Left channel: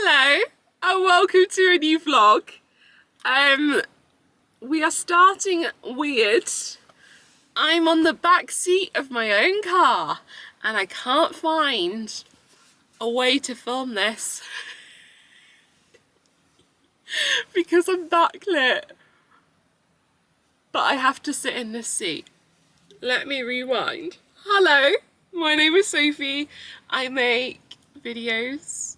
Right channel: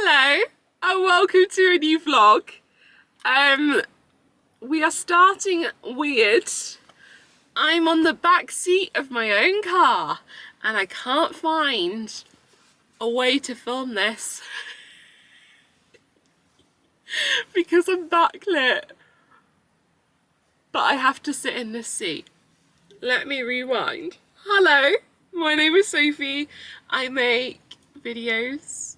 Hello and welcome to a new vlog. We are starting weird. I'm on the back seat of my own car and I can't find a way to film this because I'm backlit. But I have to sit in this seat. Let me rewind. Hello, my name is Sophie. I make videos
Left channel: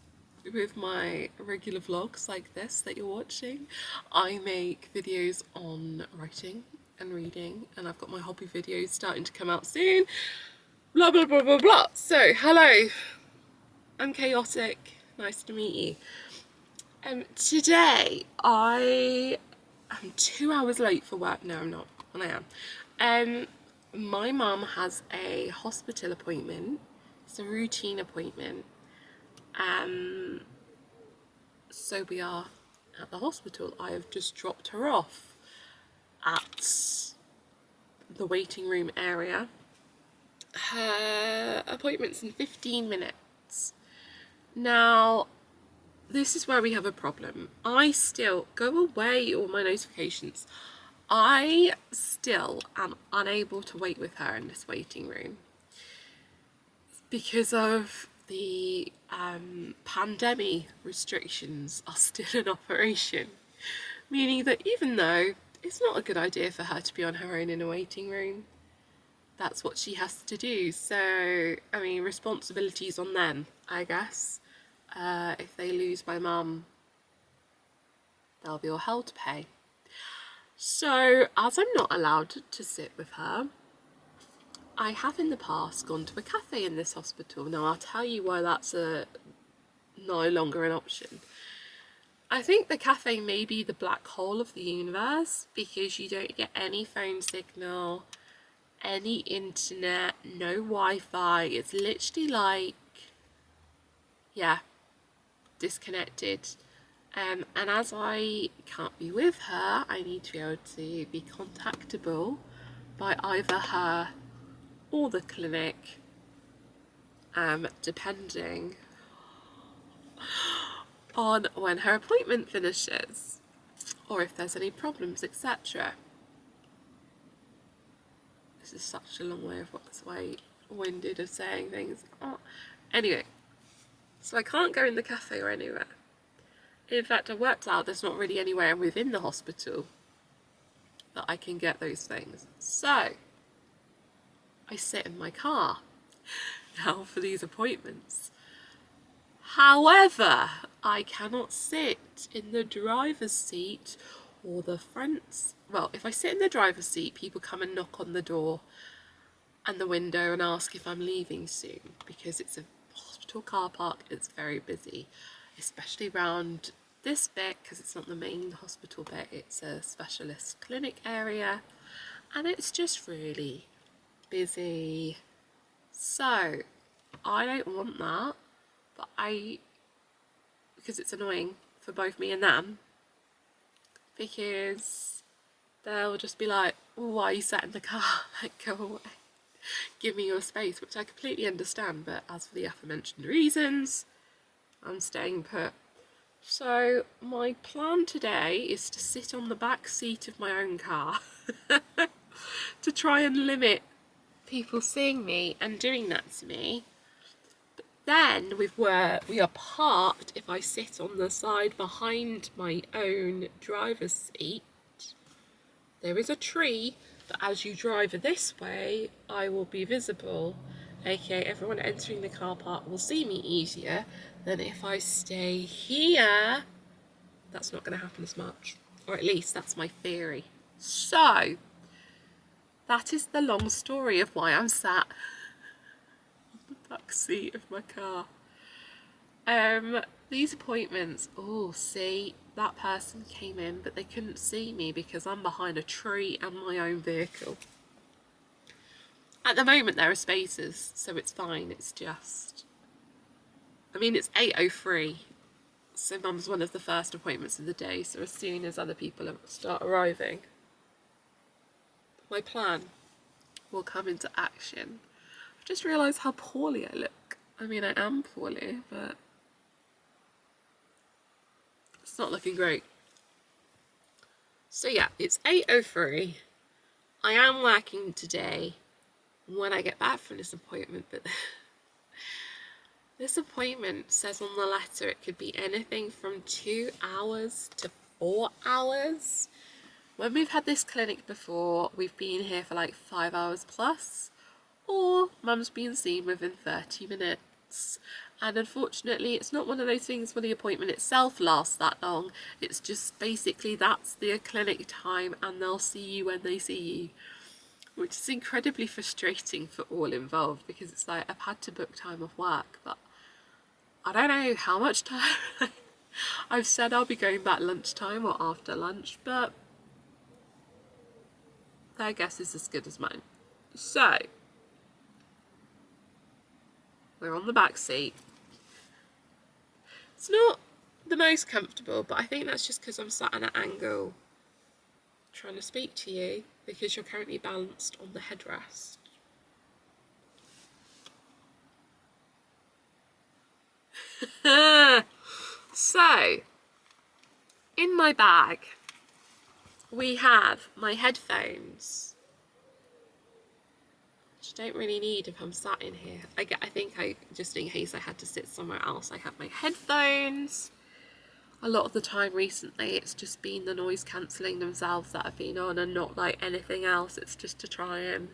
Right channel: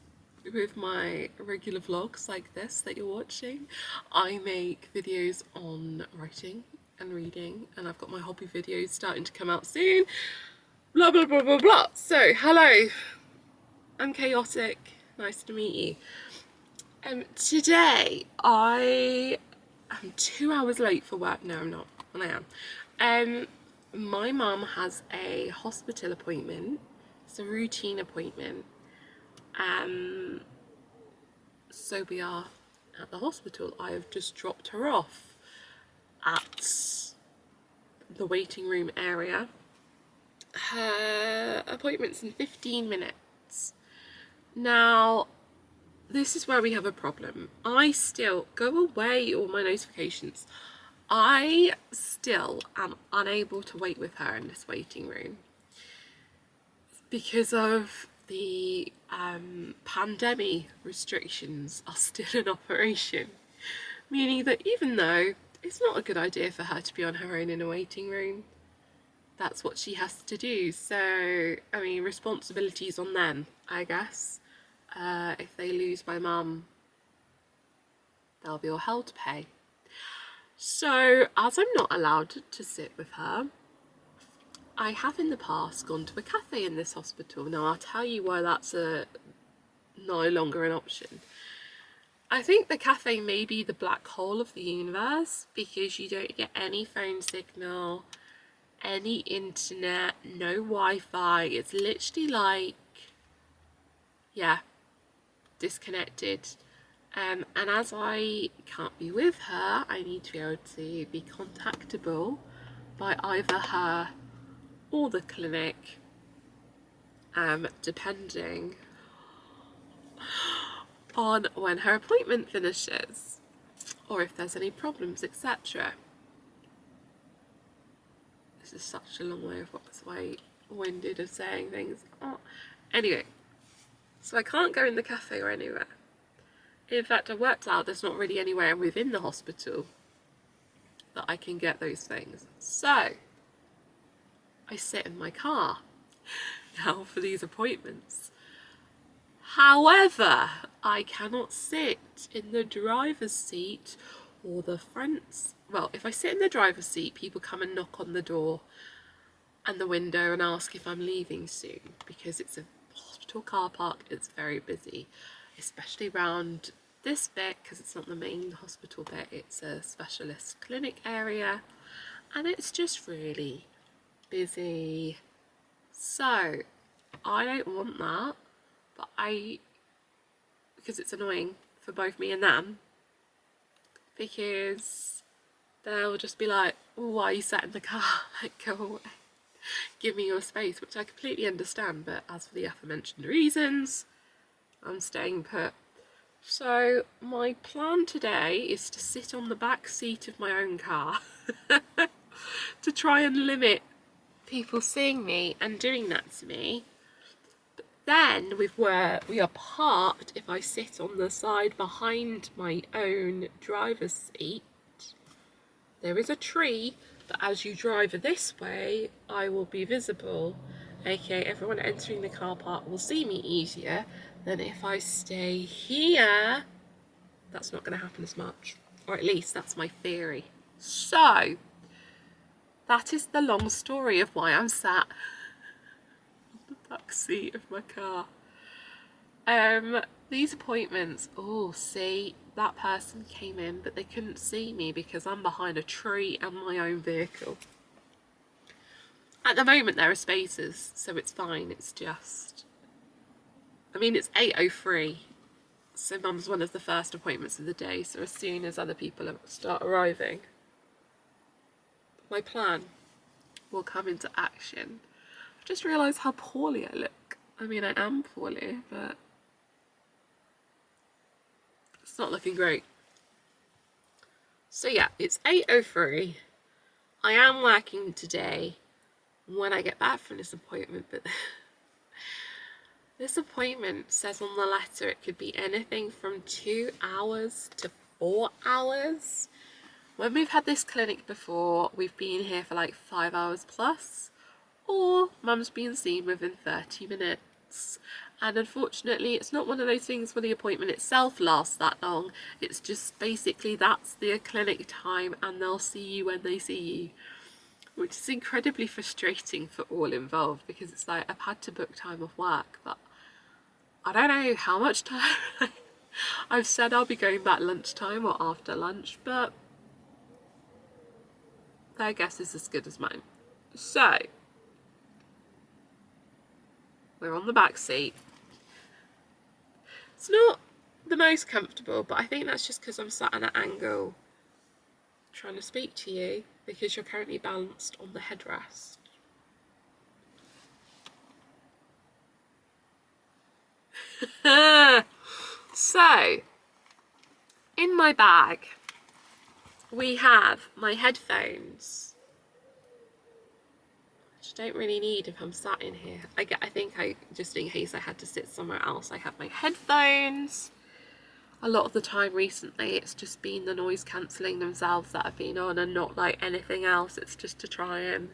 with my regular vlogs like this that you're watching. I make videos on writing and reading, and I've got my hobby videos starting to come out soon. Blah blah blah blah blah. So hello, I'm chaotic. Nice to meet you. Today I am 2 hours late for work. No, I'm not, and I am. My mum has a hospital appointment. It's a routine appointment. So we are at the hospital. I have just dropped her off at the waiting room area. Her appointment's in 15 minutes. Now, this is where we have a problem. I still go away all my notifications. I still am unable to wait with her in this waiting room because of the pandemic restrictions are still in operation, meaning that even though it's not a good idea for her to be on her own in a waiting room, that's what she has to do. So, I mean, responsibilities on them, I guess. If they lose my mum, they'll be all hell to pay. So, as I'm not allowed to sit with her, I have in the past gone to a cafe in this hospital. Now, I'll tell you why that's no longer an option. I think the cafe may be the black hole of the universe because you don't get any phone signal, any internet, no Wi-Fi. It's literally like, yeah, disconnected. And as I can't be with her, I need to be able to be contactable by either her or the clinic, depending on when her appointment finishes or if there's any problems, etc. This is such a long winded of saying things. Oh. Anyway, so I can't go in the cafe or anywhere. In fact, I worked out there's not really anywhere within the hospital that I can get those things. So I sit in my car now for these appointments. However, I cannot sit in the driver's seat or the front. Well, if I sit in the driver's seat, people come and knock on the door and the window and ask if I'm leaving soon because it's a hospital car park. It's very busy, especially around this bit because it's not the main hospital bit. It's a specialist clinic area and it's just really busy. So I don't want that, but because it's annoying for both me and them, because they'll just be like, oh, why are you sat in the car? Like, go away, give me your space, which I completely understand, but as for the aforementioned reasons, I'm staying put. So my plan today is to sit on the back seat of my own car to try and limit people seeing me and doing that to me. But then with where we are parked, if I sit on the side behind my own driver's seat, there is a tree that as you drive this way, I will be visible. Okay, everyone entering the car park will see me easier than if I stay here. That's not going to happen as much, or at least that's my theory. So that is the long story of why I'm sat on the back seat of my car. These appointments, oh, see, that person came in, but they couldn't see me because I'm behind a tree and my own vehicle. At the moment, there are spaces, so it's fine. It's just, I mean, it's 8:03, so Mum's one of the first appointments of the day, so as soon as other people start arriving, my plan will come into action. I've just realised how poorly I look. I mean, I am poorly, but It's not looking great. So yeah, it's 8:03. I am working today when I get back from this appointment, but this appointment says on the letter it could be anything from 2 hours to 4 hours. When we've had this clinic before, we've been here for like 5 hours plus, or mum's been seen within 30 minutes. And unfortunately, it's not one of those things where the appointment itself lasts that long. It's just basically that's the clinic time and they'll see you when they see you, which is incredibly frustrating for all involved, because it's like I've had to book time off work, but I don't know how much time. I've said I'll be going back lunchtime or after lunch, but their guess is as good as mine. So, we're on the back seat. It's not the most comfortable, but I think that's just because I'm sat at an angle trying to speak to you, because you're currently balanced on the headrest. So, in my bag, we have my headphones, which I don't really need if I'm sat in here. I think just in case I had to sit somewhere else, I have my headphones. A lot of the time recently, it's just been the noise cancelling themselves that I've been on, and not like anything else. It's just to try and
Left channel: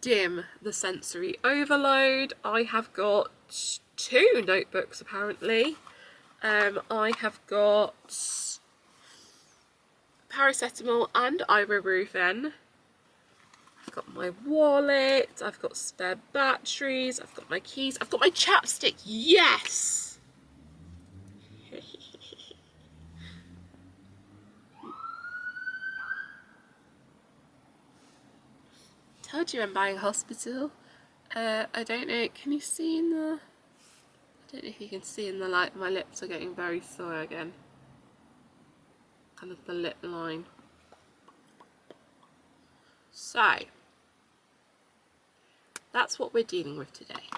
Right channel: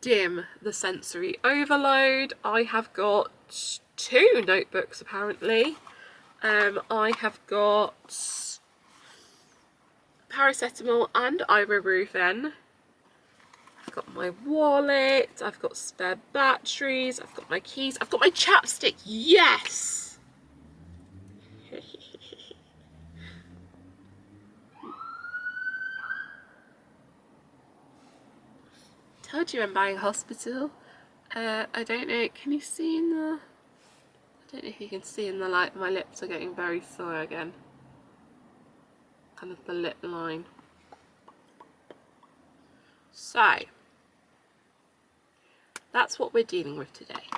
dim the sensory overload. I have got 2 notebooks apparently. I have got paracetamol and ibuprofen. I've got my wallet, I've got spare batteries, I've got my keys, I've got my chapstick, yes! Told you I'm buying hospital. I don't know, can you see in the... I don't know if you can see in the light, my lips are getting very sore again. Kind of the lip line. So, that's what we're dealing with today.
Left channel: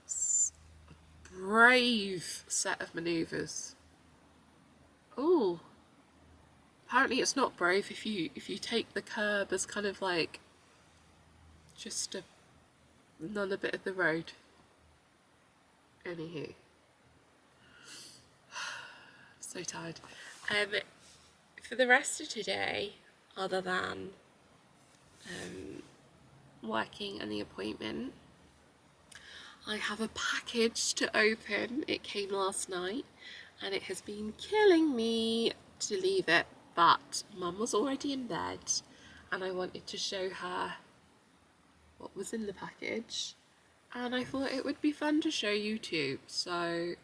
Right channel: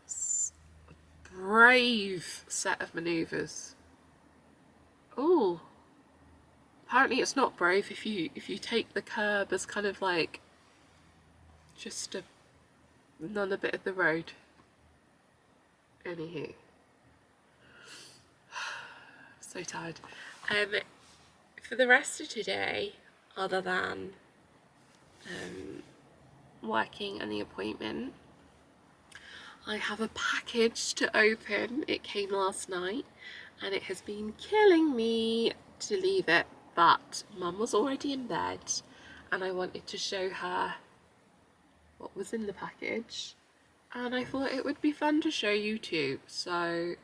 That's a brave set of manoeuvres. Oh, apparently it's not brave if you take the curb as kind of like just another bit of the road. Anywho, so tired. For the rest of today, other than working and the appointment, I have a package to open. It came last night and it has been killing me to leave it, but Mum was already in bed and I wanted to show her what was in the package, and I thought it would be fun to show you too. So,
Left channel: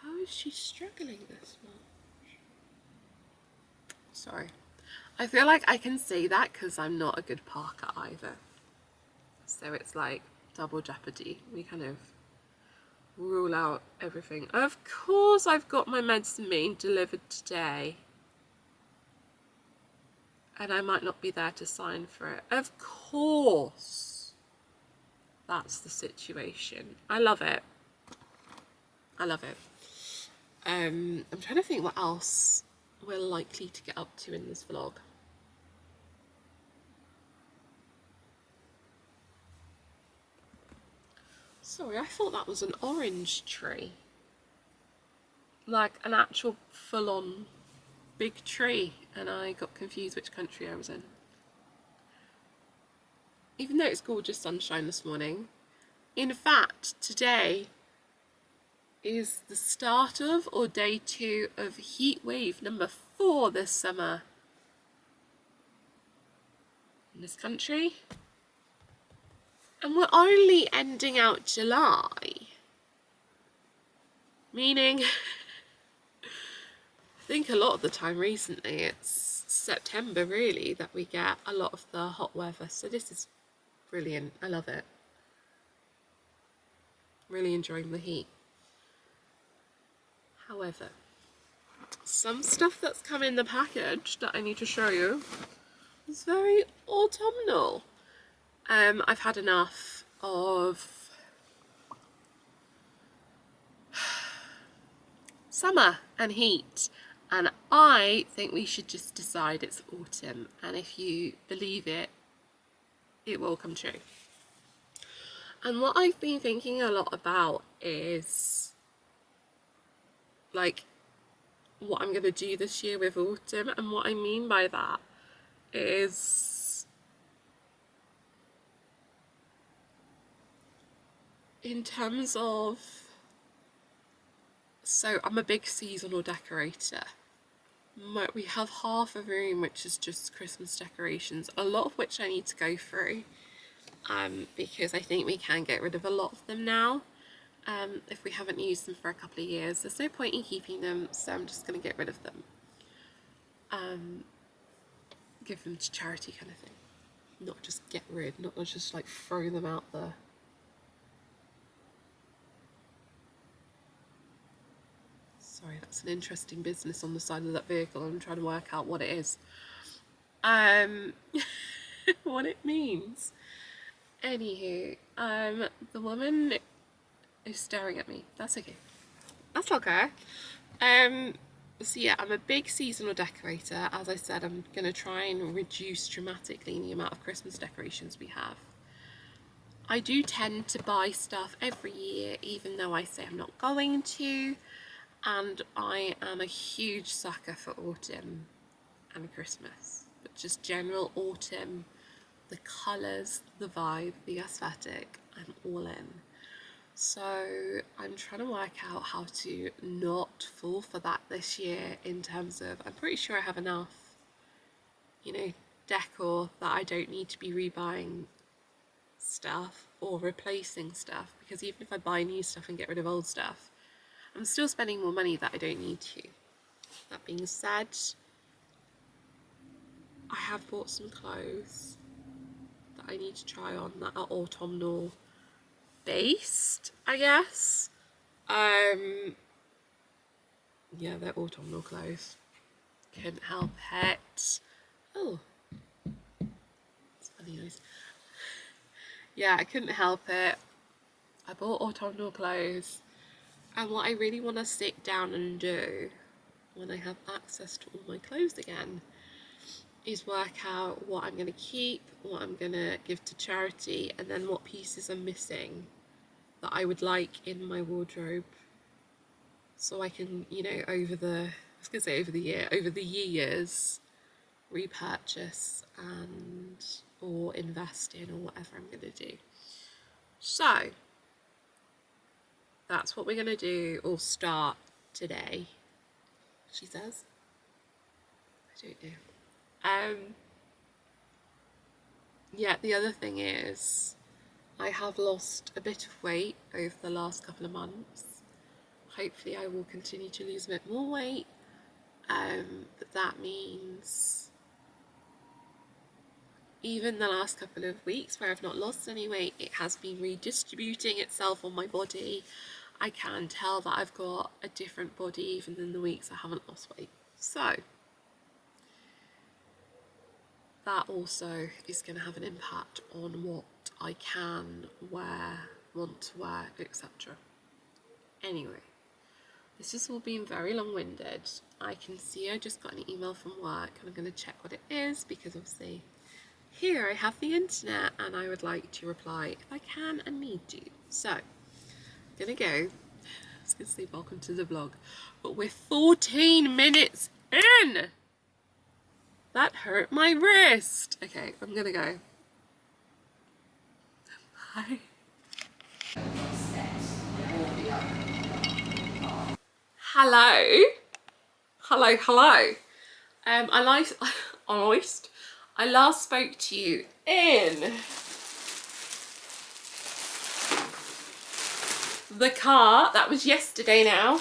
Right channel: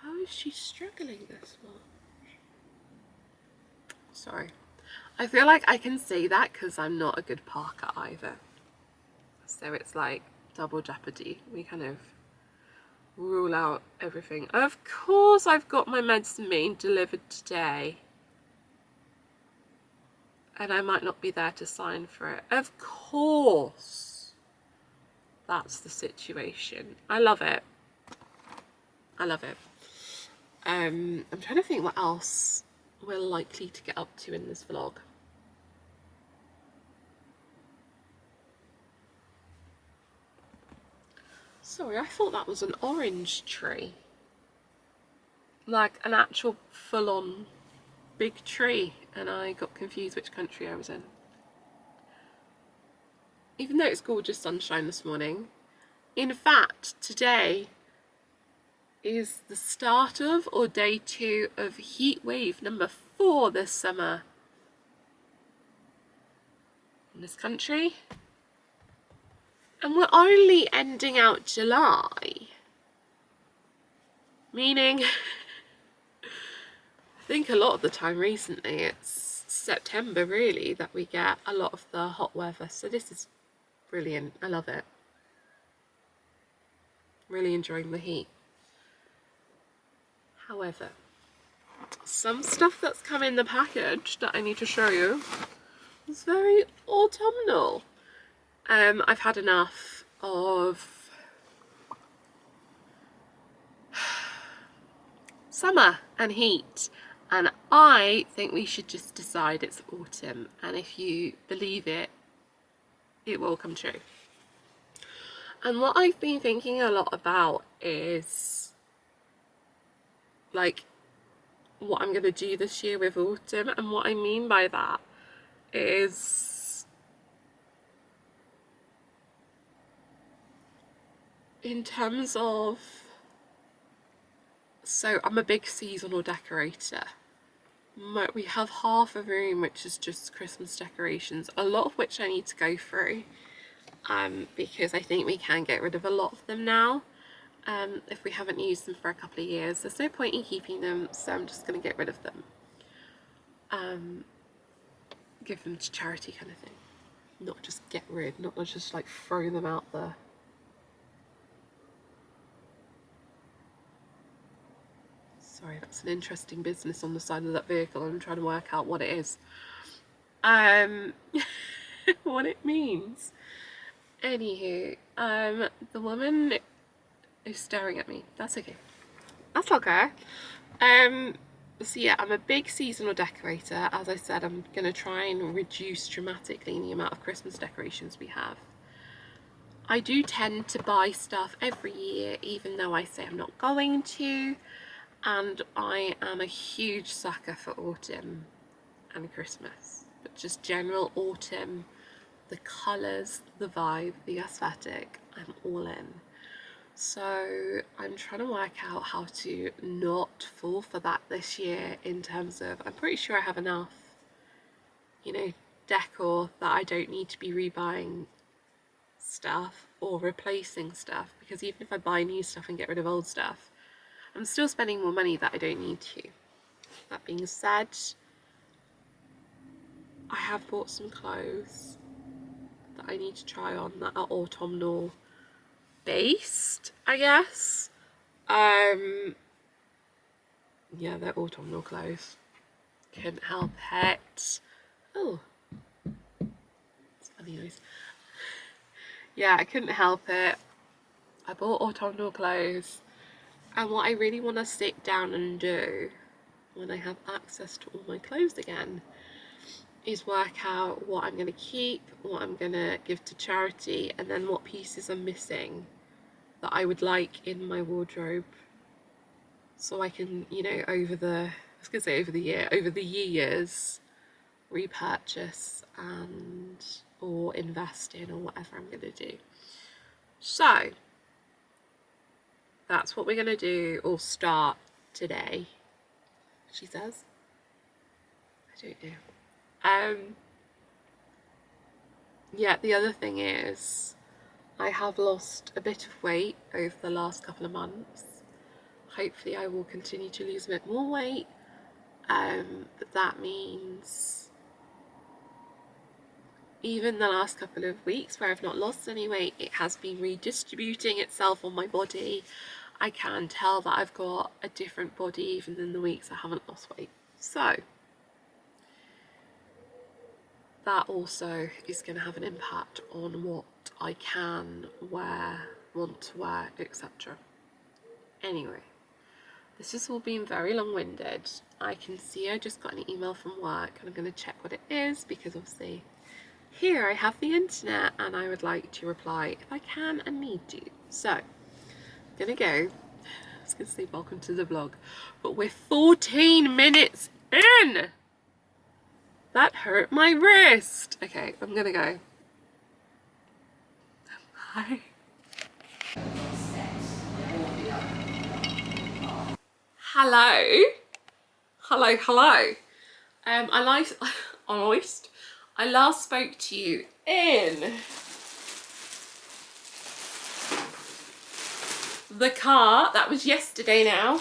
how is she struggling this much? Sorry. I feel like I can say that because I'm not a good parker either. So it's like double jeopardy. We kind of rule out everything. Of course I've got my medicine being delivered today. And I might not be there to sign for it. Of course. That's the situation. I love it. I love it. I'm trying to think what else we're likely to get up to in this vlog. Sorry, I thought that was an orange tree. Like an actual full-on big tree, and I got confused which country I was in. Even though it's gorgeous sunshine this morning. In fact, today is the start of, or day 2 of heat wave number 4 this summer in this country. And we're only ending out July. Meaning, I think a lot of the time recently it's September really that we get a lot of the hot weather. So this is brilliant. I love it. Really enjoying the heat. However, some stuff that's come in the package that I need to show you is very autumnal. I've had enough of summer and heat, and I think we should just decide it's autumn, and if you believe it, it will come true. And what I've been thinking a lot about is like what I'm going to do this year with autumn, and what I mean by that is in terms of, so I'm a big seasonal decorator. We have half a room which is just Christmas decorations, a lot of which I need to go through because I think we can get rid of a lot of them now. If we haven't used them for a couple of years, there's no point in keeping them, so I'm just going to get rid of them. Give them to charity kind of thing. Not just get rid, not just like throw them out there. Sorry, that's an interesting business on the side of that vehicle. I'm trying to work out what it is. What it means. Anywho, the woman is staring at me. That's okay. That's okay. So yeah, I'm a big seasonal decorator. As I said, I'm going to try and reduce dramatically the amount of Christmas decorations we have. I do tend to buy stuff every year, even though I say I'm not going to. And I am a huge sucker for autumn and Christmas. But just general autumn, the colours, the vibe, the aesthetic, I'm all in. So I'm trying to work out how to not fall for that this year, in terms of, I'm pretty sure I have enough, you know, decor that I don't need to be rebuying stuff or replacing stuff, because even if I buy new stuff and get rid of old stuff, I'm still spending more money that I don't need to. That being said, I have bought some clothes that I need to try on that are autumnal based, I guess. Yeah, they're autumnal clothes. Couldn't help it. Oh, it's funny noise. Yeah, I couldn't help it. I bought autumnal clothes, and what I really want to sit down and do when I have access to all my clothes again is work out what I'm going to keep, what I'm going to give to charity, and then what pieces are missing that I would like in my wardrobe, so I can, you know, over the years, repurchase and or invest in, or whatever I'm going to do. So that's what we're going to do, or start today, she says. I don't know. Yeah, the other thing is, I have lost a bit of weight over the last couple of months. Hopefully I will continue to lose a bit more weight, but that means even the last couple of weeks where I've not lost any weight, it has been redistributing itself on my body. I can tell that I've got a different body even than the weeks I haven't lost weight. So that also is going to have an impact on what I can wear, want to wear, etc. Anyway, this has all been very long-winded. I can see I just got an email from work, and I'm going to check what it is, because obviously here I have the internet and I would like to reply if I can and need to. So I'm going to go. I was going to say welcome to the vlog, but we're 14 minutes in. That hurt my wrist. Okay, I'm going to go. Bye. Hello. Hello, hello. I last spoke to you in the car. That was yesterday now.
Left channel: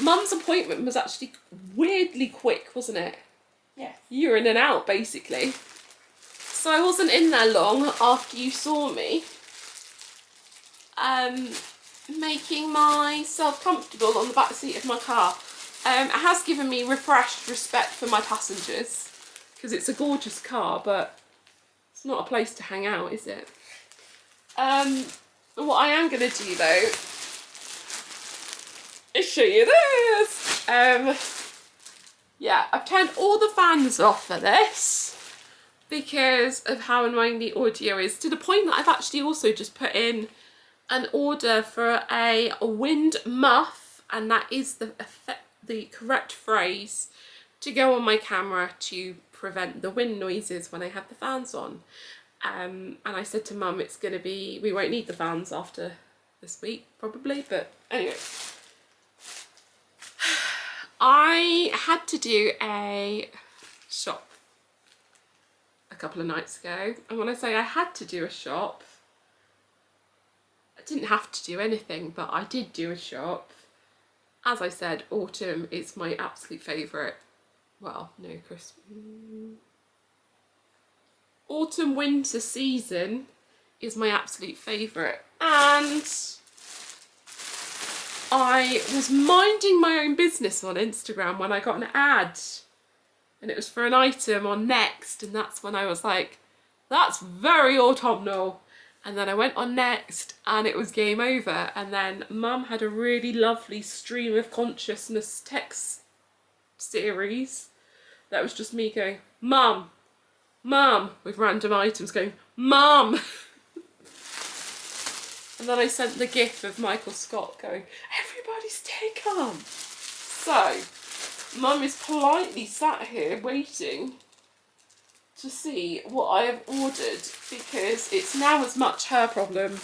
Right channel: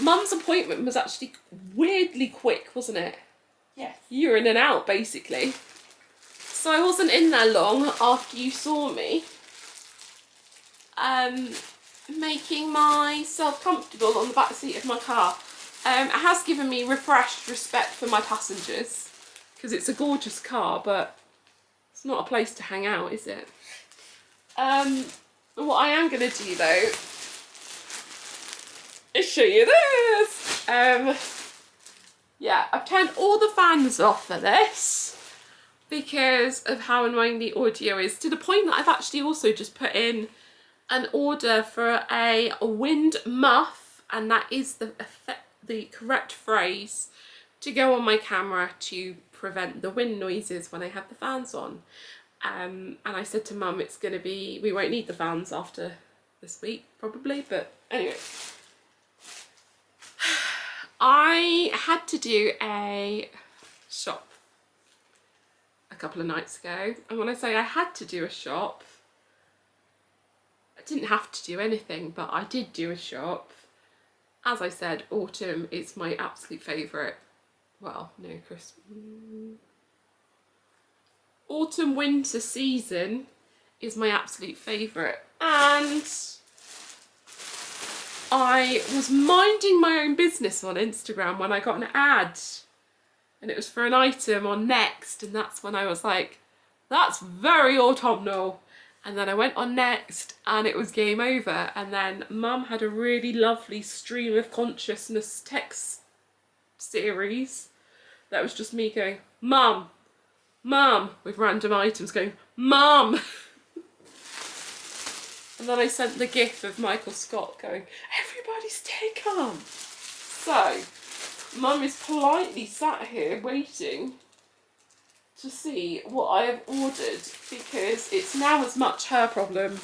Mum's appointment was actually weirdly quick, wasn't it? Yes. You were in and out, basically. So I wasn't in there long after you saw me. Making myself comfortable on the back seat of my car. It has given me refreshed respect for my passengers, because it's a gorgeous car, but it's not a place to hang out, is it? What I am going to do though I'll show you this. Yeah, I've turned all the fans off for this because of how annoying the audio is, to the point that I've actually also just put in an order for a wind muff, and that is the correct phrase to go on my camera to prevent the wind noises when I have the fans on. And I said to Mum, it's going to be, we won't need the fans after this week probably, but anyway. I had to do a shop a couple of nights ago, and when I say I had to do a shop, I didn't have to do anything, but I did do a shop. As I said, autumn is my absolute favourite. Well, no, Christmas. Autumn winter season is my absolute favourite, and I was minding my own business on Instagram when I got an ad, and it was for an item on Next, and that's when I was like, that's very autumnal. And then I went on Next and it was game over, and then Mum had a really lovely stream of consciousness text series that was just me going, Mum, Mum, with random items going, Mum. And then I sent the gif of Michael Scott going, everybody stay calm. So, Mum is politely sat here waiting to see what I have ordered, because it's now as much her problem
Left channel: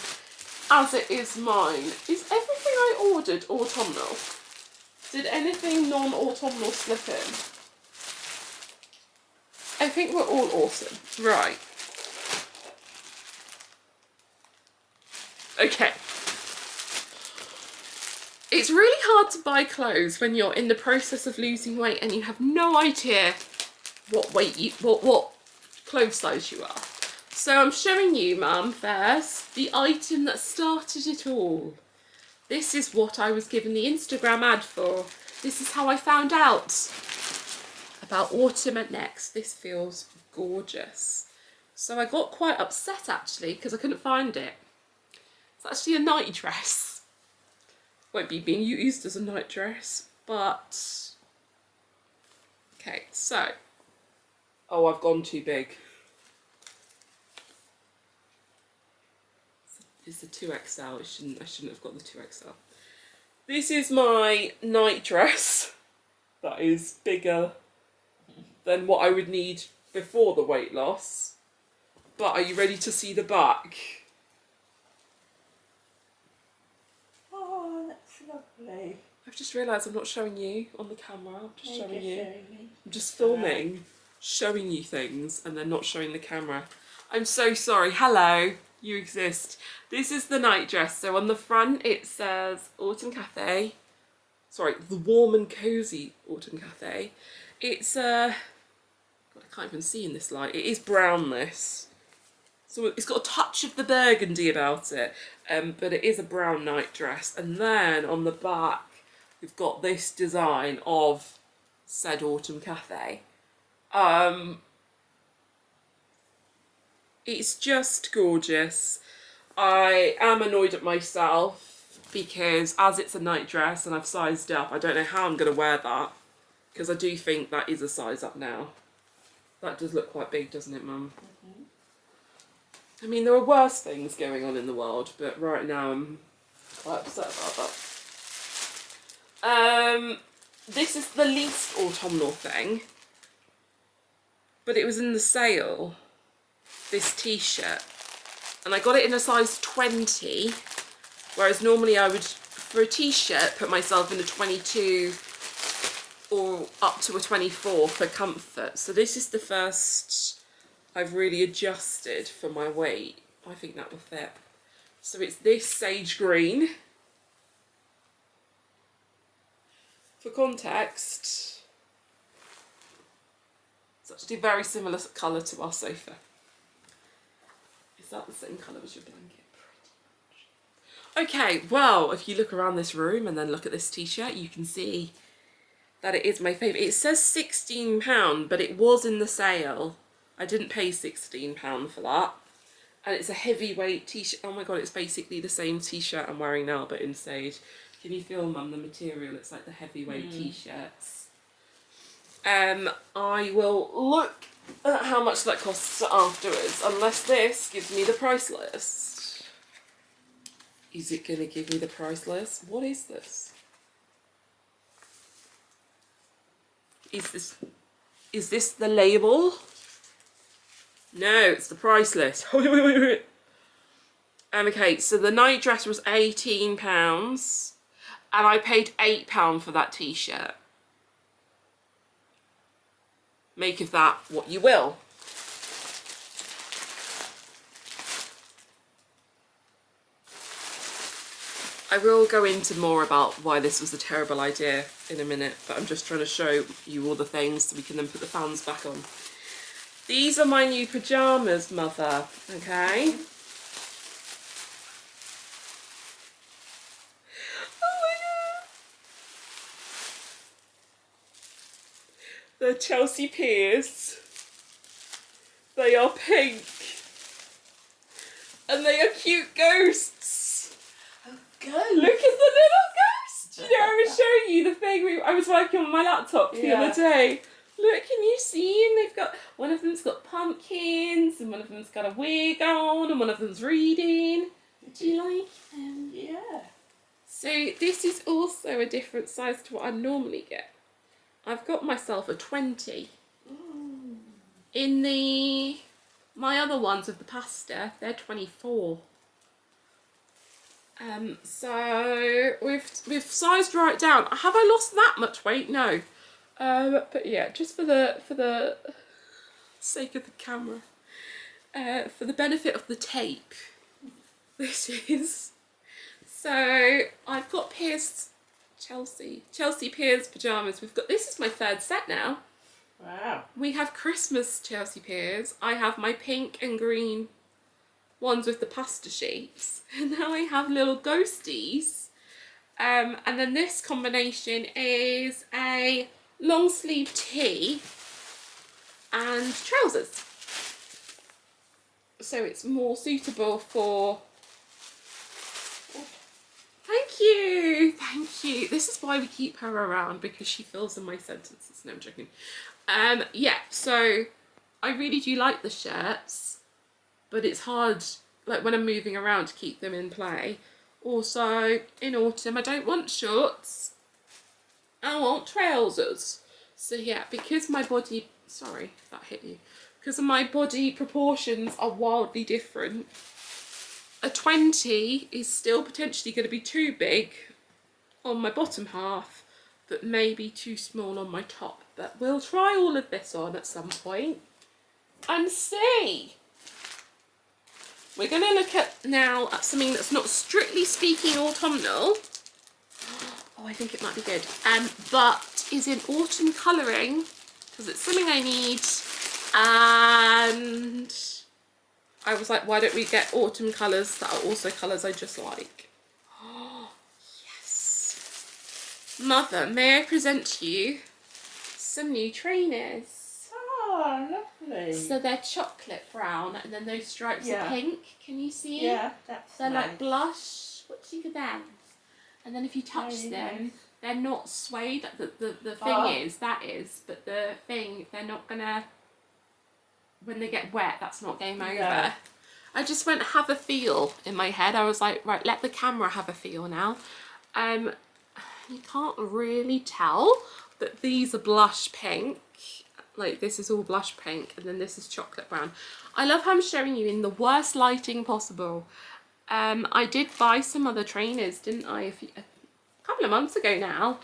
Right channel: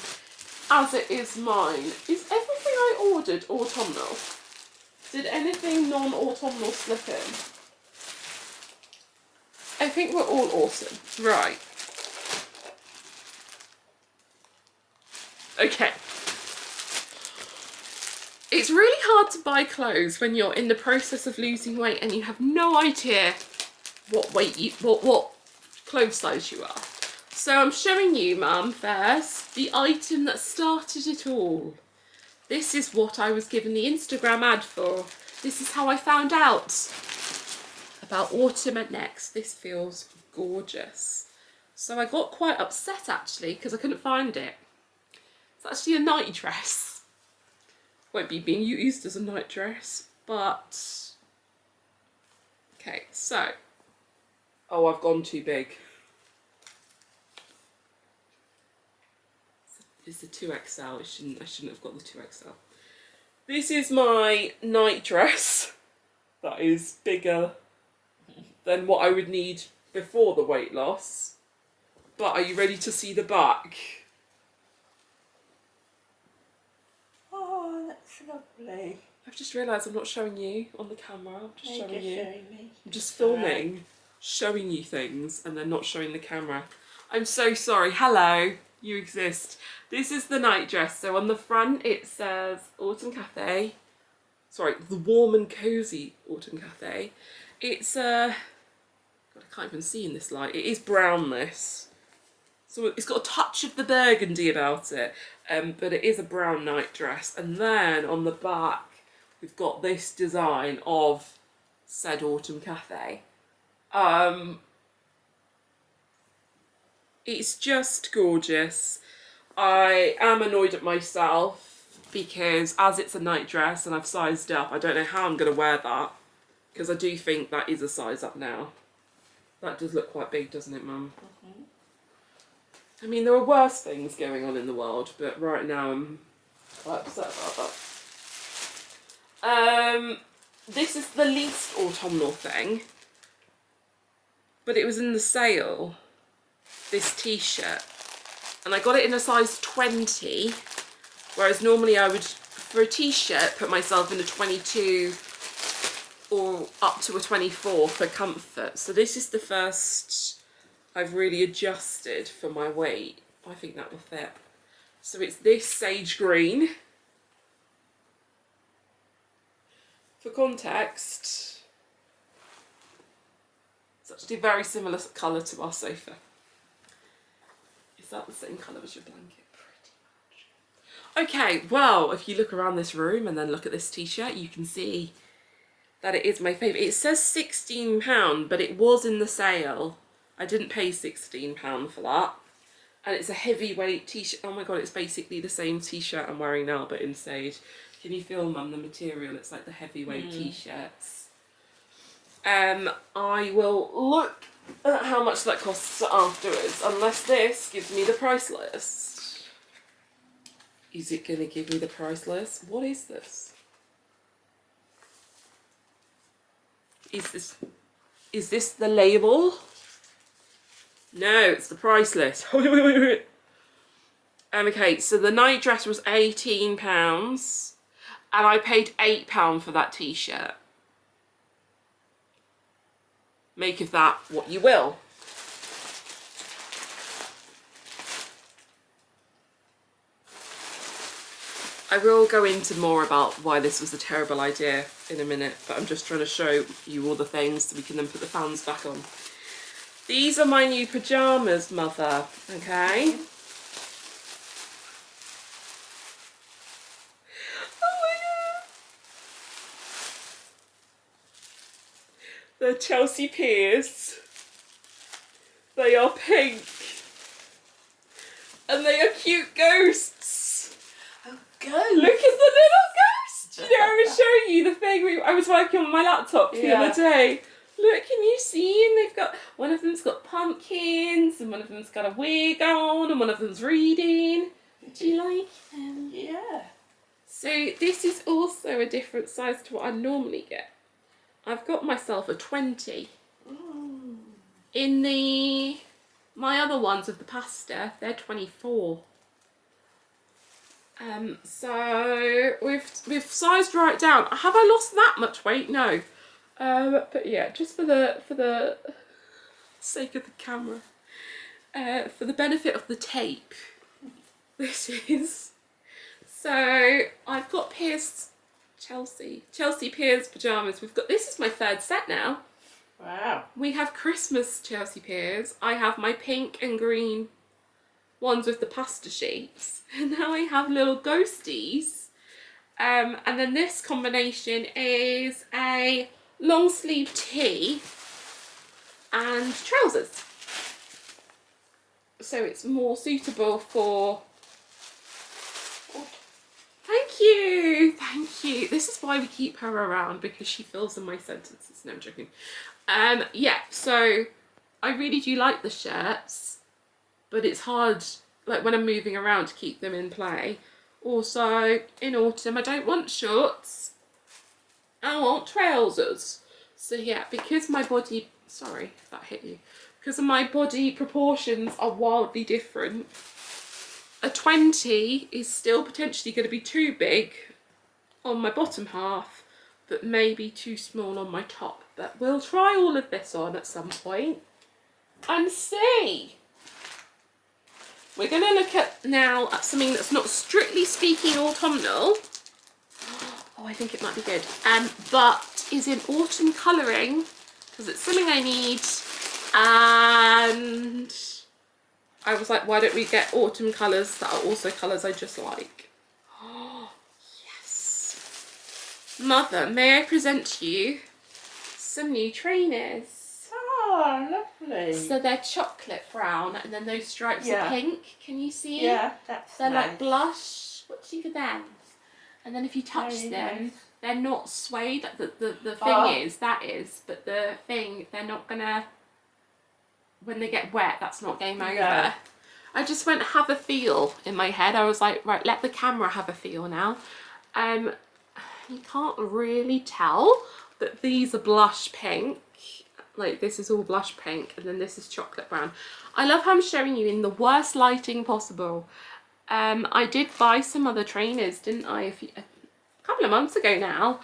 as it is mine. Is everything I ordered autumnal? Did anything non-autumnal slip in? I think we're all autumn. Right. Okay. It's really hard to buy clothes when you're in the process of losing weight and you have no idea what clothes size you are. So I'm showing you, Mum, first, the item that started it all. This is what I was given the Instagram ad for. This is how I found out about autumn at Next. This feels gorgeous. So I got quite upset actually because I couldn't find it. It's actually a night dress. Won't be being used as a night dress, but okay, so oh, I've gone too big. It's the 2XL. I shouldn't have got the 2XL. This is my night dress that is bigger than what I would need before the weight loss. But are you ready to see the back? Oh, that's lovely. I've just realised I'm not showing you on the camera. I'm just showing you. Me. I'm just filming, showing you things, and then not showing the camera. I'm so sorry. Hello, you exist. This is the night dress. So on the front it says Autumn Cafe. Sorry, the warm and cosy Autumn Cafe. It's God, I can't even see in this light. It is brown, this. So it's got a touch of the burgundy about it, but it is a brown night dress. And then on the back, we've got this design of said Autumn Cafe. It's just gorgeous. I am annoyed at myself because as it's a night dress and I've sized up, I don't know how I'm going to wear that, because I do think that is a size up now. That does look quite big, doesn't it, Mum? Mm-hmm. I mean, there are worse things going on in the world, but right now I'm quite upset about that. This is the least autumnal thing, but it was in the sale, this t-shirt, and I got it in a size 20, whereas normally I would, for a t-shirt, put myself in a 22 or up to a 24 for comfort. So this is the first I've really adjusted for my weight. I think that will fit. So it's this sage green. For context, it's actually a very similar colour to our sofa. Is that the same colour as your blanket? Pretty much. Okay, well, if you look around this room and then look at this t-shirt, you can see that it is my favourite. It says £16, but it was in the sale. I didn't pay £16 for that. And it's a heavyweight t-shirt. Oh my god, it's basically the same t-shirt I'm wearing now, but in sage. Can you feel, Mum, the material? It's like the heavyweight t-shirts. I will look at how much that costs afterwards, unless this gives me the price list. Is it going to give me the price list? What is this? Is this the label? No, it's the price list. Wait. Okay, so the night dress was £18 and I paid £8 for that t-shirt. Make of that what you will. I will go into more about why this was a terrible idea in a minute, but I'm just trying to show you all the things so we can then put the fans back on. These are my new pyjamas, Mother, okay? Oh my God. They're Chelsea Piers. They are pink. And they are cute ghosts. Oh, go! Look at the little ghost! You know, I was showing you the thing I was working on my laptop the other day. Look, can you see? And they've got, one of them's got pumpkins, and one of them's got a wig on, and one of them's reading. Do you like them? Yeah. So this is also a different size to what I normally get. I've got myself a 20. In my other ones of the pasta, they're 24. So we've sized right down. Have I lost that much weight? No. But yeah, just for the sake of the camera, for the benefit of the tape, this is. So I've got Chelsea Piers pyjamas. This is my third set now. Wow. We have Christmas Chelsea Piers. I have my pink and green ones with the pasta sheets. And now I have little ghosties. And then this combination is a long sleeve tee and trousers. So it's more suitable for... Thank you, thank you. This is why we keep her around, because she fills in my sentences. No, I'm joking. Yeah, so I really do like the shirts, but it's hard, like when I'm moving around, to keep them in play. Also, in autumn, I don't want shorts. I want trousers. So yeah, because my body, sorry if that hit you, because my body proportions are wildly different, a 20 is still potentially going to be too big on my bottom half, but maybe too small on my top. But we'll try all of this on at some point and see. We're going to look at now at something that's not strictly speaking autumnal. Oh, I think it might be good. But is in autumn colouring, because it's something I need. And I was like, why don't we get autumn colours that are also colours I just like? Oh, yes. Mother, may I present to you some new trainers? Oh, lovely. So they're chocolate brown, and then those stripes are pink. Can you see? Yeah, that's They're nice. like blush. What do you think of them? And then if you touch them, they're not suede. The thing is, but the thing, they're not gonna, when they get wet, that's not game over. Yeah. I just went have a feel in my head. I was like, right, let the camera have a feel now. You can't really tell that these are blush pink. Like this is all blush pink, and then this is chocolate brown. I love how I'm showing you in the worst lighting possible. I did buy some other trainers, didn't I, a couple of months ago now.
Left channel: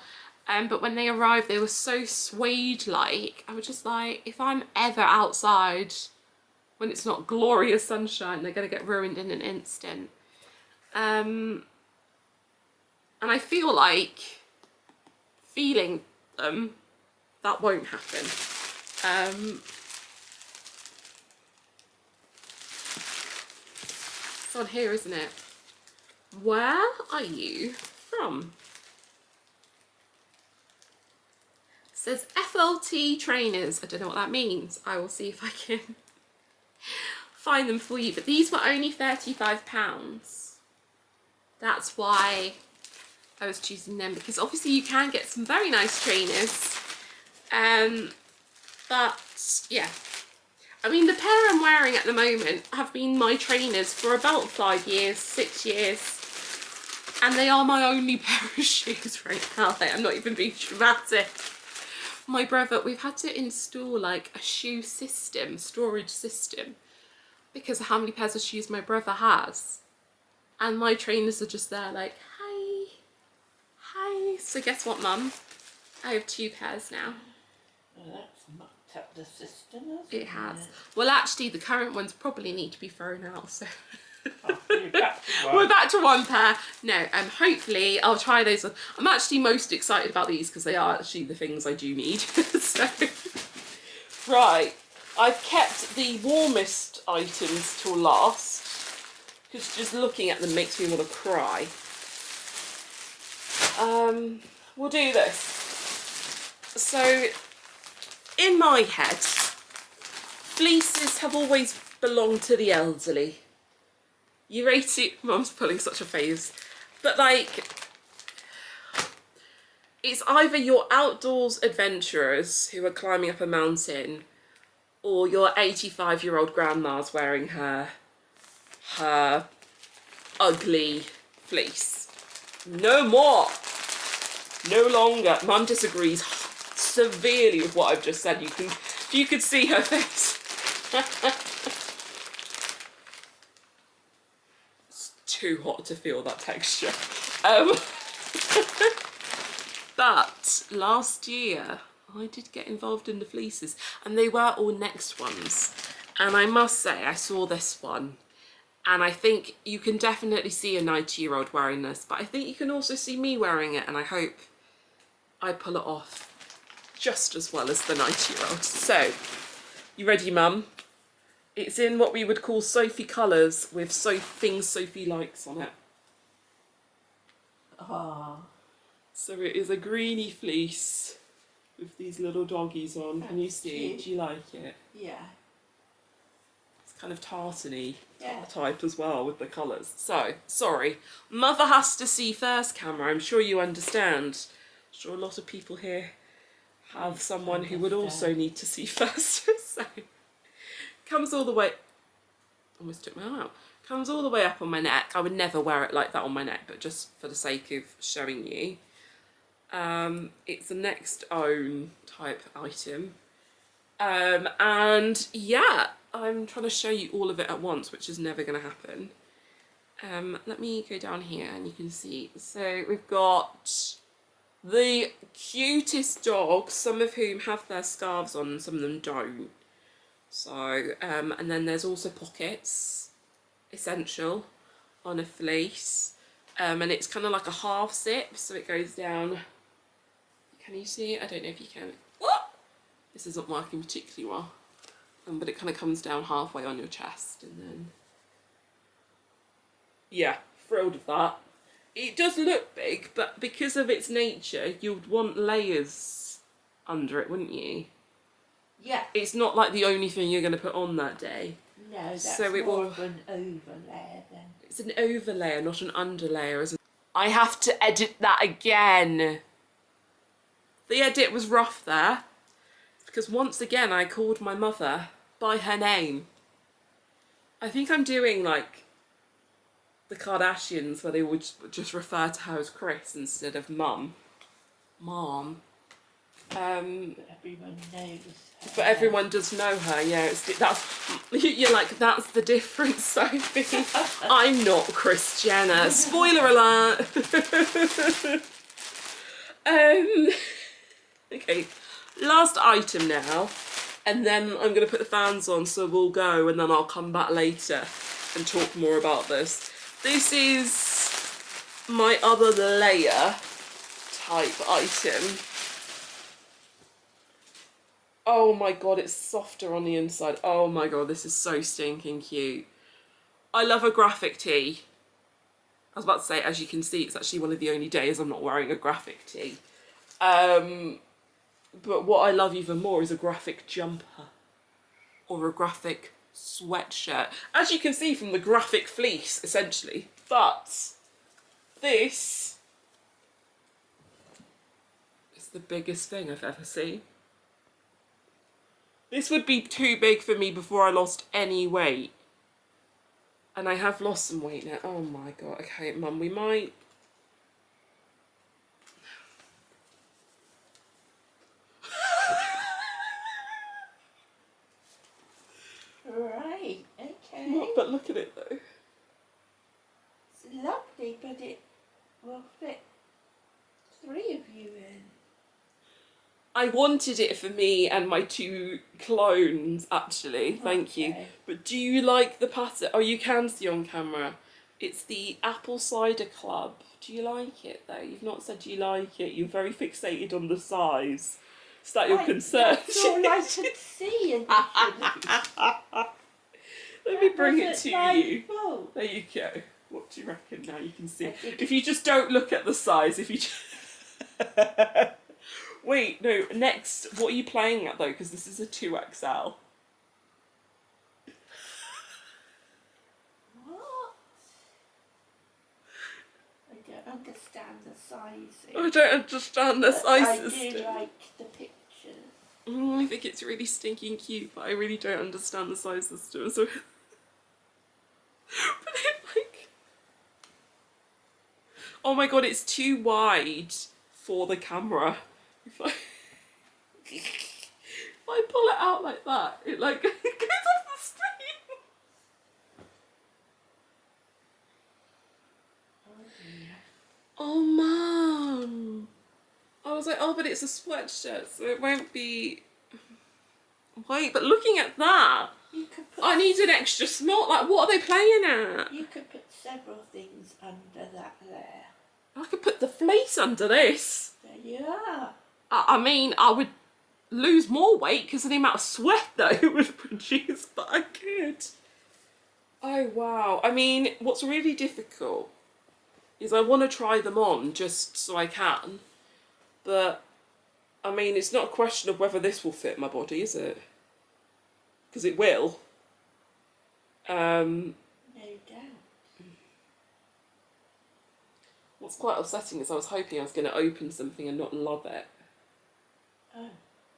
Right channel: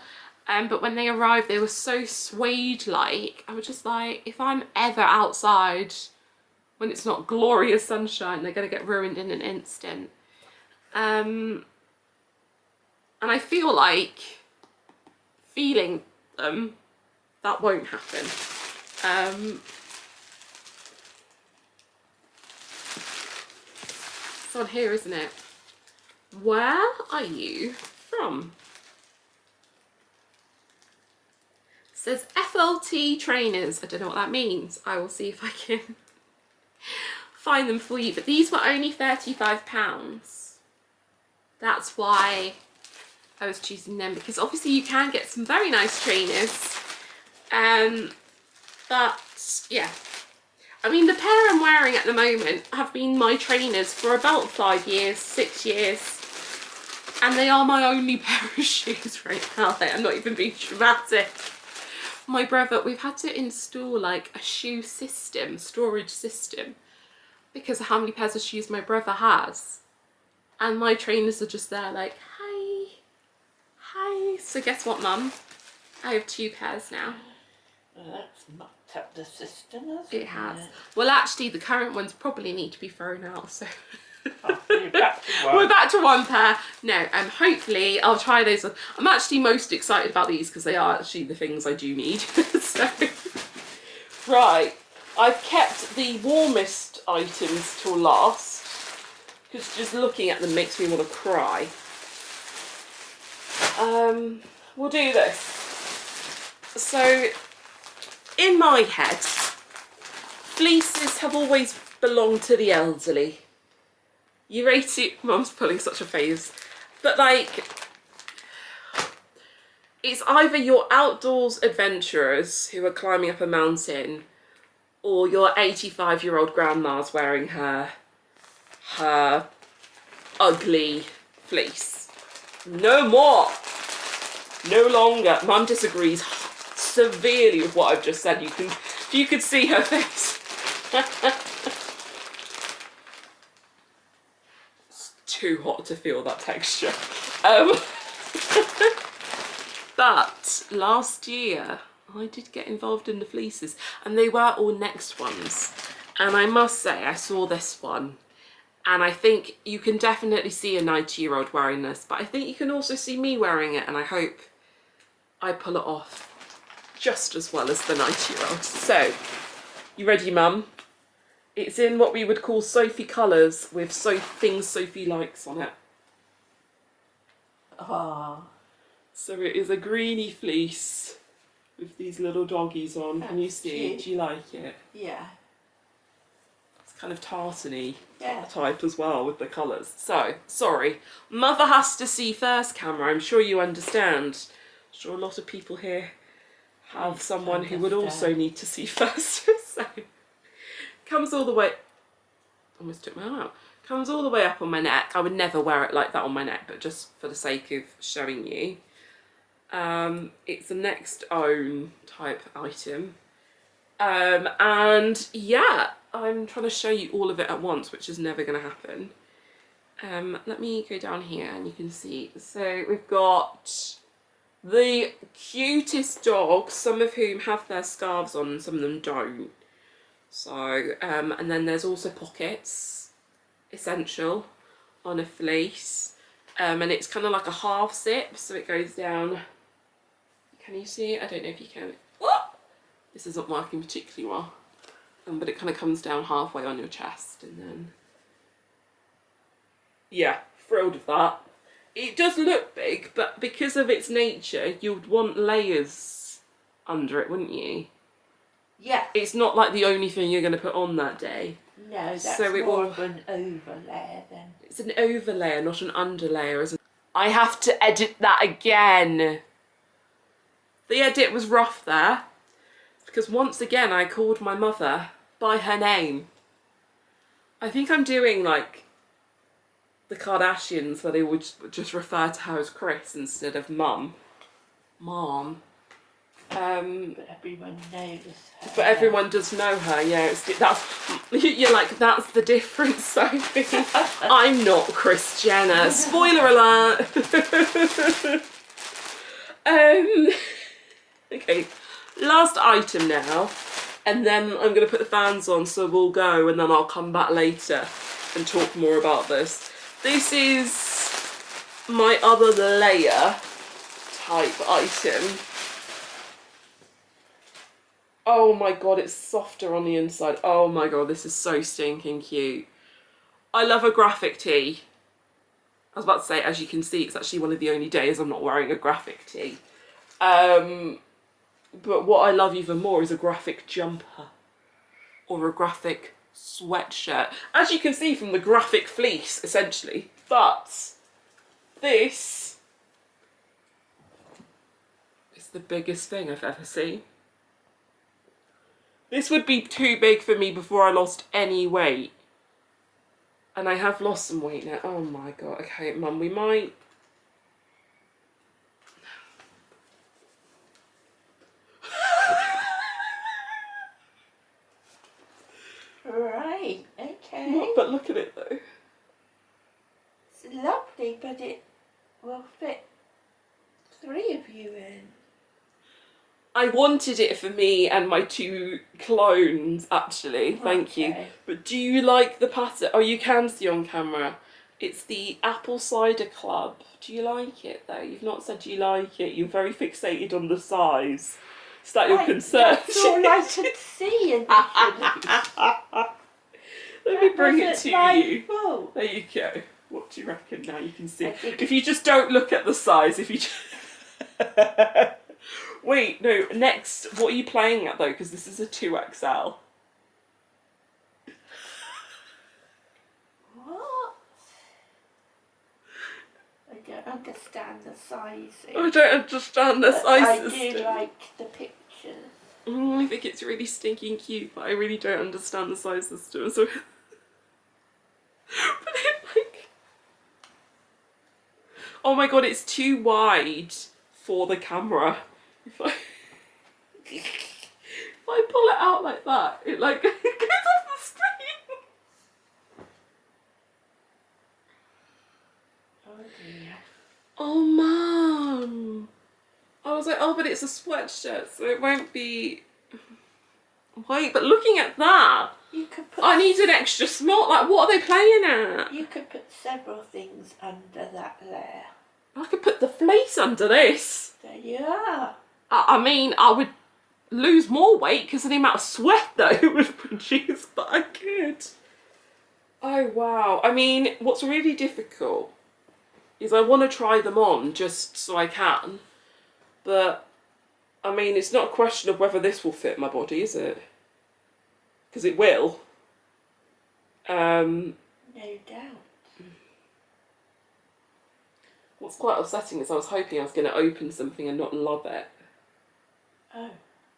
But when they arrived, they were so suede-like. I was just like, if I'm ever outside when it's not glorious sunshine, they're going to get ruined in an instant. And I feel like feeling them, that won't happen. It's on here, isn't it? Where are you from? It says FLT trainers. I don't know what that means. I will see if I can find them for you. But these were only £35. That's why I was choosing them because obviously you can get some very nice trainers. But yeah, I mean, the pair I'm wearing at the moment have been my trainers for about 5 years, 6 years. And they are my only pair of shoes right now. Like, I'm not even being dramatic. My brother, we've had to install like a shoe system, storage system, because of how many pairs of shoes my brother has. And my trainers are just there like, hi, hi. So guess what, Mum? I have 2 pairs now. Well, that's mucked up the system, hasn't it? It has. Well, actually, the current ones probably need to be thrown out, so... Oh, you're back to one. We're back to 1 pair. No, hopefully I'll try those on. I'm actually most excited about these because they are actually the things I do need. So, right, I've kept the warmest items till last because just looking at them makes me want to cry. We'll do this. So, in my head, fleeces have always belonged to the elderly. You rate it, Mum's pulling such a face, but like, it's either your outdoors adventurers who are climbing up a mountain, or your 85-year-old grandma's wearing her ugly fleece. No more. No longer. Mum disagrees severely with what I've just said. If you could see her face. It's too hot to feel that texture. But last year I did get involved in the fleeces, and they were all next ones. And I must say, I saw this one, and I think you can definitely see a 90-year-old wearing this, but I think you can also see me wearing it, and I hope I pull it off just as well as the 90-year-old. So, you ready, Mum? It's in what we would call Sophie colours with things Sophie likes on it. Oh. So it is a greeny fleece with these little doggies on. Can you see? Cute. Do you like it? Yeah. It's kind of tartany Yeah. type as well with the colours. So, sorry. Mother has to see first, camera. I'm sure you understand. I'm sure a lot of people here have someone who would also need to see first. So, comes all the way... Almost took my arm out. Comes all the way up on my neck. I would never wear it like that on my neck, but just for the sake of showing you. It's a next own type item. And yeah, I'm trying to show you all of it at once, which is never going to happen. Let me go down here and you can see. So we've got the cutest dogs, some of whom have their scarves on and some of them don't. So, and then there's also pockets, essential, on a fleece. And it's kind of like a half zip, so it goes down. Can you see it? I don't know if you can. What? This isn't working particularly well. But it kind of comes down halfway on your chest, and then... Yeah, thrilled with that. It does look big, but because of its nature, you'd want layers under it, wouldn't you? Yeah. It's not like the only thing you're going to put on that day. No, that's So it more will... of an overlay then. It's an overlayer, not an underlayer, isn't it? I have to edit that again. The edit was rough there, because once again I called my mother by her name. I think I'm doing like the Kardashians, where they would just refer to her as Chris instead of Mum. Mom. But everyone knows her. But everyone does know her, yeah. You're like, that's the difference, Sophie. I'm not Kris Jenner. Spoiler alert. Okay, last item now, and then I'm going to put the fans on so we'll go, and then I'll come back later and talk more about this. This is my other layer type item. Oh my god, it's softer on the inside. Oh my god, this is so stinking cute. I love a graphic tee. I was about to say, as you can see, it's actually one of the only days I'm not wearing a graphic tee. But what I love even more is a graphic jumper or a graphic sweatshirt. As you can see from the graphic fleece, essentially. But this the biggest thing I've ever seen. This would be too big for me before I lost any weight. And I have lost some weight now. Oh my god. Okay, Mum, we might... Right, okay. What? But look at it though. It's lovely, but it will fit 3 of you in. I wanted it for me and my 2 clones, actually. Thank you. But do you like the pattern? Oh, you can see on camera. It's the Apple Cider Club. Do you like it, though? You've not said you like it. You're very fixated on the size. Is that your concern? That's all I could see initially. Let me bring it to you. Fault. There you go. What do you reckon? Now you can see. If you just don't look at the size, if you just... Wait, no, next, what are you playing at though? Because this is a 2XL. What? I don't understand the sizing. I don't understand the sizes. I do like the pictures. I think it's really stinking cute, but I really don't understand the size system. So, but it like, oh my god, it's too wide for the camera. If I pull it out like that, it like it goes off the screen. Oh dear. Oh Mum. I was like, oh, but it's a sweatshirt, so it won't be. Wait, but looking at that, You could put I need an extra small. Like, what are they playing at? You could put several things under that layer. I could put the fleece under this. There you are. I mean, I would lose more weight because of the amount of sweat that it would produce, but I could. Oh, wow. I mean, what's really difficult is I want to try them on just so I can, but, I mean, it's not a question of whether this will fit my body, is it? Because it will. No doubt. What's quite upsetting is I was hoping I was going to open something and not love it. Oh.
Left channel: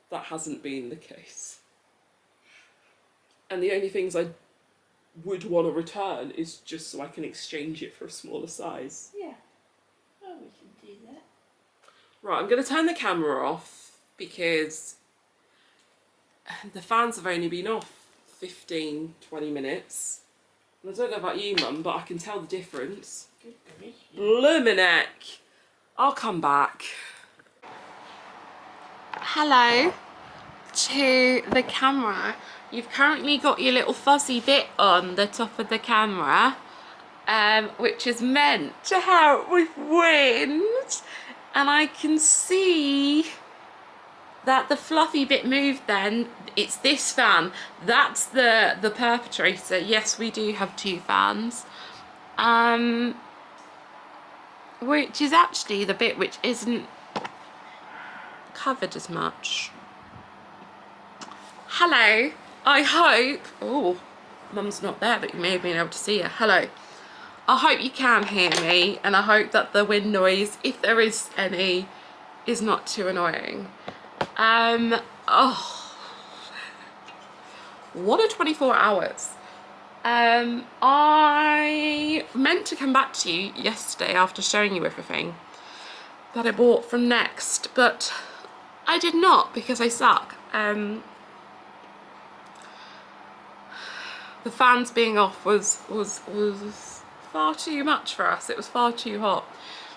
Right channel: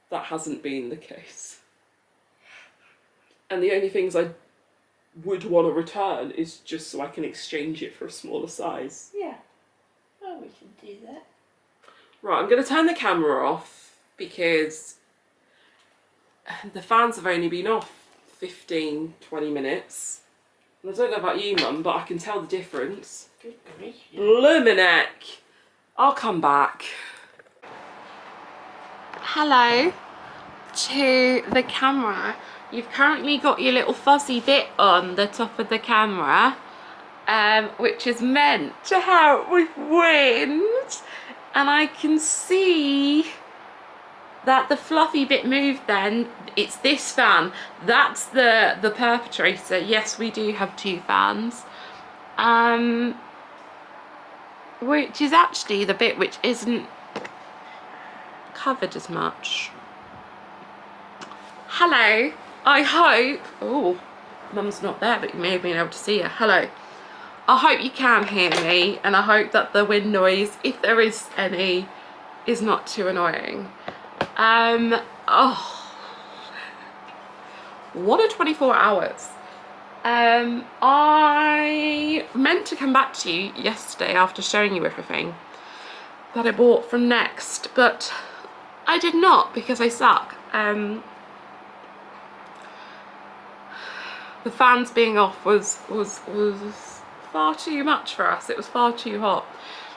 That hasn't been the case. And the only things I would want to return is just so I can exchange it for a smaller size. Yeah. Oh, we can do that. Right, I'm going to turn the camera off because the fans have only been off 15, 20 minutes. And I don't know about you, Mum, but I can tell the difference. Good grief. Lumineck. I'll come back. Hello to the camera. You've currently got your little fuzzy bit on the top of the camera, which is meant to help with wind. And I can see that the fluffy bit moved then. It's this fan. That's the perpetrator. Yes, we do have 2 fans. Which is actually the bit which isn't covered as much. Hello, I hope, oh, Mum's not there, but you may have been able to see her. Hello, I hope you can hear me, and I hope that the wind noise, if there is any, is not too annoying. Oh, what a 24 hours. I meant to come back to you yesterday after showing you everything that I bought from Next, but I did not because I suck. The fans being off was far too much for us. It was far too hot.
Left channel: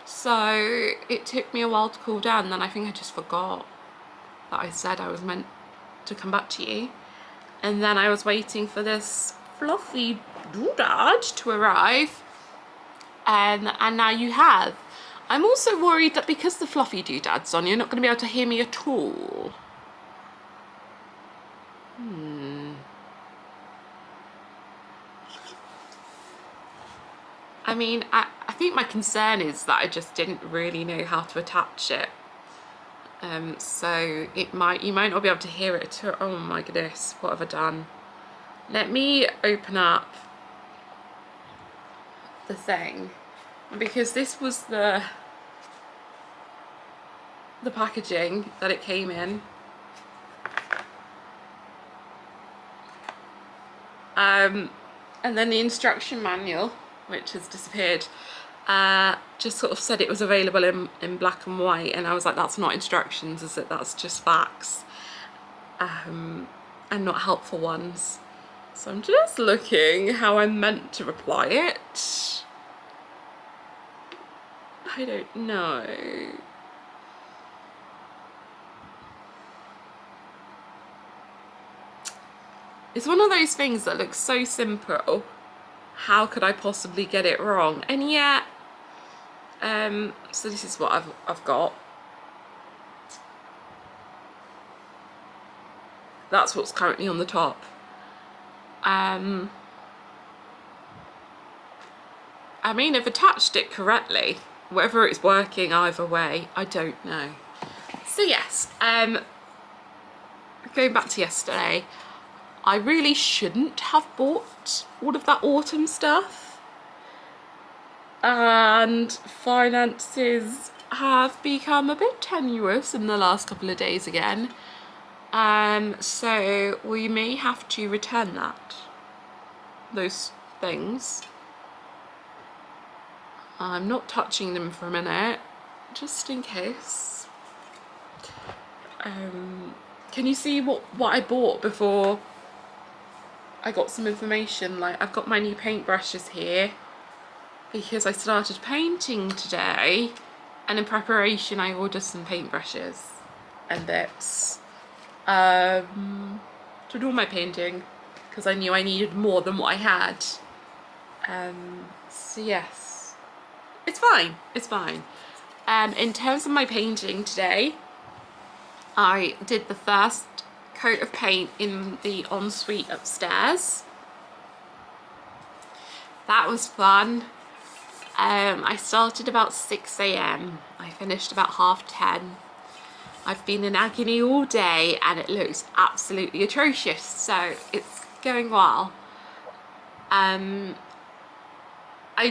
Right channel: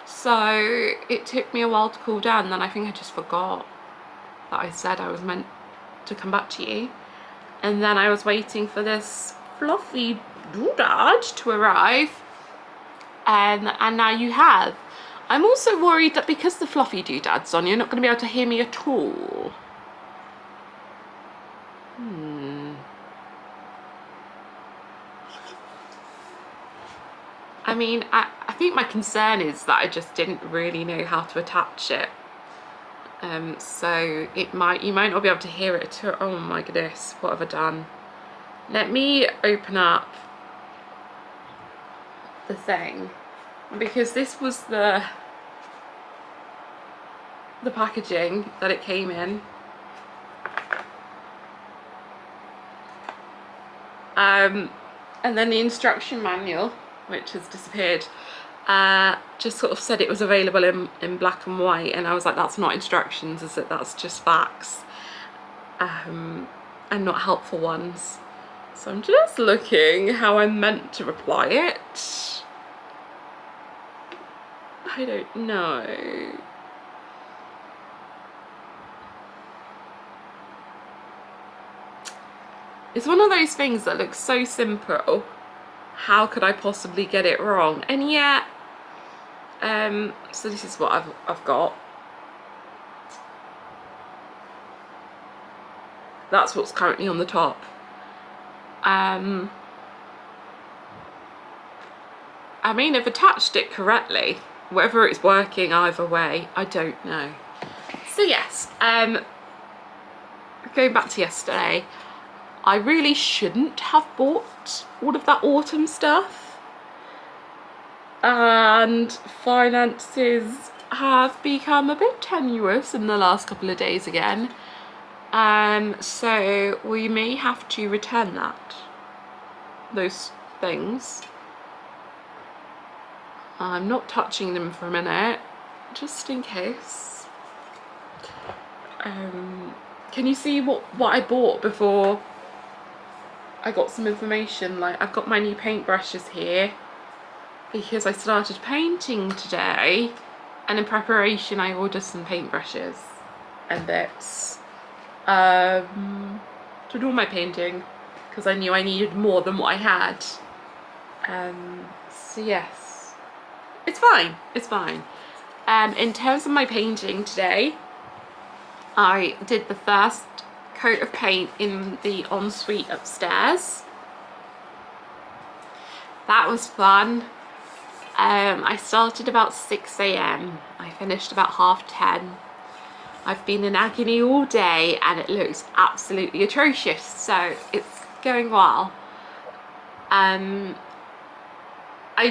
So it took me a while to cool down, and then I think I just forgot that I said I was meant to come back to you. And then I was waiting for this fluffy doodad to arrive, and now you have. I'm also worried that because the fluffy doodad's on, you're not going to be able to hear me at all. I mean, I think my concern is that I just didn't really know how to attach it. So you might not be able to hear it at all. Oh my goodness, what have I done? Let me open up the thing, because this was the the packaging that it came in. And then the instruction manual, which has disappeared, just sort of said it was available in black and white, and I was like, that's not instructions, is it? That's just facts, and not helpful ones. So I'm just looking how I'm meant to reply it. I don't know. It's one of those things that looks so simple. How could I possibly get it wrong? And yet, so this is what I've got. That's what's currently on the top. I mean, I've attached it correctly. Whether it's working either way, I don't know. So yes, going back to yesterday, I really shouldn't have bought all of that autumn stuff. And finances have become a bit tenuous in the last couple of days again. So we may have to return those things. I'm not touching them for a minute, just in case. Can you see what I bought before I got some information? Like, I've got my new paintbrushes here because I started painting today, and in preparation I ordered some paintbrushes and bits to do my painting because I knew I needed more than what I had. So yes, it's fine, it's fine. In terms of my painting today, I did the first coat of paint in the ensuite upstairs. That was fun. I started about 6 AM. I finished about 10:30. I've been in agony all day and it looks absolutely atrocious, so it's going well. I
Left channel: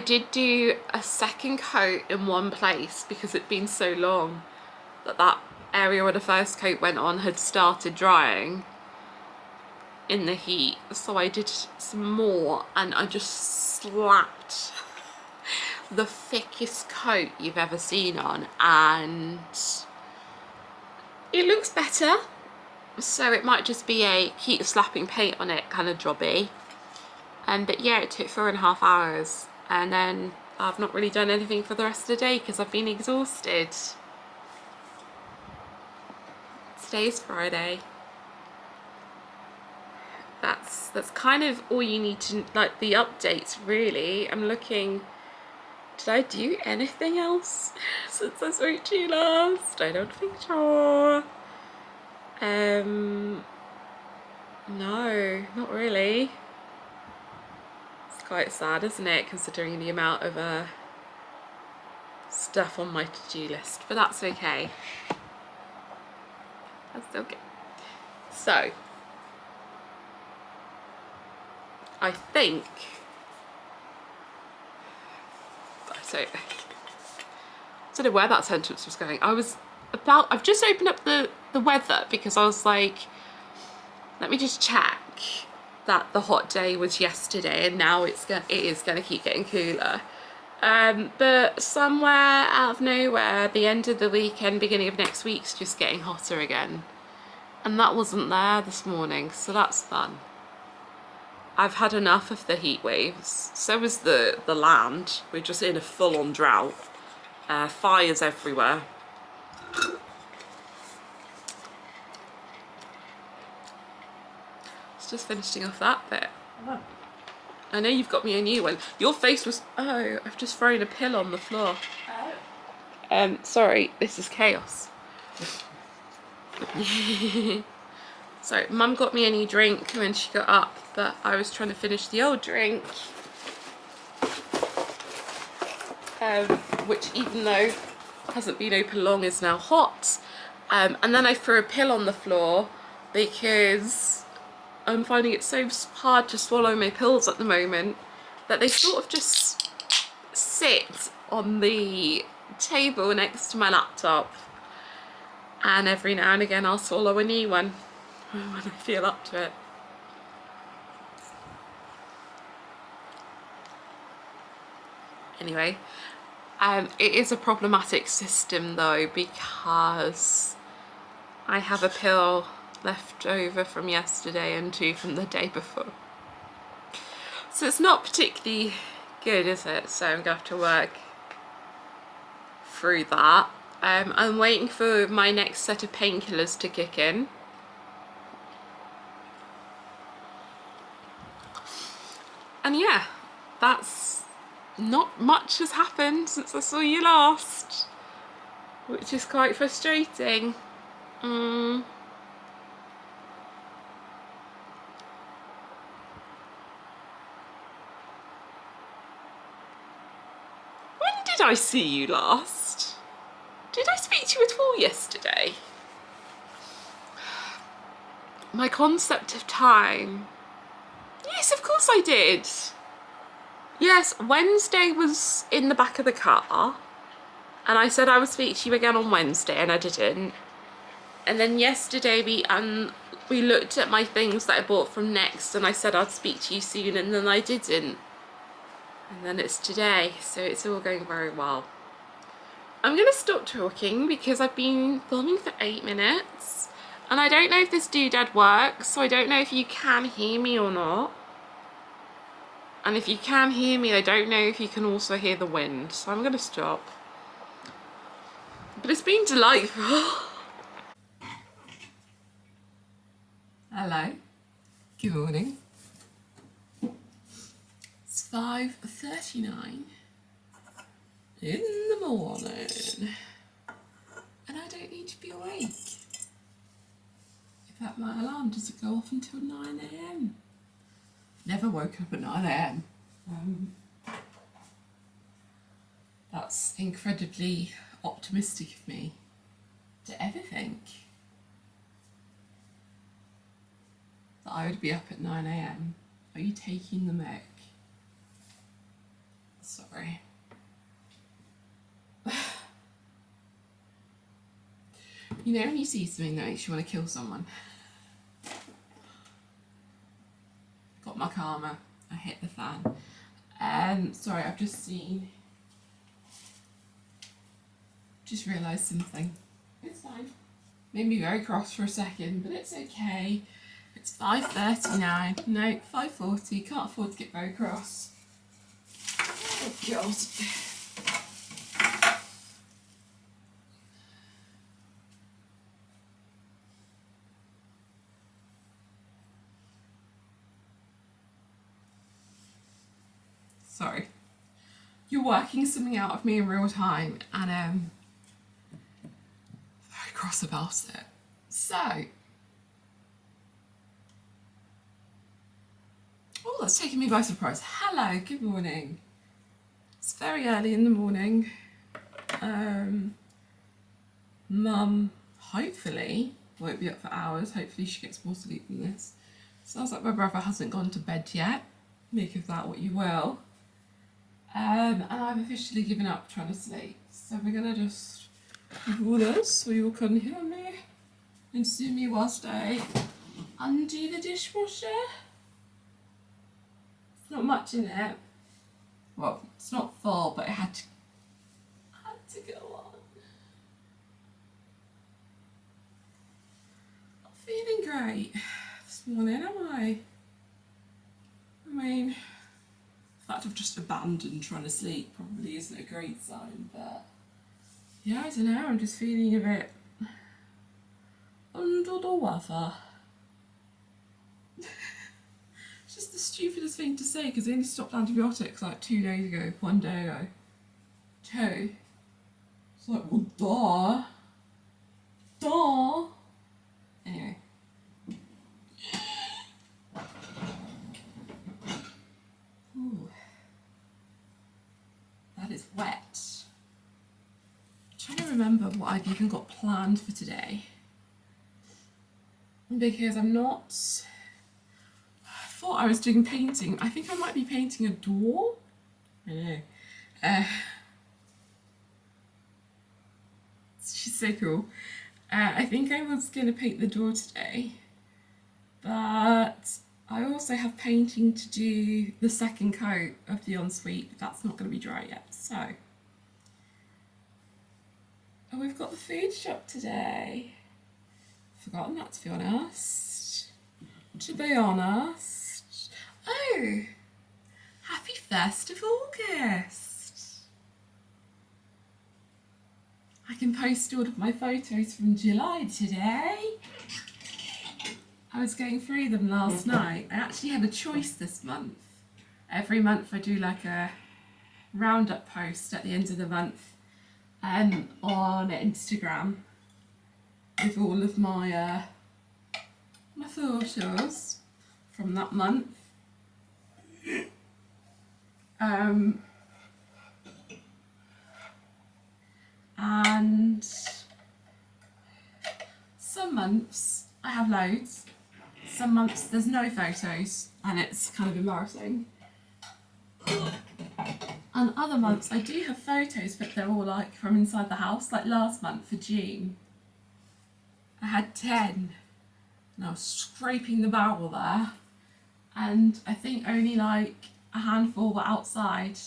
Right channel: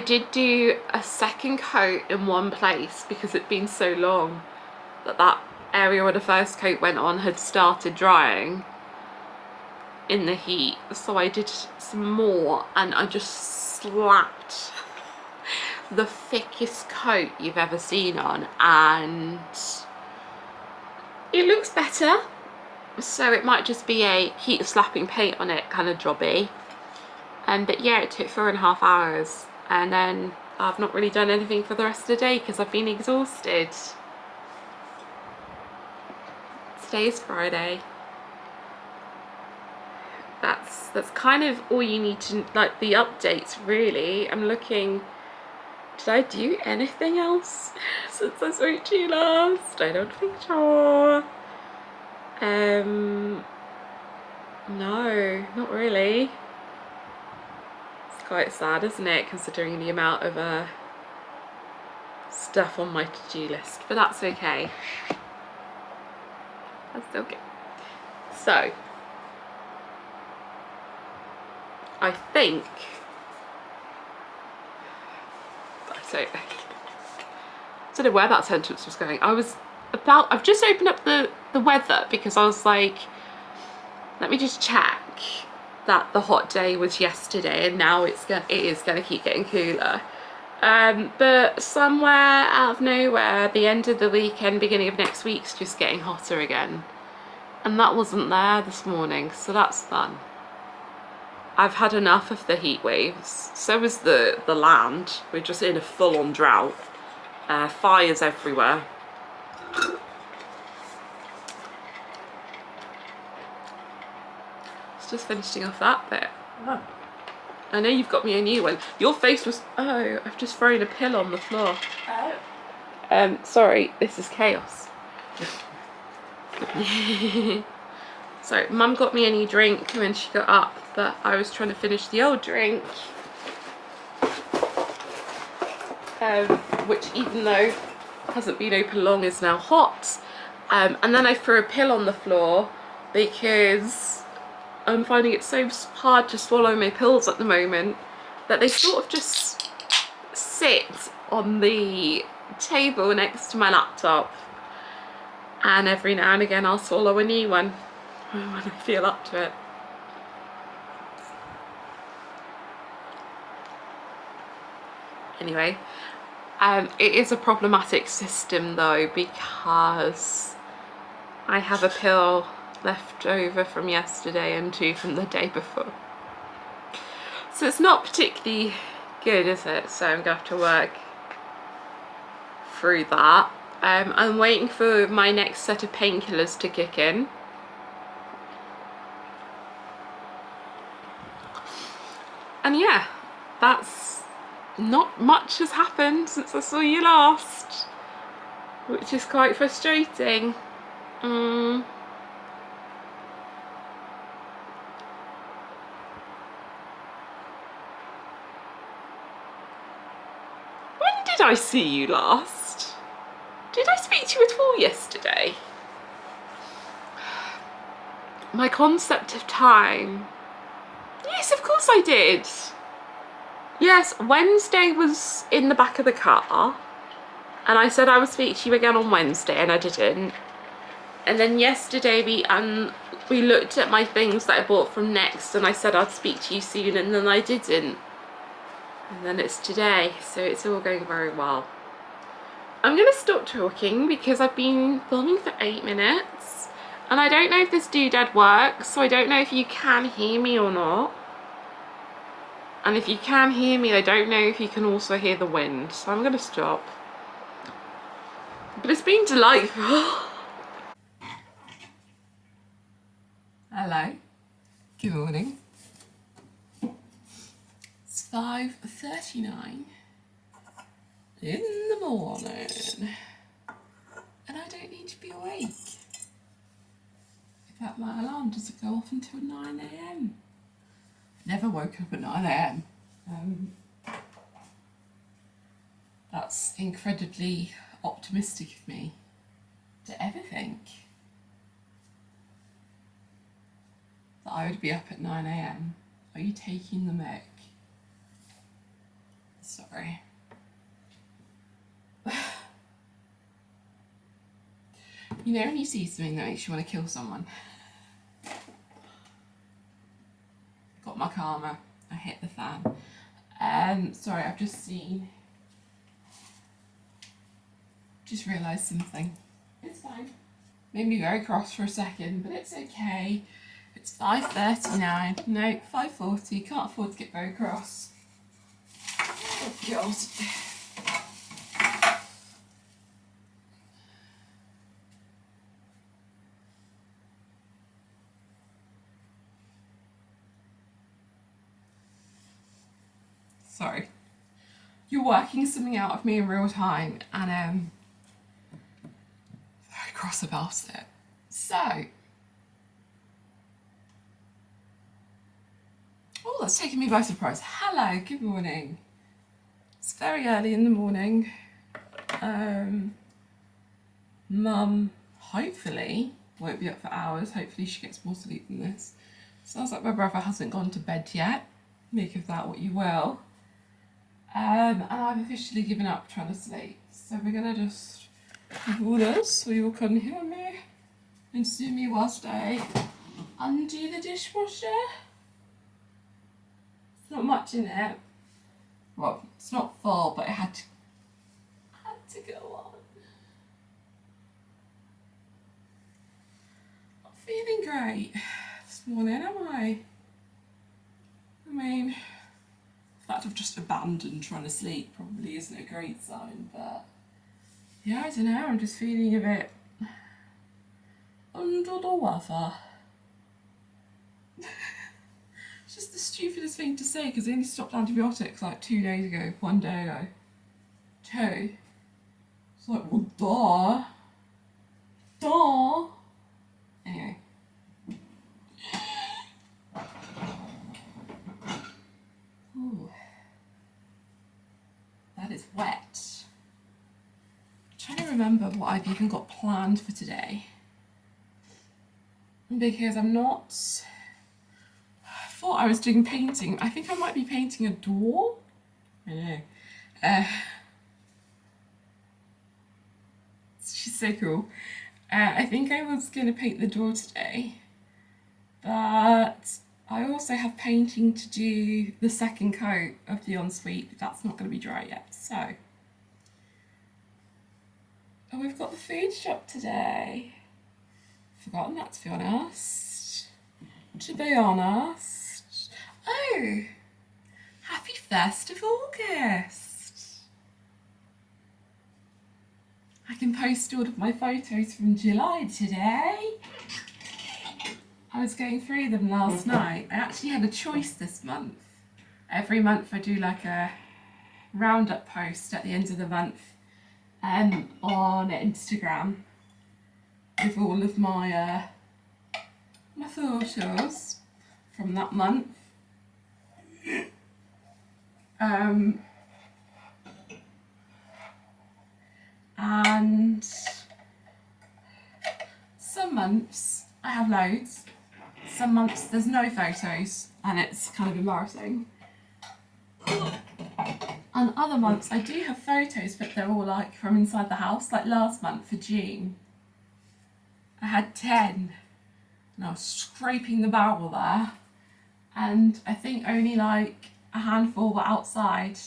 did do a second coat in one place because it'd been so long that area where the first coat went on had started drying in the heat, so I did some more and I just slapped the thickest coat you've ever seen on, and it looks better. So it might just be a keep slapping paint on it kind of jobby. But yeah, it took 4.5 hours, and then I've not really done anything for the rest of the day because I've been exhausted. Today's Friday. That's kind of all you need to, like, the updates really. I'm looking, did I do anything else since I spoke to you last? I don't think so. No, not really. It's quite sad, isn't it, considering the amount of stuff on my to-do list, but that's okay. That's okay. So, I think, I don't know where that sentence was going. I've just opened up the weather because I was like, let me just check that the hot day was yesterday and now it is going to keep getting cooler. But somewhere out of nowhere, the end of the weekend, beginning of next week's just getting hotter again. And that wasn't there this morning, so that's fun. I've had enough of the heat waves. So is the land. We're just in a full-on drought. Fires everywhere. It's just finishing off that bit. Oh. I know you've got me a new one. Your face was... Oh, I've just thrown a pill on the floor. Oh. Sorry, this is chaos. So, Mum got me a new drink when she got up, but I was trying to finish the old drink. Which, even though hasn't been open long, is now hot. And then I threw a pill on the floor because I'm finding it so hard to swallow my pills at the moment that they sort of just sit on the table next to my laptop. And every now and again I'll swallow a new one when I feel up to it. Anyway, it is a problematic system though, because I have a pill left over from yesterday and 2 from the day before. So it's not particularly good, is it? So I'm gonna have to work through that. I'm waiting for my next set of painkillers to kick in. And yeah, that's not much has happened since I saw you last, which is quite frustrating. When did I see you last? Did I speak to you at all yesterday? My concept of time. Yes, of course I did. Yes, Wednesday was in the back of the car, and I said I would speak to you again on Wednesday, and I didn't. And then yesterday we looked at my things that I bought from Next, and I said I'd speak to you soon, and then I didn't. And then it's today, so it's all going very well. I'm gonna stop talking because I've been filming for 8 minutes, and I don't know if this doodad works, so I don't know if you can hear me or not. And if you can hear me, I don't know if you can also hear the wind, so I'm gonna stop. But it's been delightful. Hello, good morning. It's 5:39 in the morning, and I don't need to be awake. In fact, my alarm doesn't go off until 9 AM. Never woken up at 9 AM. That's incredibly optimistic of me to ever think that I would be up at 9 AM. Are you taking the mic? Sorry. You know when you see something that makes you want to kill someone? Got my karma. I hit the fan. Sorry, I've just realised something. It's fine. Made me very cross for a second, but it's okay. It's 5:39. No, 5:40. Can't afford to get very cross. Oh God. Sorry. You're working something out of me in real time, and very cross about it. So, oh, that's taken me by surprise. Hello, good morning. It's very early in the morning. Mum, hopefully, won't be up for hours. Hopefully she gets more sleep than this. Sounds like my brother hasn't gone to bed yet. Make of that what you will. And I've officially given up trying to sleep. So we're gonna just do this so you can hear me and see me whilst I undo the dishwasher. It's not much in it. Well, it's not full, but it had to go on. Not feeling great this morning, am I? I mean, the fact I've just abandoned trying to sleep probably isn't a great sign, but yeah, I don't know, I'm just feeling a bit under the weather. It's just the stupidest thing to say because I only stopped antibiotics like 2 days ago, 1 day ago. 2. It's like, well, duh. Anyway. Ooh. That is wet. I'm trying to remember what I've even got planned for today. Because I'm not... I thought I was doing painting. I think I might be painting a door. I know. She's so cool. I think I was going to paint the door today, but I also have painting to do the second coat of the ensuite, but that's not going to be dry yet, so. Oh, we've got the food shop today. Forgotten that, to be honest. To be honest. Oh, happy 1st of August. I can post all of my photos from July today. I was going through them last night. I actually had a choice this month. Every month I do like a roundup post at the end of the month on Instagram with all of my my photos from that month. And some months I have loads, some months there's no photos and it's kind of embarrassing. And other months I do have photos, but they're all like from inside the house. Like last month for June, I had 10 and I was scraping the barrel there, and I think only like a handful were outside,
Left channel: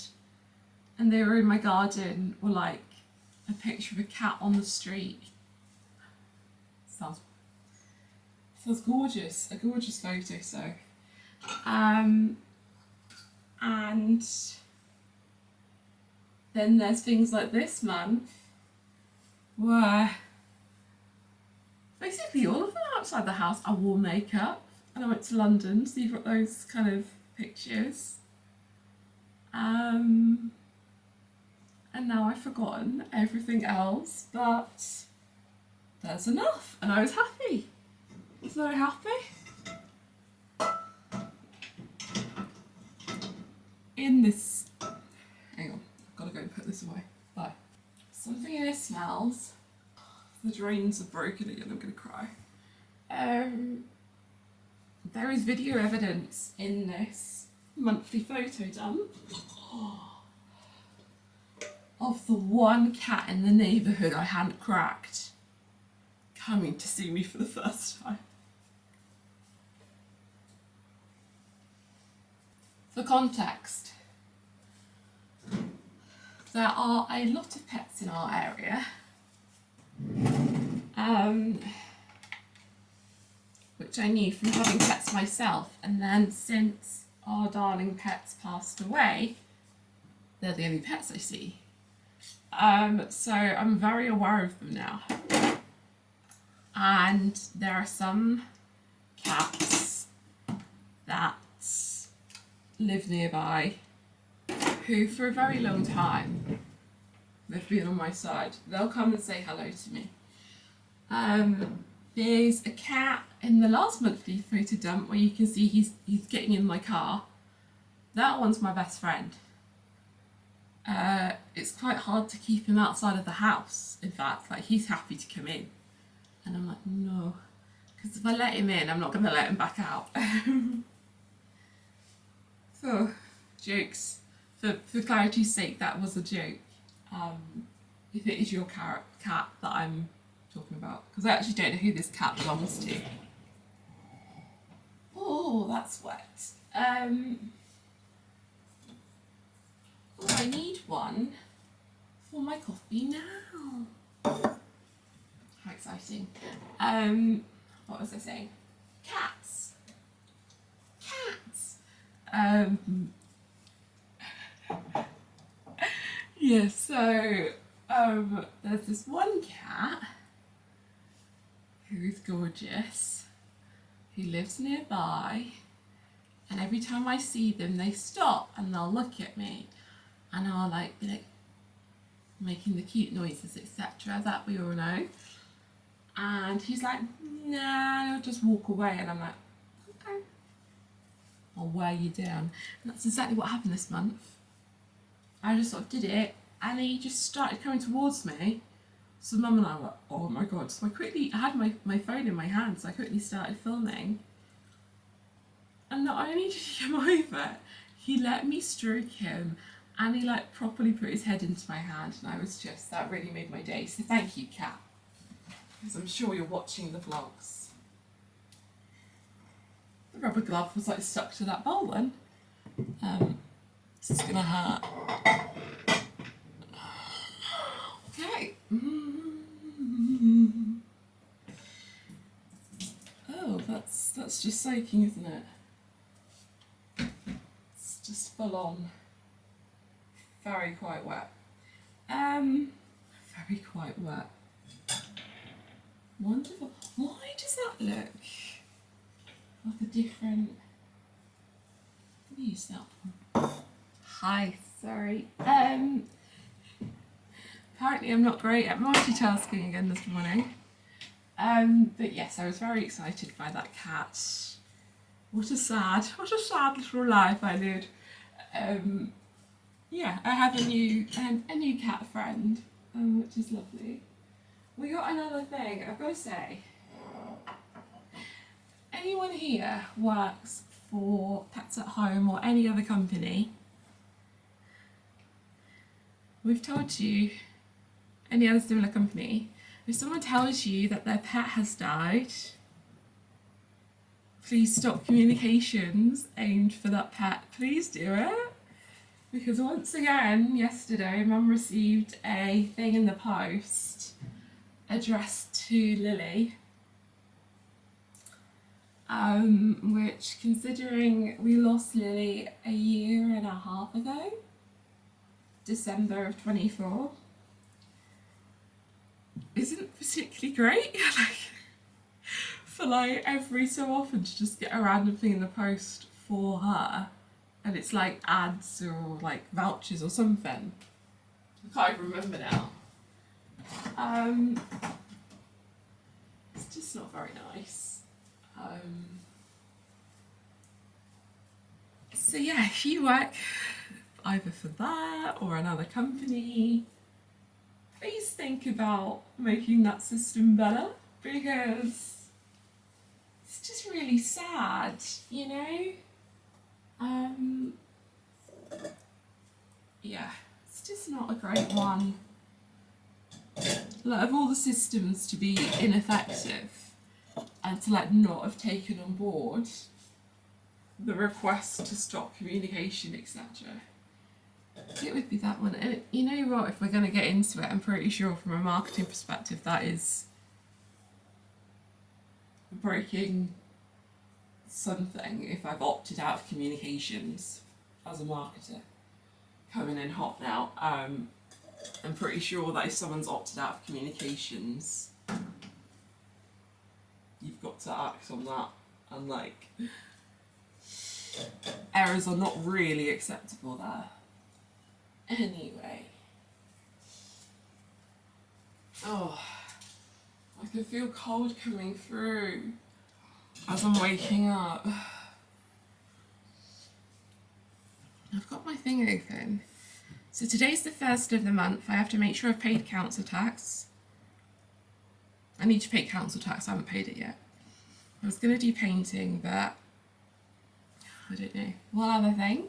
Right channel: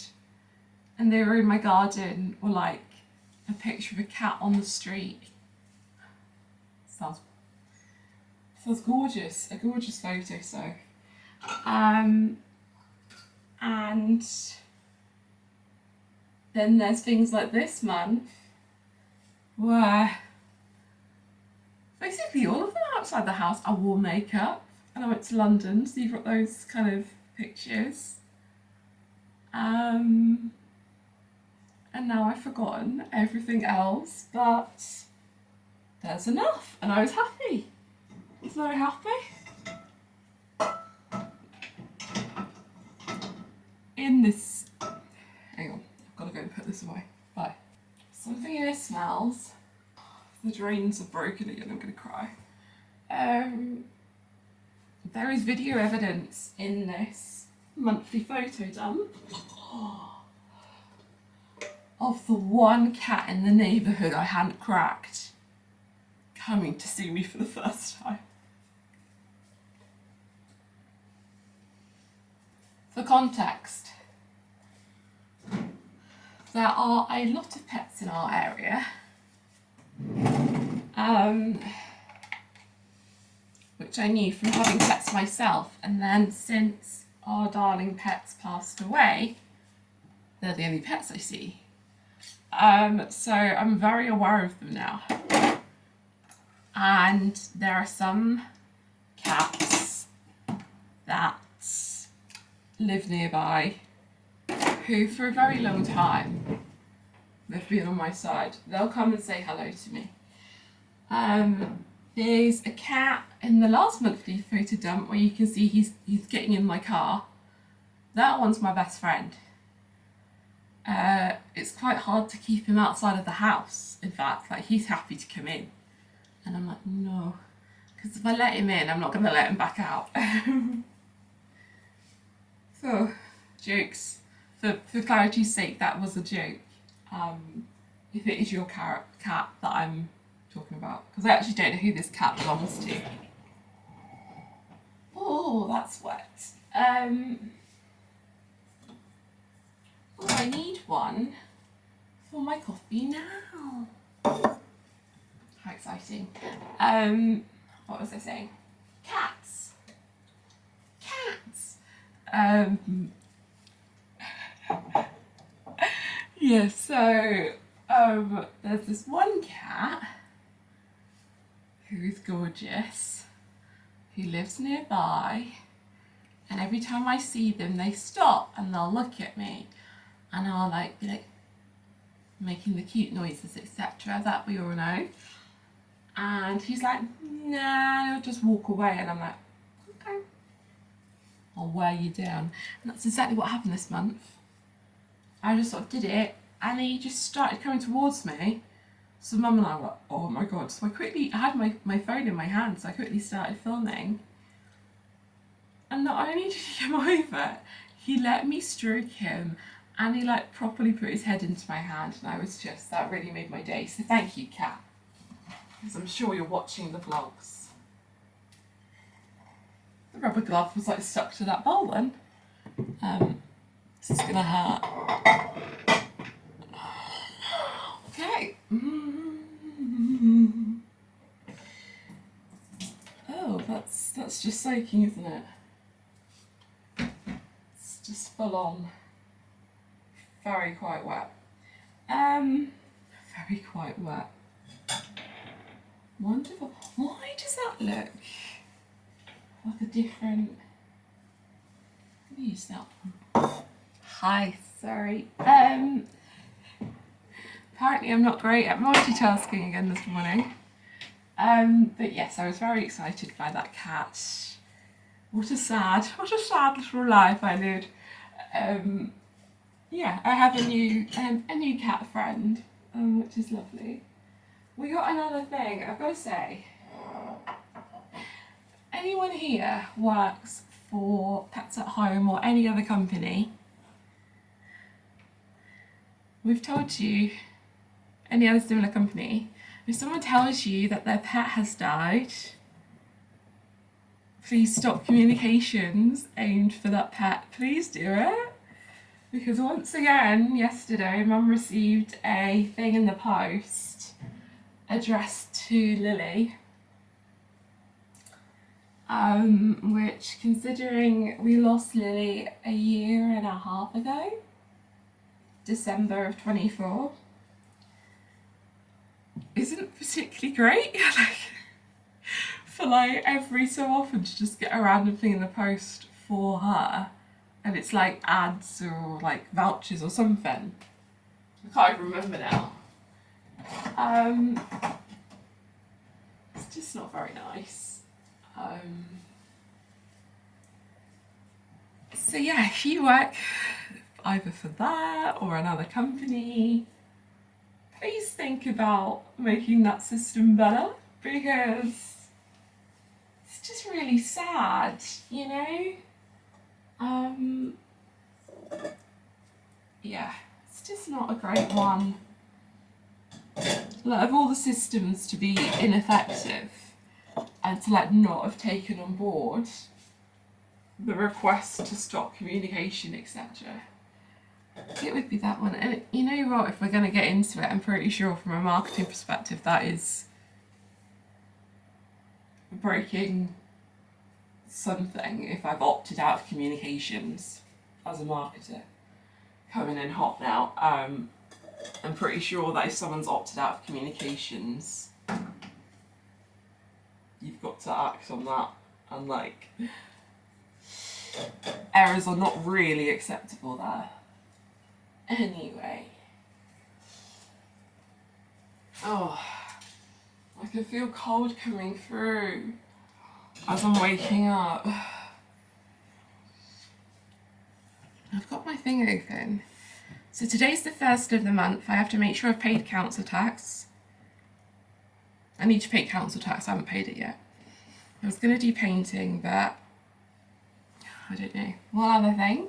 and they were in my garden, or like a picture of a cat on the street. Sounds gorgeous, a gorgeous photo. So and then there's things like this month where basically all of them outside the house. I wore makeup and I went to London, so you've got those kind of pictures. And now I've forgotten everything else, but there's enough, and I was happy. I was very happy. In this, hang on, I've got to go and put this away. Bye. Something in here smells. The drains are broken again, I'm going to cry. There is video evidence in this monthly photo dump of the one cat in the neighbourhood I hadn't cracked coming to see me for the first time. For context, there are a lot of pets in our area, which I knew from having pets myself, and then since our darling pets passed away, they're the only pets I see. So I'm very aware of them now. And there are some cats that live nearby who for a very long time they've been on my side. They'll come and say hello to me. There's a cat in the last monthly photo dump where you can see he's getting in my car. That one's my best friend. It's quite hard to keep him outside of the house. In fact, like, he's happy to come in, and I'm like, no, because if I let him in, I'm not going to let him back out. So, jokes. For clarity's sake, that was a joke. If it is your cat that I'm talking about, because I actually don't know who this cat belongs to. Oh, that's wet. Oh, I need one for my coffee now. How exciting. What was I saying? Cats. Yeah, so there's this one cat who's gorgeous, who lives nearby, and every time I see them they stop and they'll look at me, and I'll be like making the cute noises, etc., that we all know. And he's like, nah, he'll just walk away, and I'm like, okay, I'll wear you down. And that's exactly what happened this month. I just sort of did it, and he just started coming towards me. So Mum and I were like, oh my god. So I had my phone in my hand, so I quickly started filming. And not only did he come over, he let me stroke him, and he properly put his head into my hand, and that really made my day. So thank you, cat. because I'm sure you're watching the vlogs. The rubber glove was like stuck to that bowl then. This is gonna hurt. Okay. Oh, that's just soaking, isn't it? It's just full on. Very quite wet. Very quite wet. Wonderful. Why does that look like a different? Let me use that one. Hi, sorry. Apparently I'm not great at multitasking again this morning. But yes, I was very excited by that cat. What a sad little life I led. Yeah, I have a new cat friend, which is lovely. We got another thing, I've got to say. Anyone here works for Pets at Home or any other company? We've told you, any other similar company, if someone tells you that their pet has died, please stop communications aimed for that pet. Please do it. Because once again, yesterday, Mum received a thing in the post addressed to Lily, which, considering we lost Lily a year and a half ago, December of 24, isn't particularly great. For like every so often to just get a random thing in the post for her, and it's like ads or like vouchers or something. I can't even remember now. It's just not very nice. So yeah, if you work either for that or another company, please think about making that system better, because it's just really sad, you know? Yeah, it's just not a great one. Like, of all the systems to be ineffective and to like not have taken on board the request to stop communication, etc., it would be that one. And you know what, if we're going to get into it, I'm pretty sure from a marketing perspective that is breaking something if I've opted out of communications as a marketer. Coming in hot now. I'm pretty sure that if someone's opted out of communications, you've got to act on that, and like errors are not really acceptable there. Anyway. Oh, I can feel cold coming through as I'm waking up. I've got my thing open. So today's the 1st of the month. I have to make sure I've paid council tax. I need to pay council tax, I haven't paid it yet. I was going to do painting, but I don't know. One other thing.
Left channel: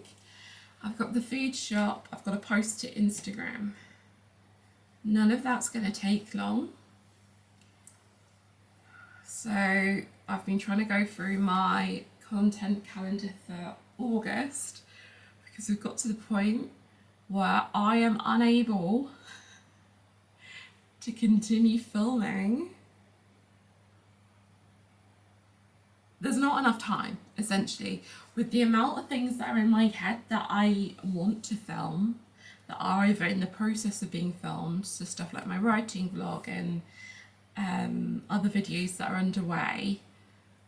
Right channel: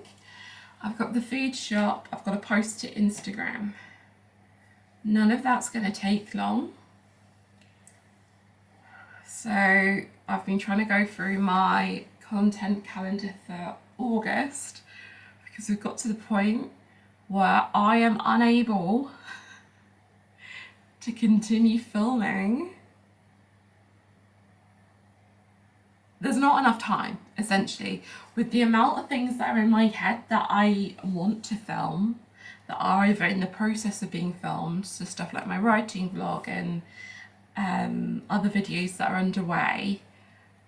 I've got the food shop, I've got to post to Instagram. None of that's going to take long. So I've been trying to go through my content calendar for August, because we've got to the point where I am unable to continue filming. There's not enough time, essentially, with the amount of things that are in my head that I want to film, that are either in the process of being filmed, so stuff like my writing vlog and other videos that are underway,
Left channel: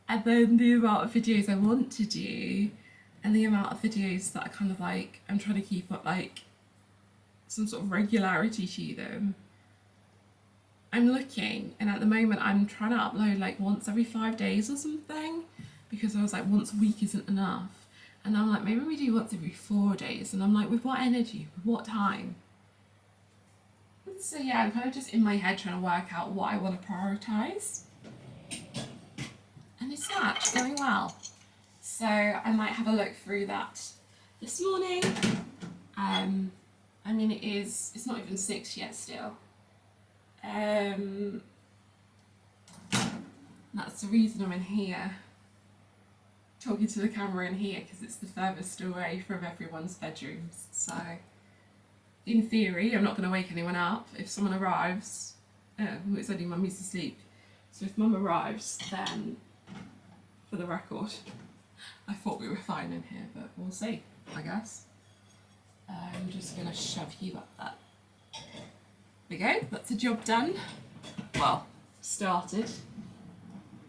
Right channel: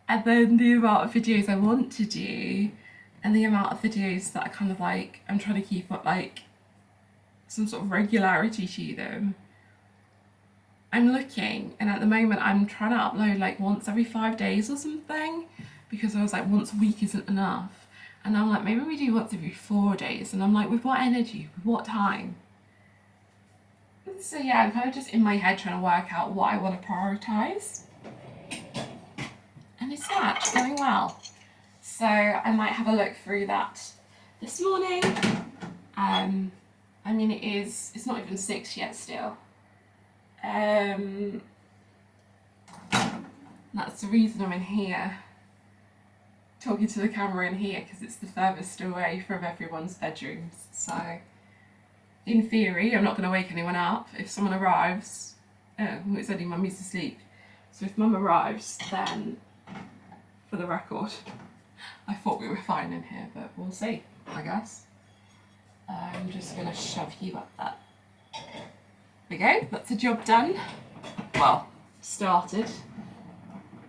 and then the amount of videos I want to do, and the amount of videos that I kind of like, I'm trying to keep up like some sort of regularity to them. I'm looking, and at the moment I'm trying to upload like once every 5 days or something, because I was like, once a week isn't enough. And I'm like, maybe we do once every 4 days. And I'm like, with what energy, with what time? So yeah, I'm kind of just in my head trying to work out what I want to prioritise. And it's going well. So I might have a look through that this morning. I mean, it's not even 6 yet still. That's the reason I'm in here, talking to the camera in here, because it's the furthest away from everyone's bedrooms. So, in theory, I'm not going to wake anyone up. If someone arrives, it's only Mummy's asleep. So if Mum arrives, then, for the record, I thought we were fine in here, but we'll see, I guess. I'm just going to shove you up that. There we go, that's a job done. Well, started.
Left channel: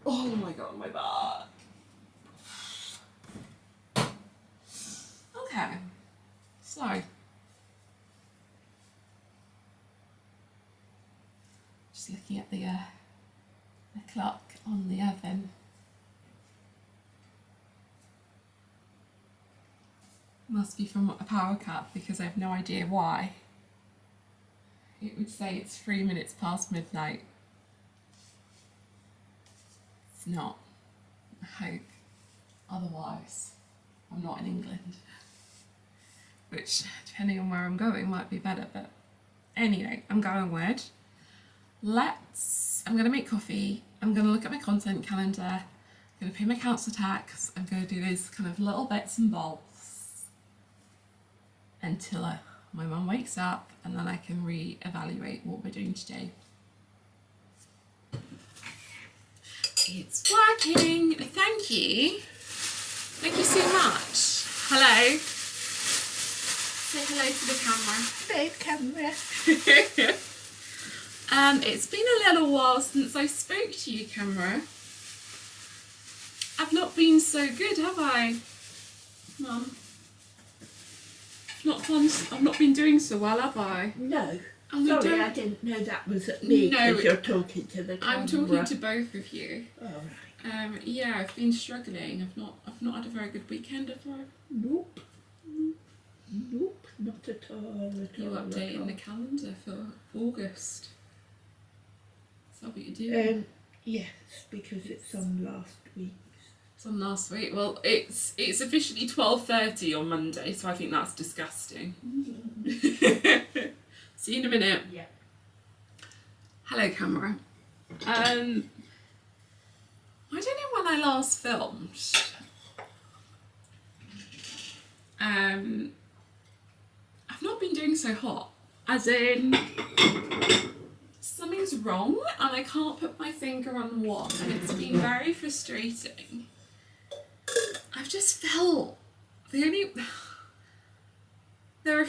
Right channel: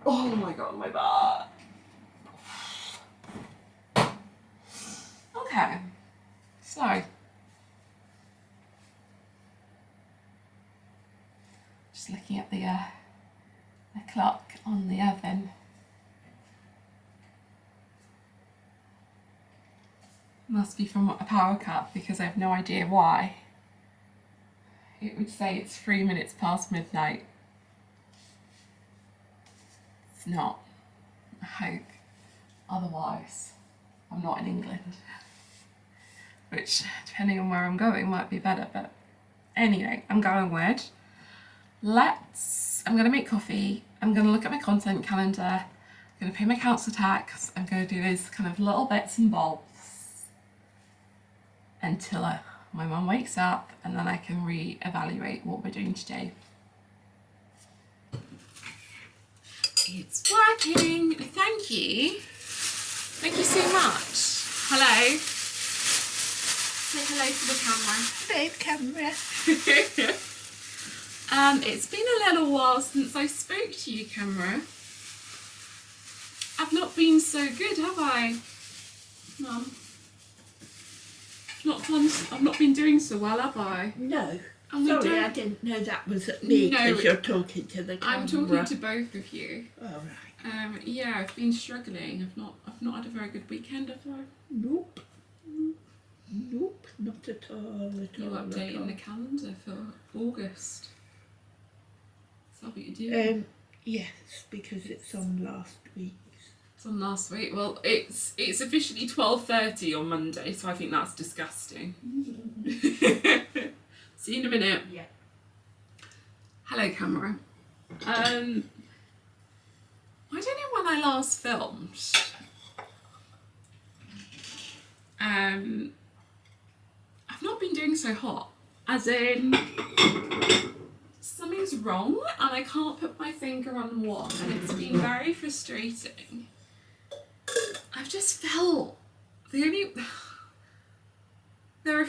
Oh my god, my back. Okay, so just looking at the clock on the oven. Must be from a power cut because I have no idea why. It would say it's 3 minutes past midnight. It's not. I hope. Otherwise, I'm not in England. Which, depending on where I'm going, might be better. But anyway, I'm going with. I'm going to make coffee. I'm going to look at my content calendar. I'm going to pay my council tax. I'm going to do those kind of little bits and bobs until my mum wakes up, and then I can re-evaluate what we're doing today. It's working. Thank you. Thank you so much. Hello. Say hello to the camera. Babe, camera. It's been a little while since I spoke to you, camera. I've not been so good, have I, Mum? I've not been doing so well, have I? No. And Sorry, I didn't know that was at me because No, you're talking to the camera. I'm talking to both of you. All right. Yeah, I've been struggling. I've not had a very good weekend, have I? Nope. Nope, not at all. You updating the calendar for August? Is that what you're doing? Yes, because it's on last week. It's on last week. Well, it's officially 12:30 on Monday, so I think that's disgusting. See you in a minute. Yeah. Hello, camera. I don't know when I last filmed. I've not been doing so hot. As in, something's wrong and I can't put my finger on what, and it's been very frustrating. I've just felt there are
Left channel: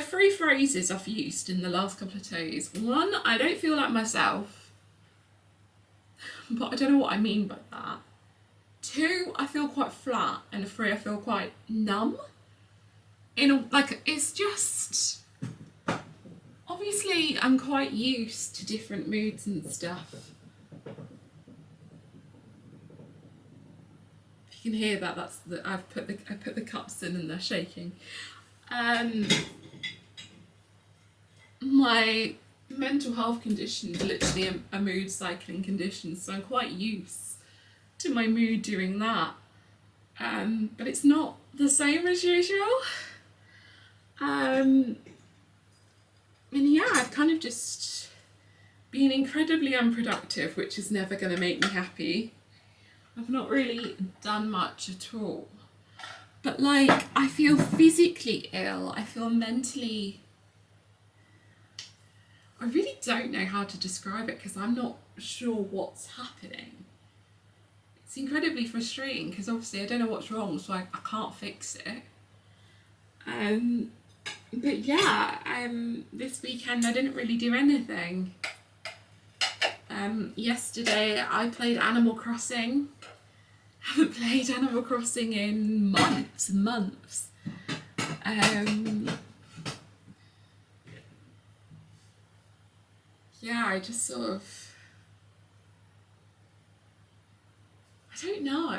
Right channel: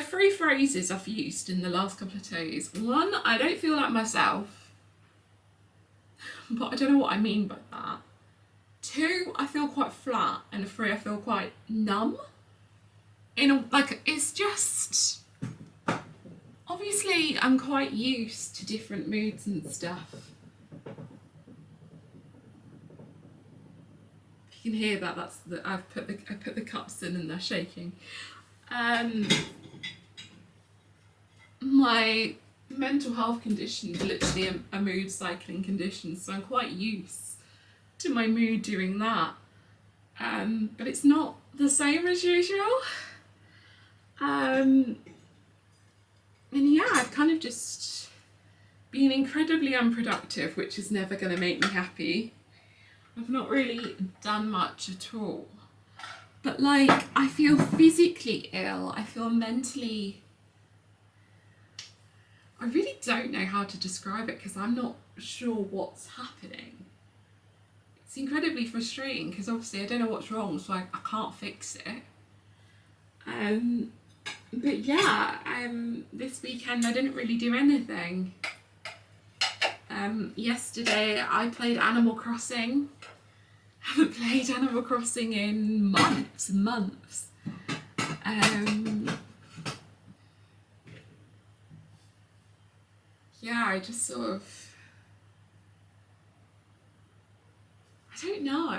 three phrases I've used in the last couple of days. One, I don't feel like myself, but I don't know what I mean by that. Two, I feel quite flat, and three, I feel quite numb. It's just, obviously I'm quite used to different moods and stuff. If you can hear that, I put the cups in and they're shaking. My mental health condition is literally a mood cycling condition, so I'm quite used to my mood doing that. But it's not the same as usual. And yeah, I've kind of just been incredibly unproductive, which is never going to make me happy. I've not really done much at all. But I feel physically ill, I feel mentally... I really don't know how to describe it because I'm not sure what's happening. It's incredibly frustrating because obviously I don't know what's wrong, so I can't fix it. But yeah, this weekend I didn't really do anything. Yesterday I played Animal Crossing. Haven't played Animal Crossing in months and months. Yeah, I just sort of... I don't know.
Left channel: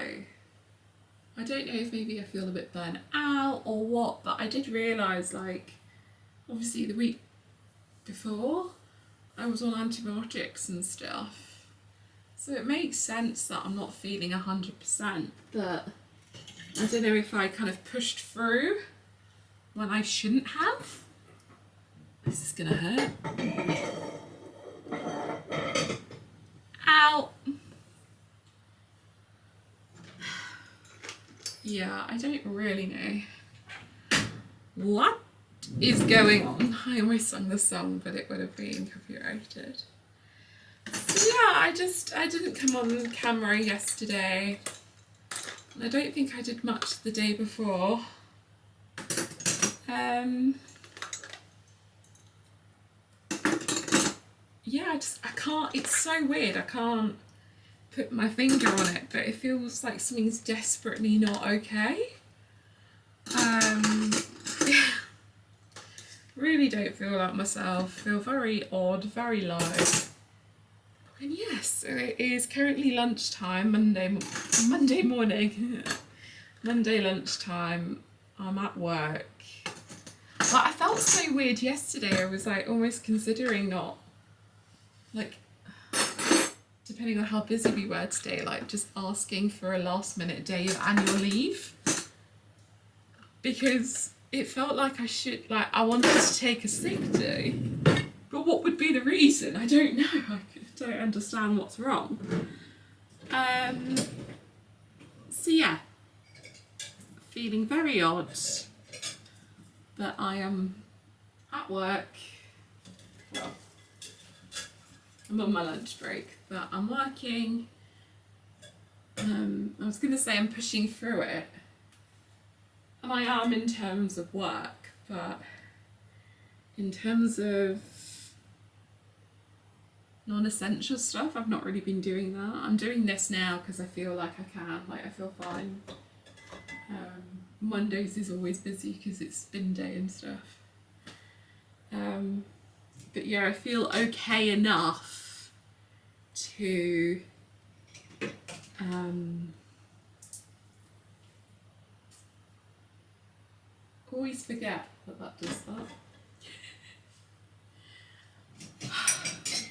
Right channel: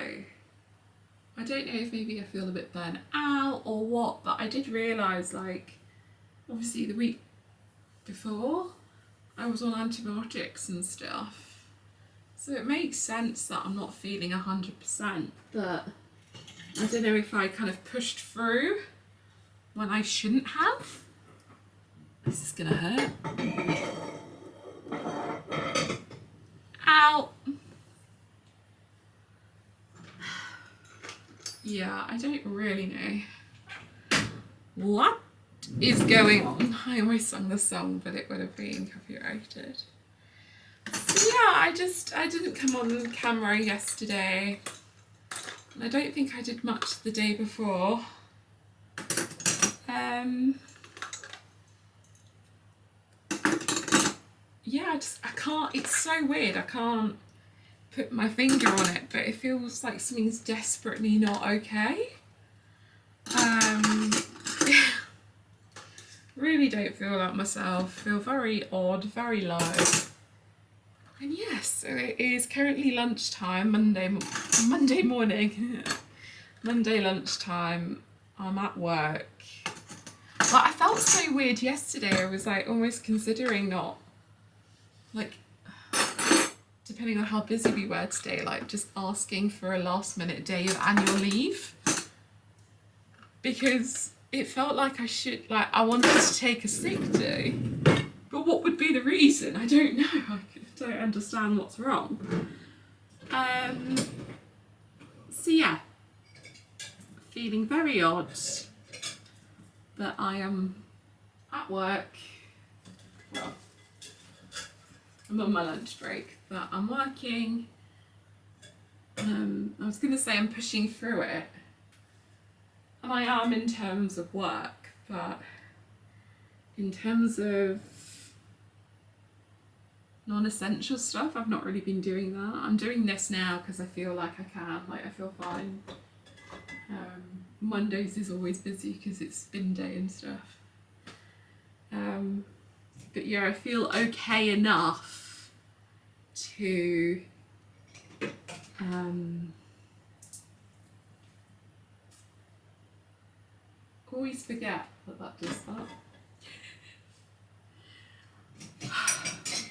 I don't know if maybe I feel a bit burnt out or what, but I did realise, obviously the week before, I was on antibiotics and stuff. So it makes sense that I'm not feeling 100%, but I don't know if I kind of pushed through when I shouldn't have. This is gonna hurt. Ow! yeah, I don't really know what is going on. I almost sung the song, but it would have been copyrighted. So yeah, I didn't come on camera yesterday. I don't think I did much the day before. Yeah, I can't, it's so weird, I can't put my finger on it, but it feels like something's desperately not okay. Really don't feel like myself, feel very odd, very low. And yes, so it is currently lunchtime, Monday morning, Monday lunchtime, I'm at work. But I felt so weird yesterday, I was like almost considering not, like, depending on how busy we were today, like just asking for a last minute day of annual leave. Because it felt like I wanted to take a sick day. But what would be the reason? I don't know. I don't understand what's wrong. So yeah, feeling very odd. But I am at work. Well, I'm on my lunch break, but I'm working. I was going to say I'm pushing through it. And I am in terms of work, but in terms of non-essential stuff, I've not really been doing that. I'm doing this now because I feel like I can, like I feel fine. Mondays is always busy because it's spin day and stuff. But yeah, I feel okay enough to always forget that does that.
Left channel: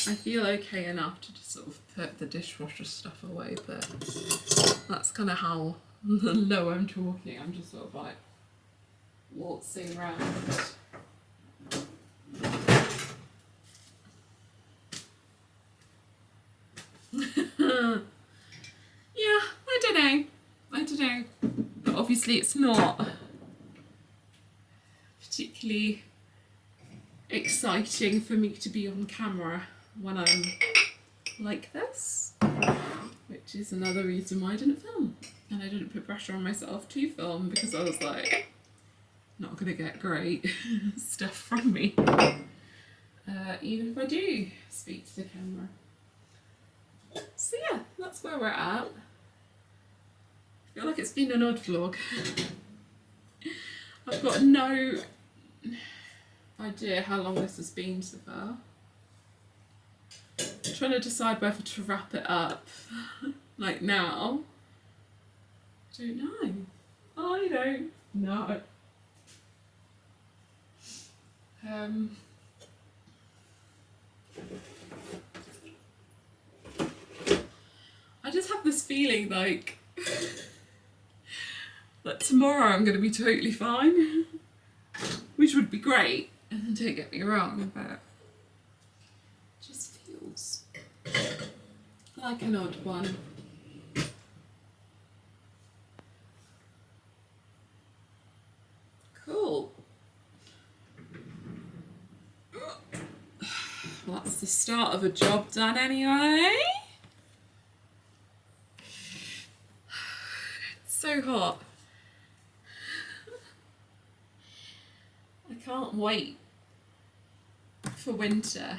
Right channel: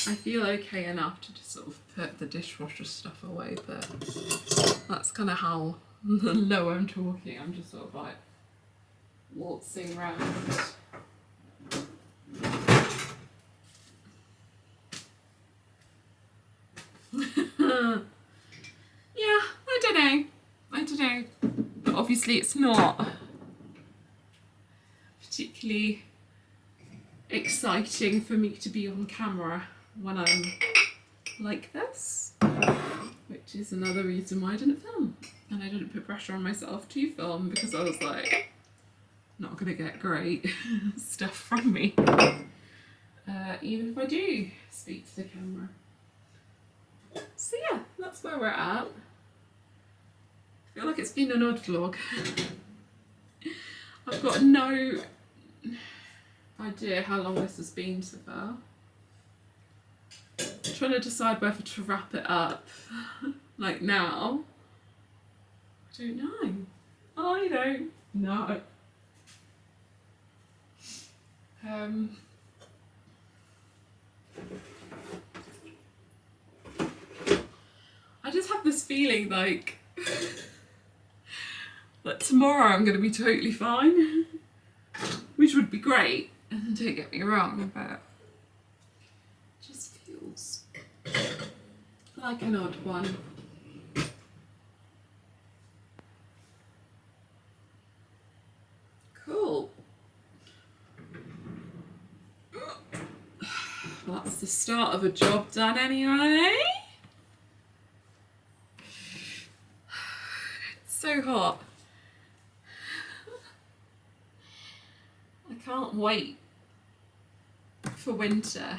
I feel okay enough to just sort of put the dishwasher stuff away, but that's kind of how low I'm talking. I'm just sort of like waltzing around. Yeah, I don't know. But obviously it's not particularly exciting for me to be on camera when I'm like this, which is another reason why I didn't film. And I didn't put pressure on myself to film because I was like, not gonna get great stuff from me, even if I do speak to the camera. So yeah, that's where we're at. I feel like it's been an odd vlog. I've got no idea how long this has been so far. I'm trying to decide whether to wrap it up like now. I don't know. I don't know. I just have this feeling like that tomorrow I'm going to be totally fine, which would be great, don't get me wrong, but it just feels like an odd one. Cool. Well, that's the start of a job done anyway. It's so hot. I can't wait for winter.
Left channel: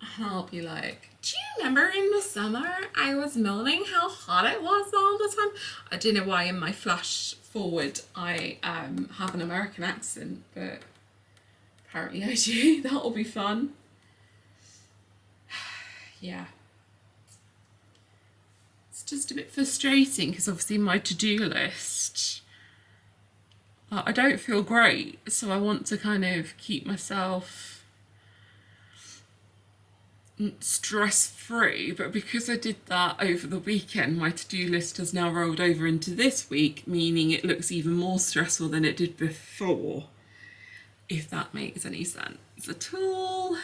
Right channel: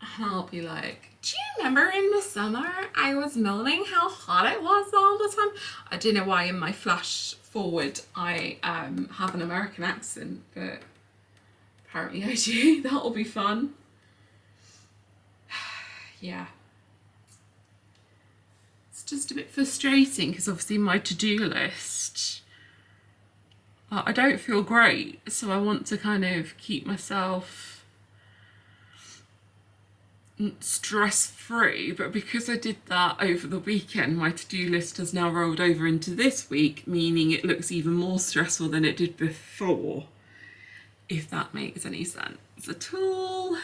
And I'll be like, do you remember in the summer I was moaning how hot it was all the time? I don't know why in my flash forward I have an American accent, but apparently I do. That'll be fun. Yeah. It's just a bit frustrating because obviously my to-do list, I don't feel great, so I want to kind of keep myself stress-free, but because I did that over the weekend, my to-do list has now rolled over into this week, meaning it looks even more stressful than it did before, if that makes any sense at all.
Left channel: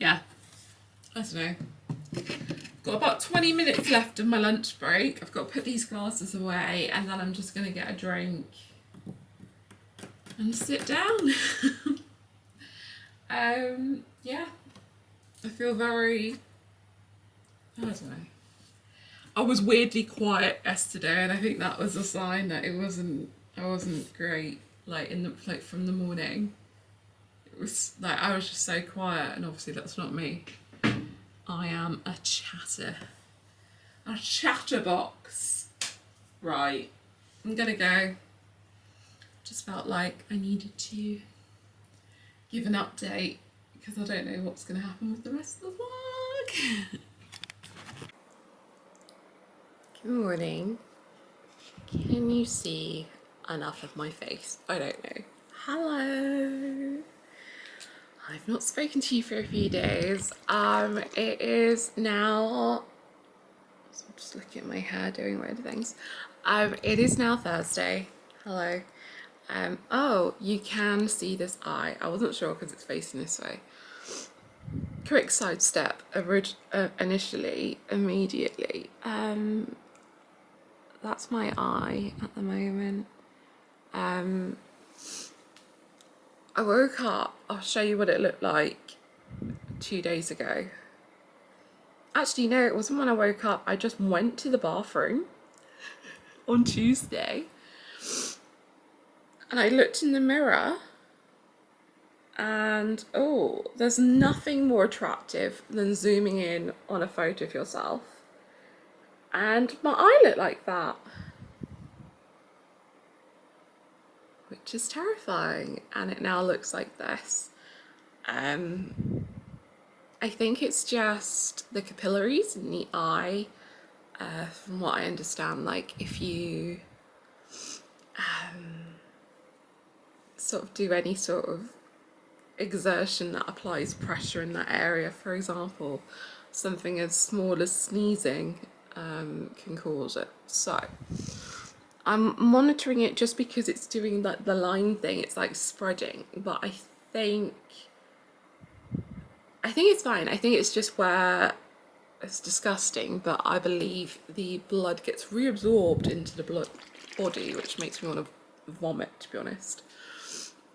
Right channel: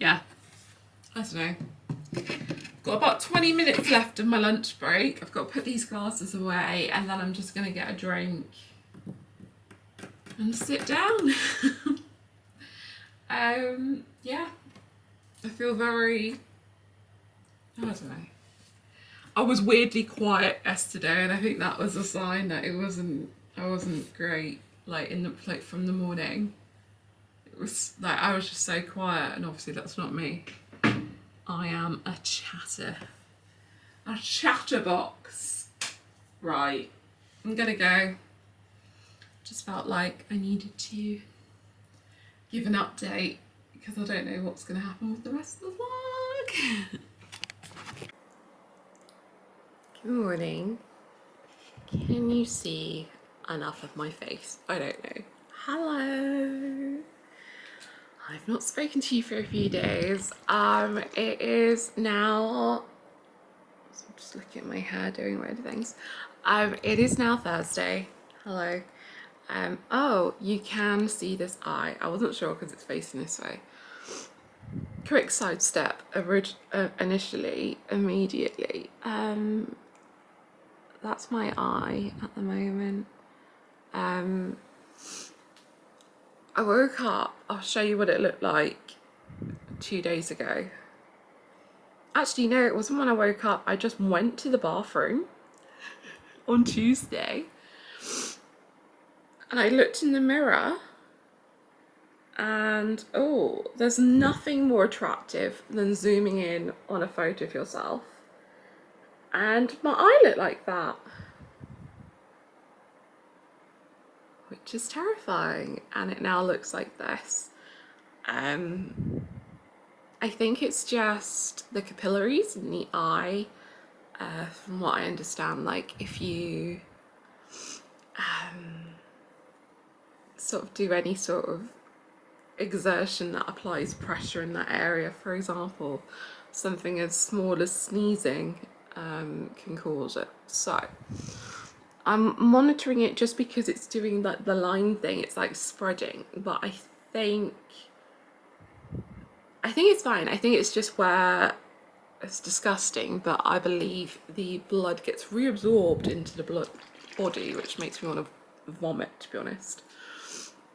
Yeah, I don't know. Got about 20 minutes left of my lunch break. I've got to put these glasses away and then I'm just going to get a drink and sit down. Yeah, I feel very, I don't know. I was weirdly quiet yesterday and I think that was a sign that I wasn't great, like from the morning. It was like, I was just so quiet, and obviously that's not me. I am a chatterbox. Right, I'm gonna go. Just felt like I needed to give an update because I don't know what's gonna happen with the rest of the vlog. Good morning. Can you see enough of my face? I don't know. Hello. I've not spoken to you for a few days. It is now, so I'm just looking at my hair doing weird things. It is now Thursday. Hello. Oh, you can see this eye. I wasn't sure because it's facing this way. Quick sidestep. Initially, immediately. That's my eye at the moment. I woke up, I'll show you what it looked like 2 days ago. Actually, no, it wasn't when I woke up. I just went to the bathroom on Tuesday and I looked in the mirror and, oh, there's nothing more attractive than zooming in on a photo of yourself. And my eye looked like that, which is terrifying. And it now looks like this. I think it's just the capillaries in the eye. From what I understand, like if you sort of do any sort of exertion that applies pressure in that area, for example, something as small as sneezing can cause it. So I'm monitoring it just because it's doing like the line thing. It's like spreading, but I think it's fine. I think it's just where it's disgusting, but I believe the blood gets reabsorbed into the body, which makes me want to vomit, to be honest.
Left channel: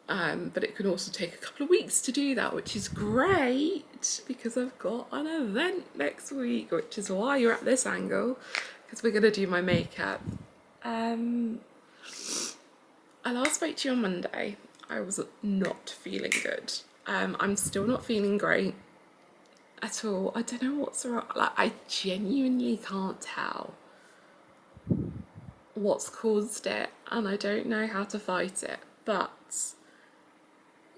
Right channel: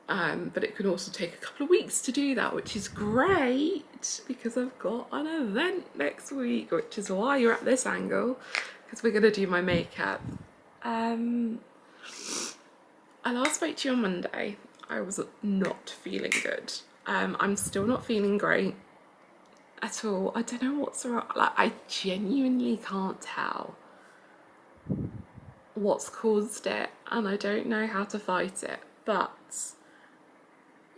But it can also take a couple of weeks to do that, which is great because I've got an event next week, which is why you're at this angle, because we're going to do my makeup. I last spoke to you on Monday. I was not feeling good. I'm still not feeling great at all. I don't know what's wrong. Like, I genuinely can't tell what's caused it, and I don't know how to fight it. But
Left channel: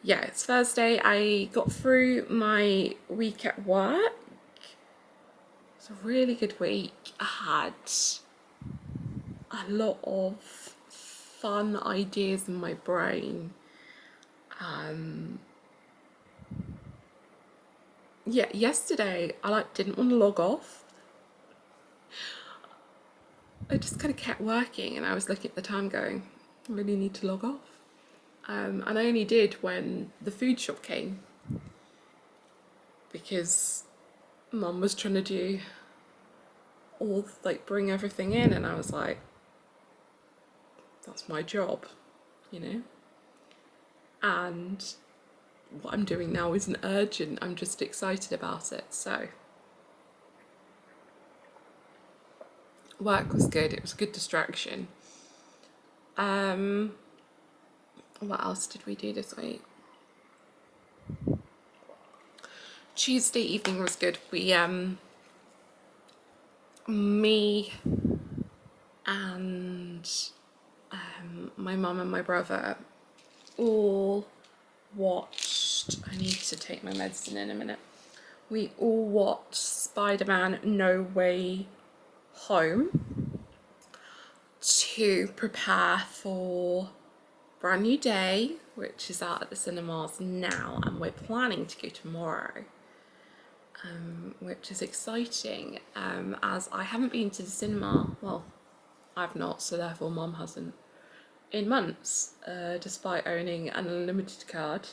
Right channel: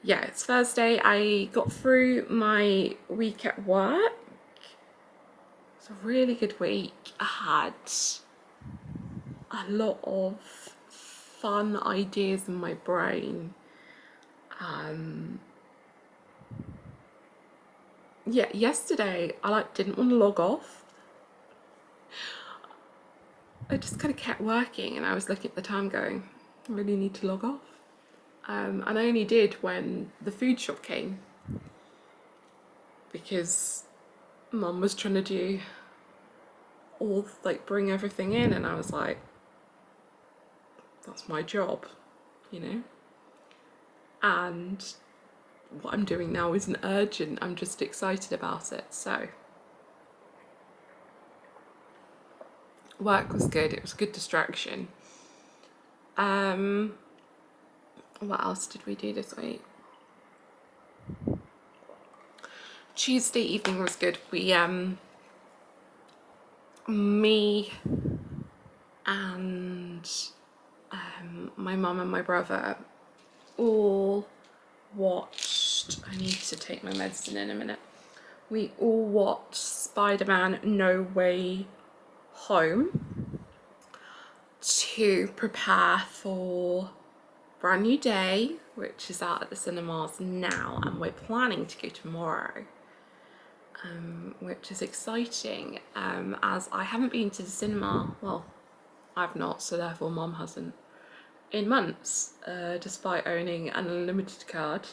yeah, it's Thursday. I got through my week at work. It's a really good week. I had a lot of fun ideas in my brain. Yeah, yesterday I didn't want to log off. I just kind of kept working, and I was looking at the time going, I really need to log off. And I only did when the food shop came, because Mum was trying to do all, like, bring everything in, and I was like, that's my job, you know? And what I'm doing now isn't urgent, I'm just excited about it. So work was good, it was a good distraction. What else did we do this week? Tuesday evening was good. We me and my mum and my brother all watched, I need to take my medicine in a minute. We all watched Spider-Man No Way Home to prepare for Brand New Day, which is out at the cinemas now, and we're planning to go tomorrow, which is exciting, as I haven't been to the cinema, well, I've not, so therefore Mum hasn't, in months, despite owning an unlimited card,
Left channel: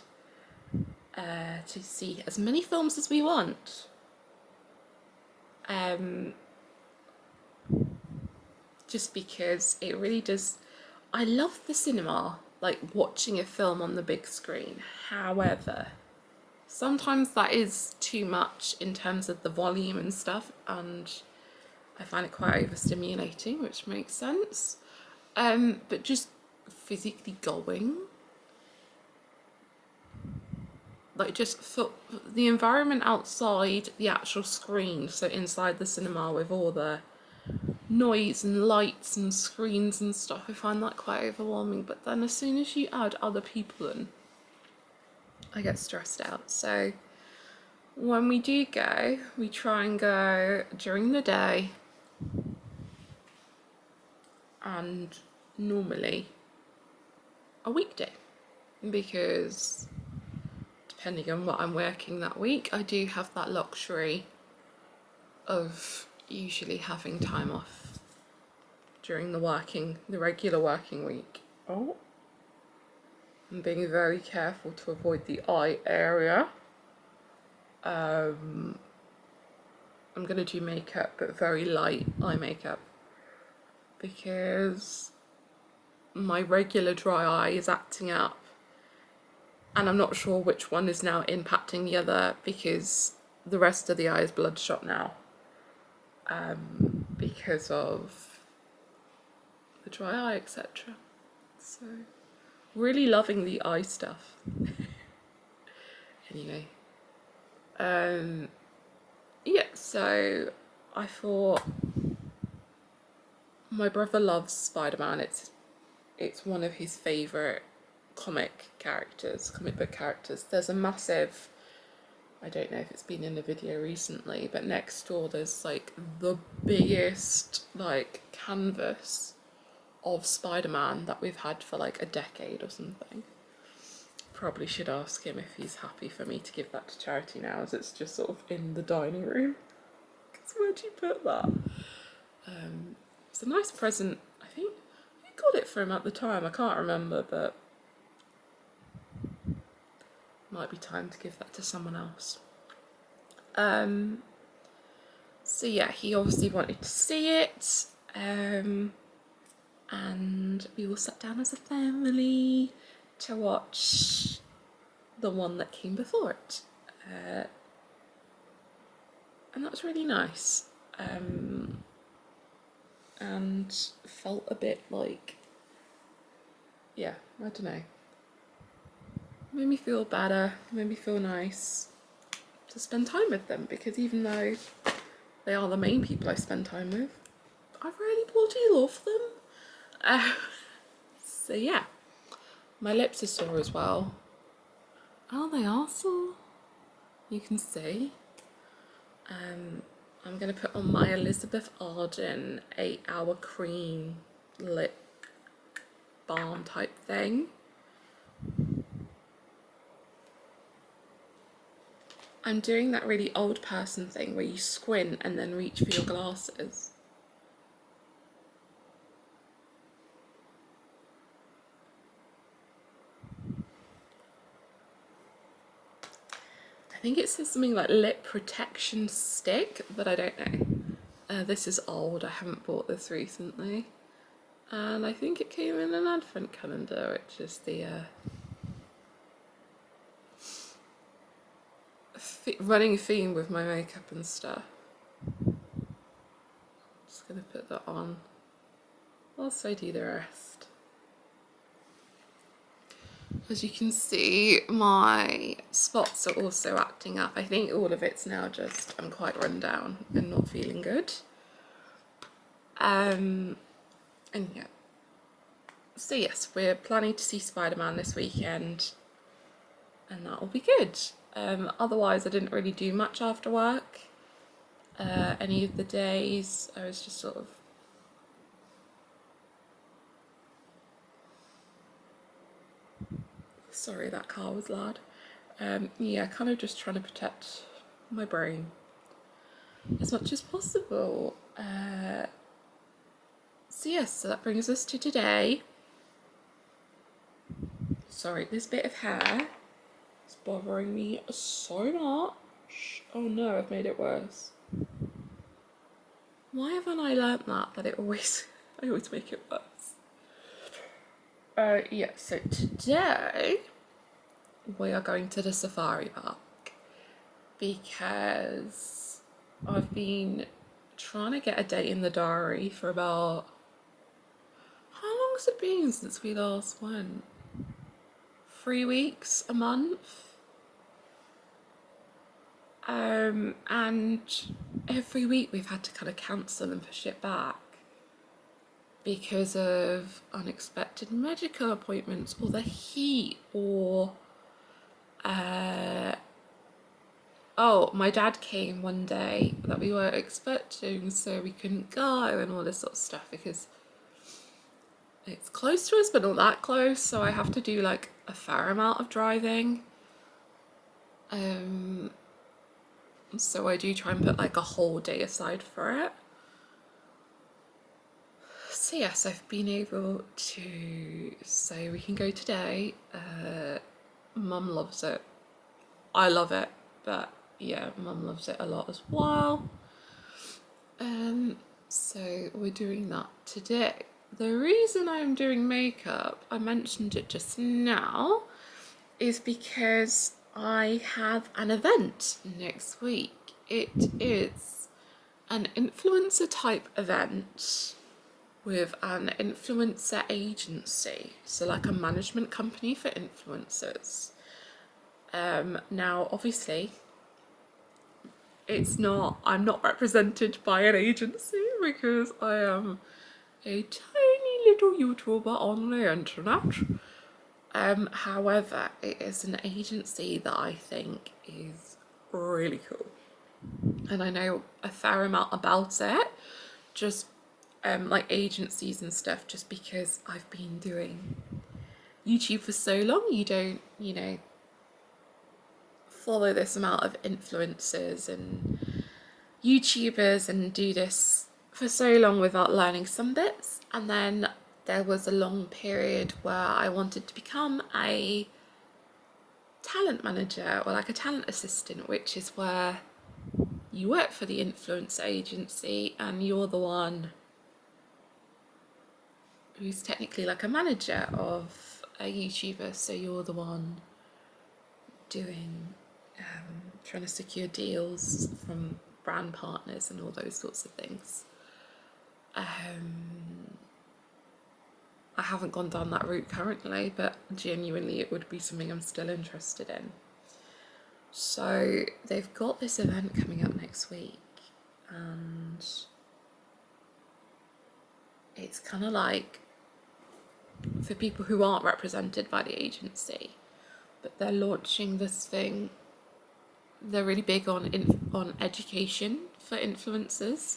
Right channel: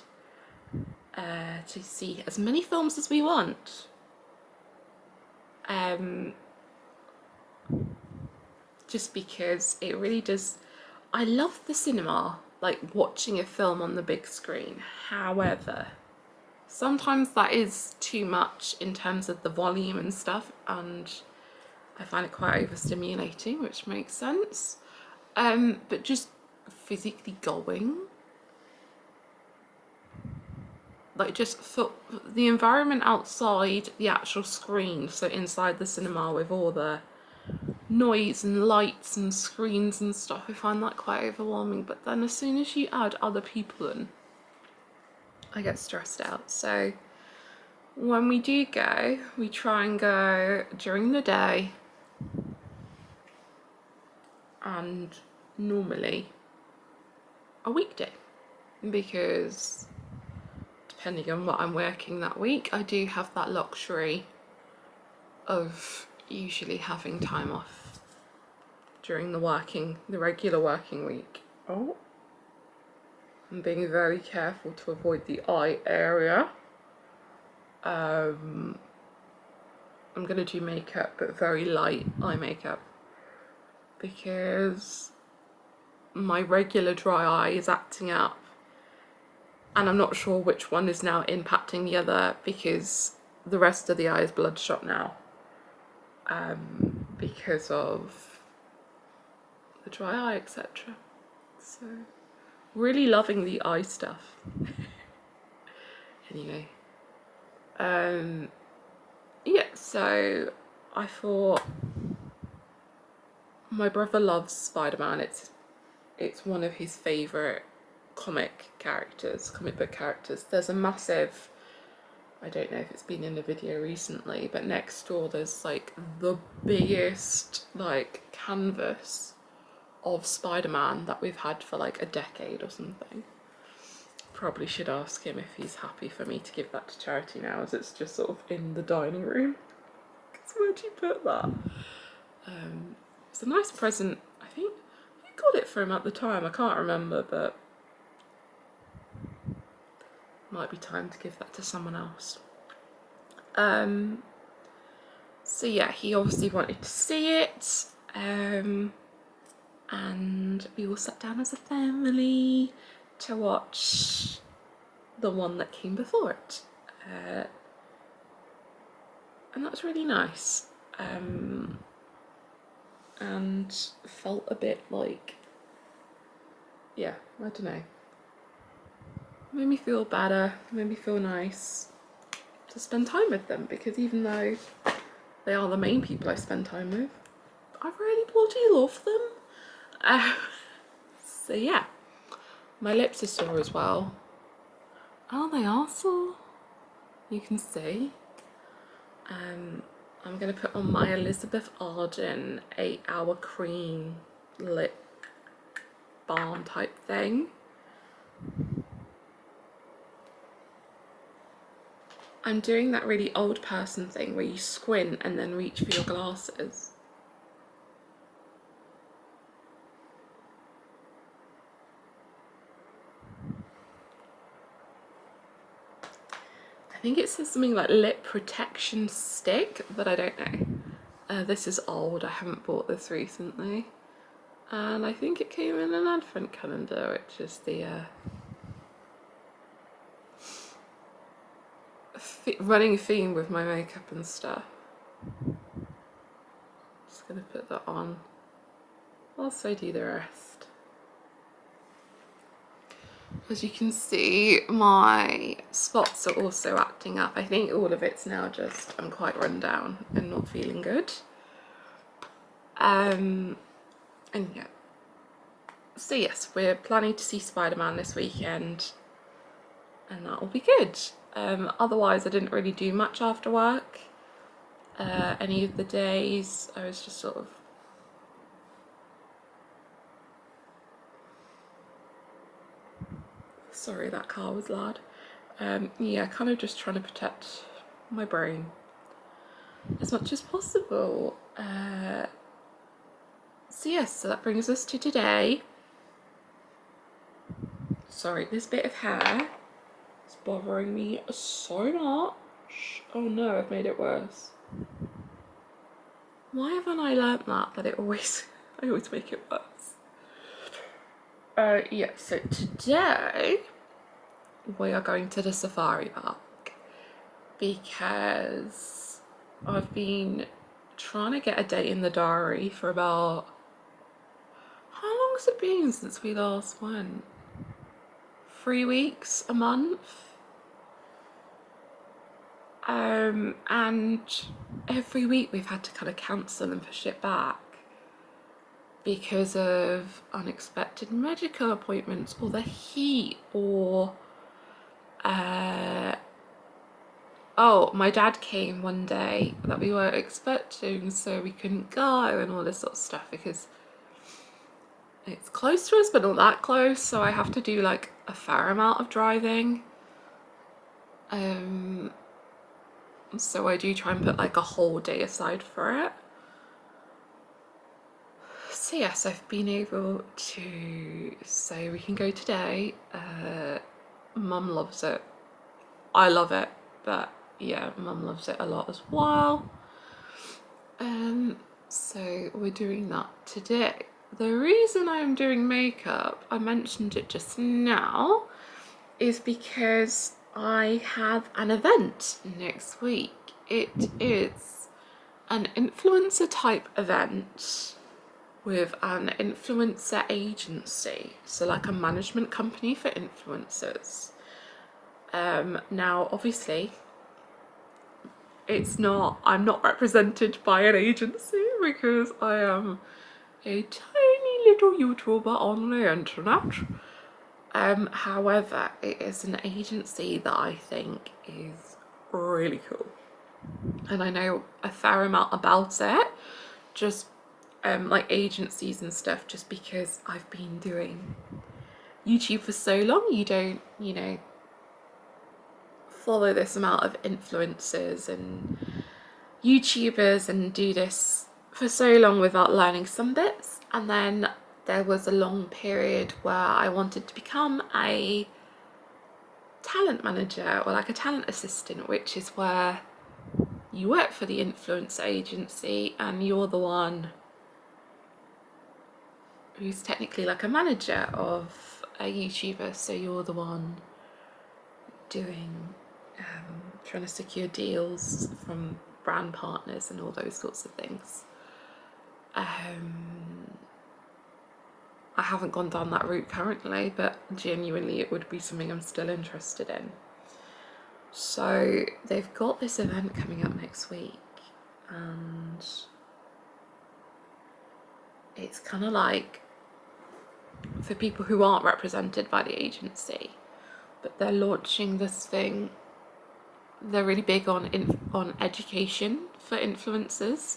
to see as many films as we want. Just because it really does. I love the cinema, like watching a film on the big screen. However, sometimes that is too much in terms of the volume and stuff, and I find it quite overstimulating, which makes sense. But just physically going, like just for the environment outside the actual screen, so inside the cinema with all the noise and lights and screens and stuff, I find that quite overwhelming. But then as soon as you add other people in, I get stressed out. So when we do go, we try and go during the day, and normally a weekday, because depending on what I'm working that week, I do have that luxury of usually having time off during the regular working week. Oh, I'm being very careful to avoid the eye area. I'm gonna do makeup, but very light eye makeup, because my regular dry eye is acting up, and I'm not sure which one is now impacting the other, because the rest of the eye is bloodshot now, because of the dry eye, etc. So really loving the eye stuff. Anyway, yeah, so I thought, my brother loves Spider-Man. It's one of his favourite comic book characters. There's a massive, I don't know if it's been in a video recently, but next door there's like the biggest like canvas of Spider-Man that we've had for like a decade or something. Probably should ask him if he's happy for me to give that to charity now, as it's just sort of in the dining room. Because where'd you put that? It's a nice present. I think I got it for him at the time. I can't remember, but might be time to give that to someone else. So yeah, he obviously wanted to see it, and we all sat down as a family to watch the one that came before it, and that was really nice, and felt a bit like, yeah, I don't know, made me feel better, made me feel nice to spend time with them, because even though they are the main people I spend time with, I really bloody love them. So yeah, my lips are sore as well. Oh, they are sore, you can see. I'm going to put on my Elizabeth Arden 8-hour cream lip balm type thing. I'm doing that really old person thing where you squint and then reach for your glasses. I think it says something like lip protection stick, but I don't know. This is old, I haven't bought this recently. And I think it came in an advent calendar, which is the running theme with my makeup and stuff. Just gonna put that on whilst I do the rest. As you can see, my spots are also acting up. I think all of it's now just, I'm quite run down and not feeling good. And yeah. So yes, we're planning to see Spider-Man this weekend, and that will be good. Otherwise, I didn't really do much after work. Any of the days, I was just sort of sorry, that car was loud. Yeah, kind of just trying to protect my brain as much as possible. So yes, so that brings us to today. Sorry, this bit of hair is bothering me so much. Oh no, I've made it worse. Why haven't I learnt that it always, I always make it worse. Yeah, so today we are going to the safari park because I've been trying to get a date in the diary for about, how long has it been since we last went? 3 weeks, a month? And every week we've had to kind of cancel and push it back because of unexpected medical appointments or the heat or oh, my dad came one day that we weren't expecting, so we couldn't go and all this sort of stuff because it's close to us but not that close, so I have to do like a fair amount of driving. So I do try and put like a whole day aside for it. So yes, I've been able to say we can go today. Mum loves it. I love it, but yeah, Mum loves it a lot as well. So we're doing that today. The reason I'm doing makeup, I mentioned it just now, is because I have an event next week. It is an influencer type event with an influencer agency, so like a management company for influencers. Now obviously I'm not represented by an agency because I am a tiny little YouTuber on the internet. However, it is an agency that I think is really cool, and I know a fair amount about it, just like agencies and stuff, just because I've been doing YouTube for so long. You don't, follow this amount of influencers and YouTubers and do this for so long without learning some bits. And then there was a long period where I wanted to become a talent manager or like a talent assistant, which is where you work for the influencer agency and you're the one who's technically like a manager of a YouTuber, so you're the one doing trying to secure deals from brand partners and all those sorts of things. I haven't gone down that route currently, but genuinely it would be something I'm still interested in. So they've got this event coming up next week, and it's kind of like for people who aren't represented by the agency, but they're launching this thing. They're really big on education for influencers,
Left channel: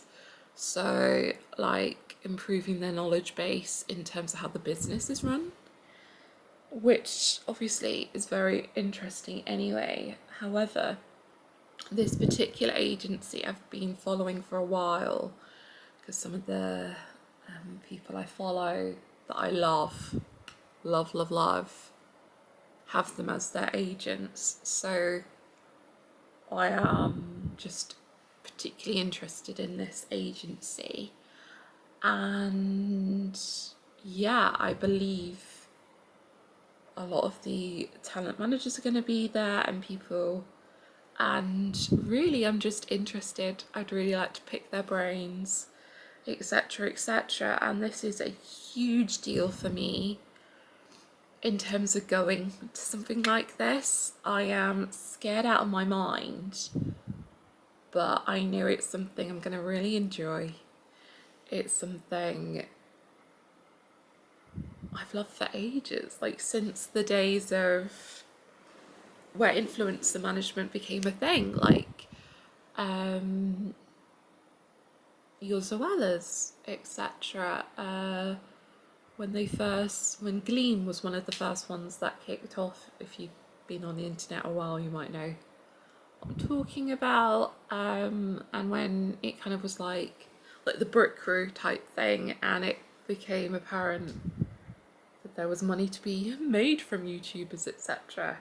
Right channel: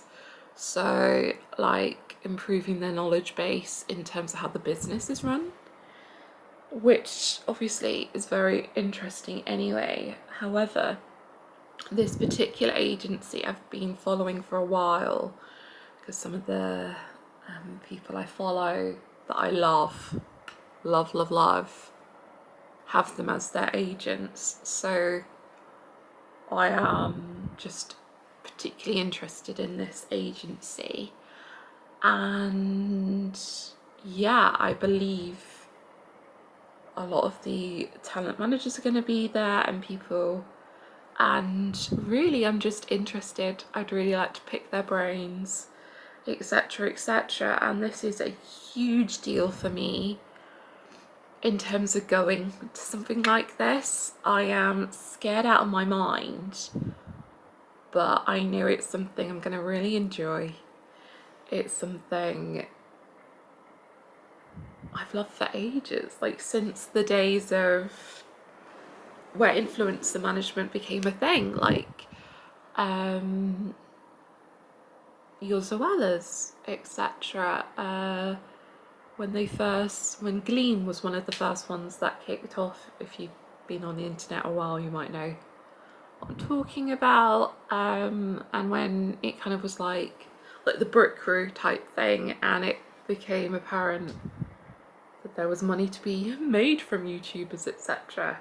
so like improving their knowledge base in terms of how the business is run, which obviously is very interesting anyway. However, this particular agency I've been following for a while because some of the people I follow that I love, have them as their agents. So I am just particularly interested in this agency, and yeah, I believe a lot of the talent managers are going to be there and people, and really I'm just interested. I'd really like to pick their brains, etc, etc, and this is a huge deal for me in terms of going to something like this. I am scared out of my mind, but I know it's something I'm going to really enjoy. It's something I've loved for ages, like since the days of where influencer management became a thing, like your Zoellas, etc. When Gleam was one of the first ones that kicked off. If you've been on the internet a while, you might know what I'm talking about. And when it kind of was like the Brick Crew type thing, and it became apparent that there was money to be made from YouTubers, etc.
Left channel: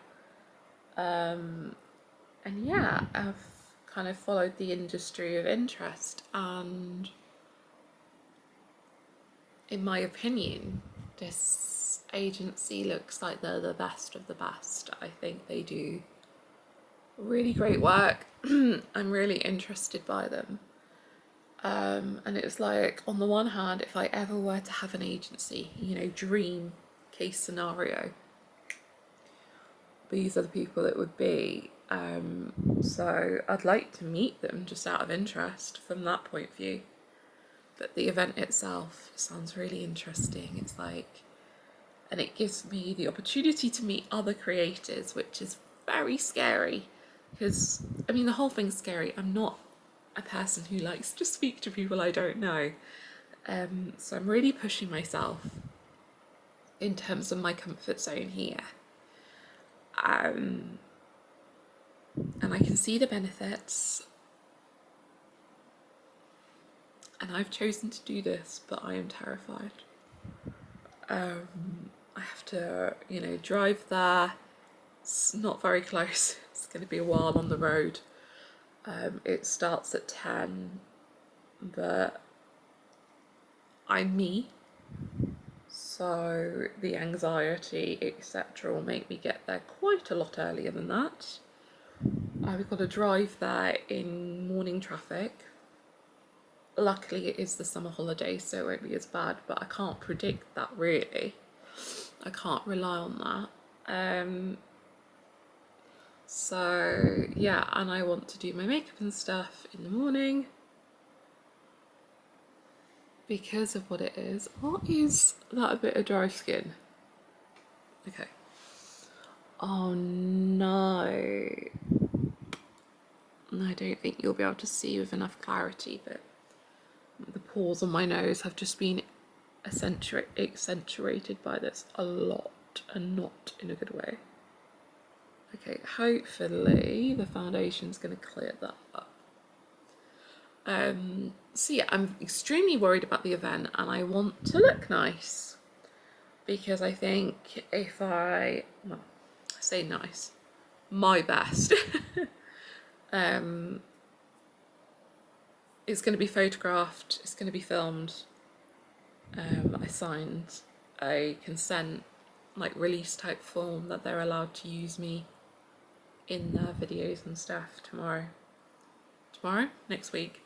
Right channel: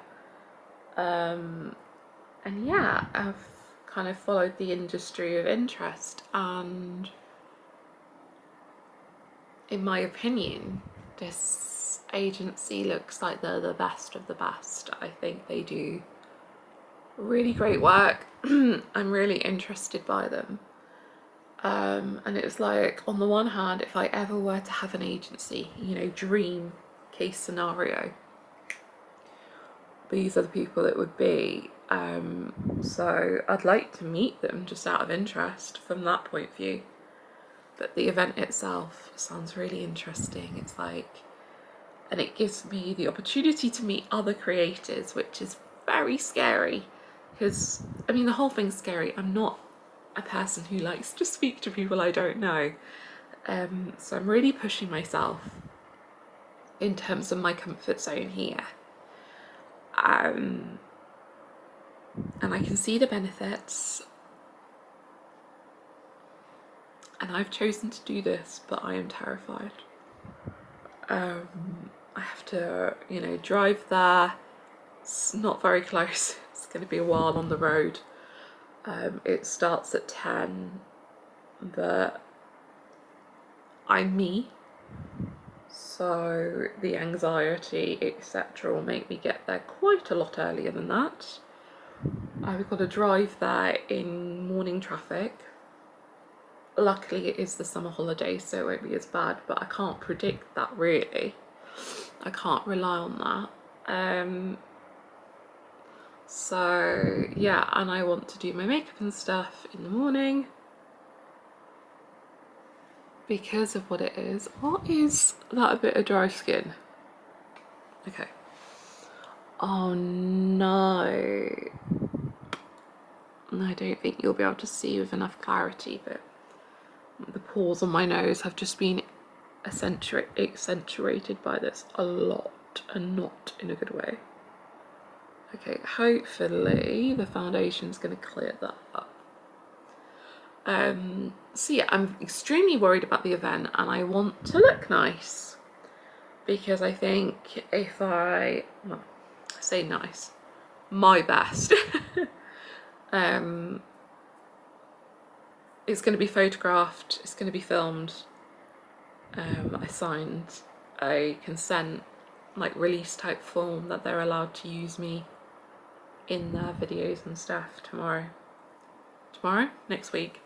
And yeah, I've kind of followed the industry of interest, and in my opinion, this agency looks like they're the best of the best. I think they do really great work. I'm really interested by them. And it's like, on the one hand, if I ever were to have an agency, you know, dream case scenario, these are the people it would be. So I'd like to meet them just out of interest from that point of view. But the event itself sounds really interesting. It's like, and it gives me the opportunity to meet other creators, which is very scary. Because, I mean, the whole thing's scary. I'm not a person who likes to speak to people I don't know. So I'm really pushing myself in terms of my comfort zone here. And I can see the benefits. And I've chosen to do this, but I am terrified. I have to, you know, drive there. It's not very close. It's going to be a while on the road. It starts at 10, but I'm me. So the anxiety, etc., will make me get there quite a lot earlier than that. I've got to drive there in morning traffic. Luckily it is the summer holiday, so it won't be as bad, but I can't predict that really. I can't rely on that. So yeah, and I want to do my makeup and stuff in the morning because of what it is. What is that, a bit of dry skin? Okay. Oh no. I don't think you'll be able to see with enough clarity, but the pores on my nose have just been accentuated by this a lot, and not in a good way. Okay, hopefully the foundation's going to clear that up. So yeah, I'm extremely worried about the event, and I want to look nice, because I think if I say nice, my best, it's going to be photographed, it's going to be filmed. I signed a consent, like, release type form that they're allowed to use me in their videos and stuff tomorrow, next week.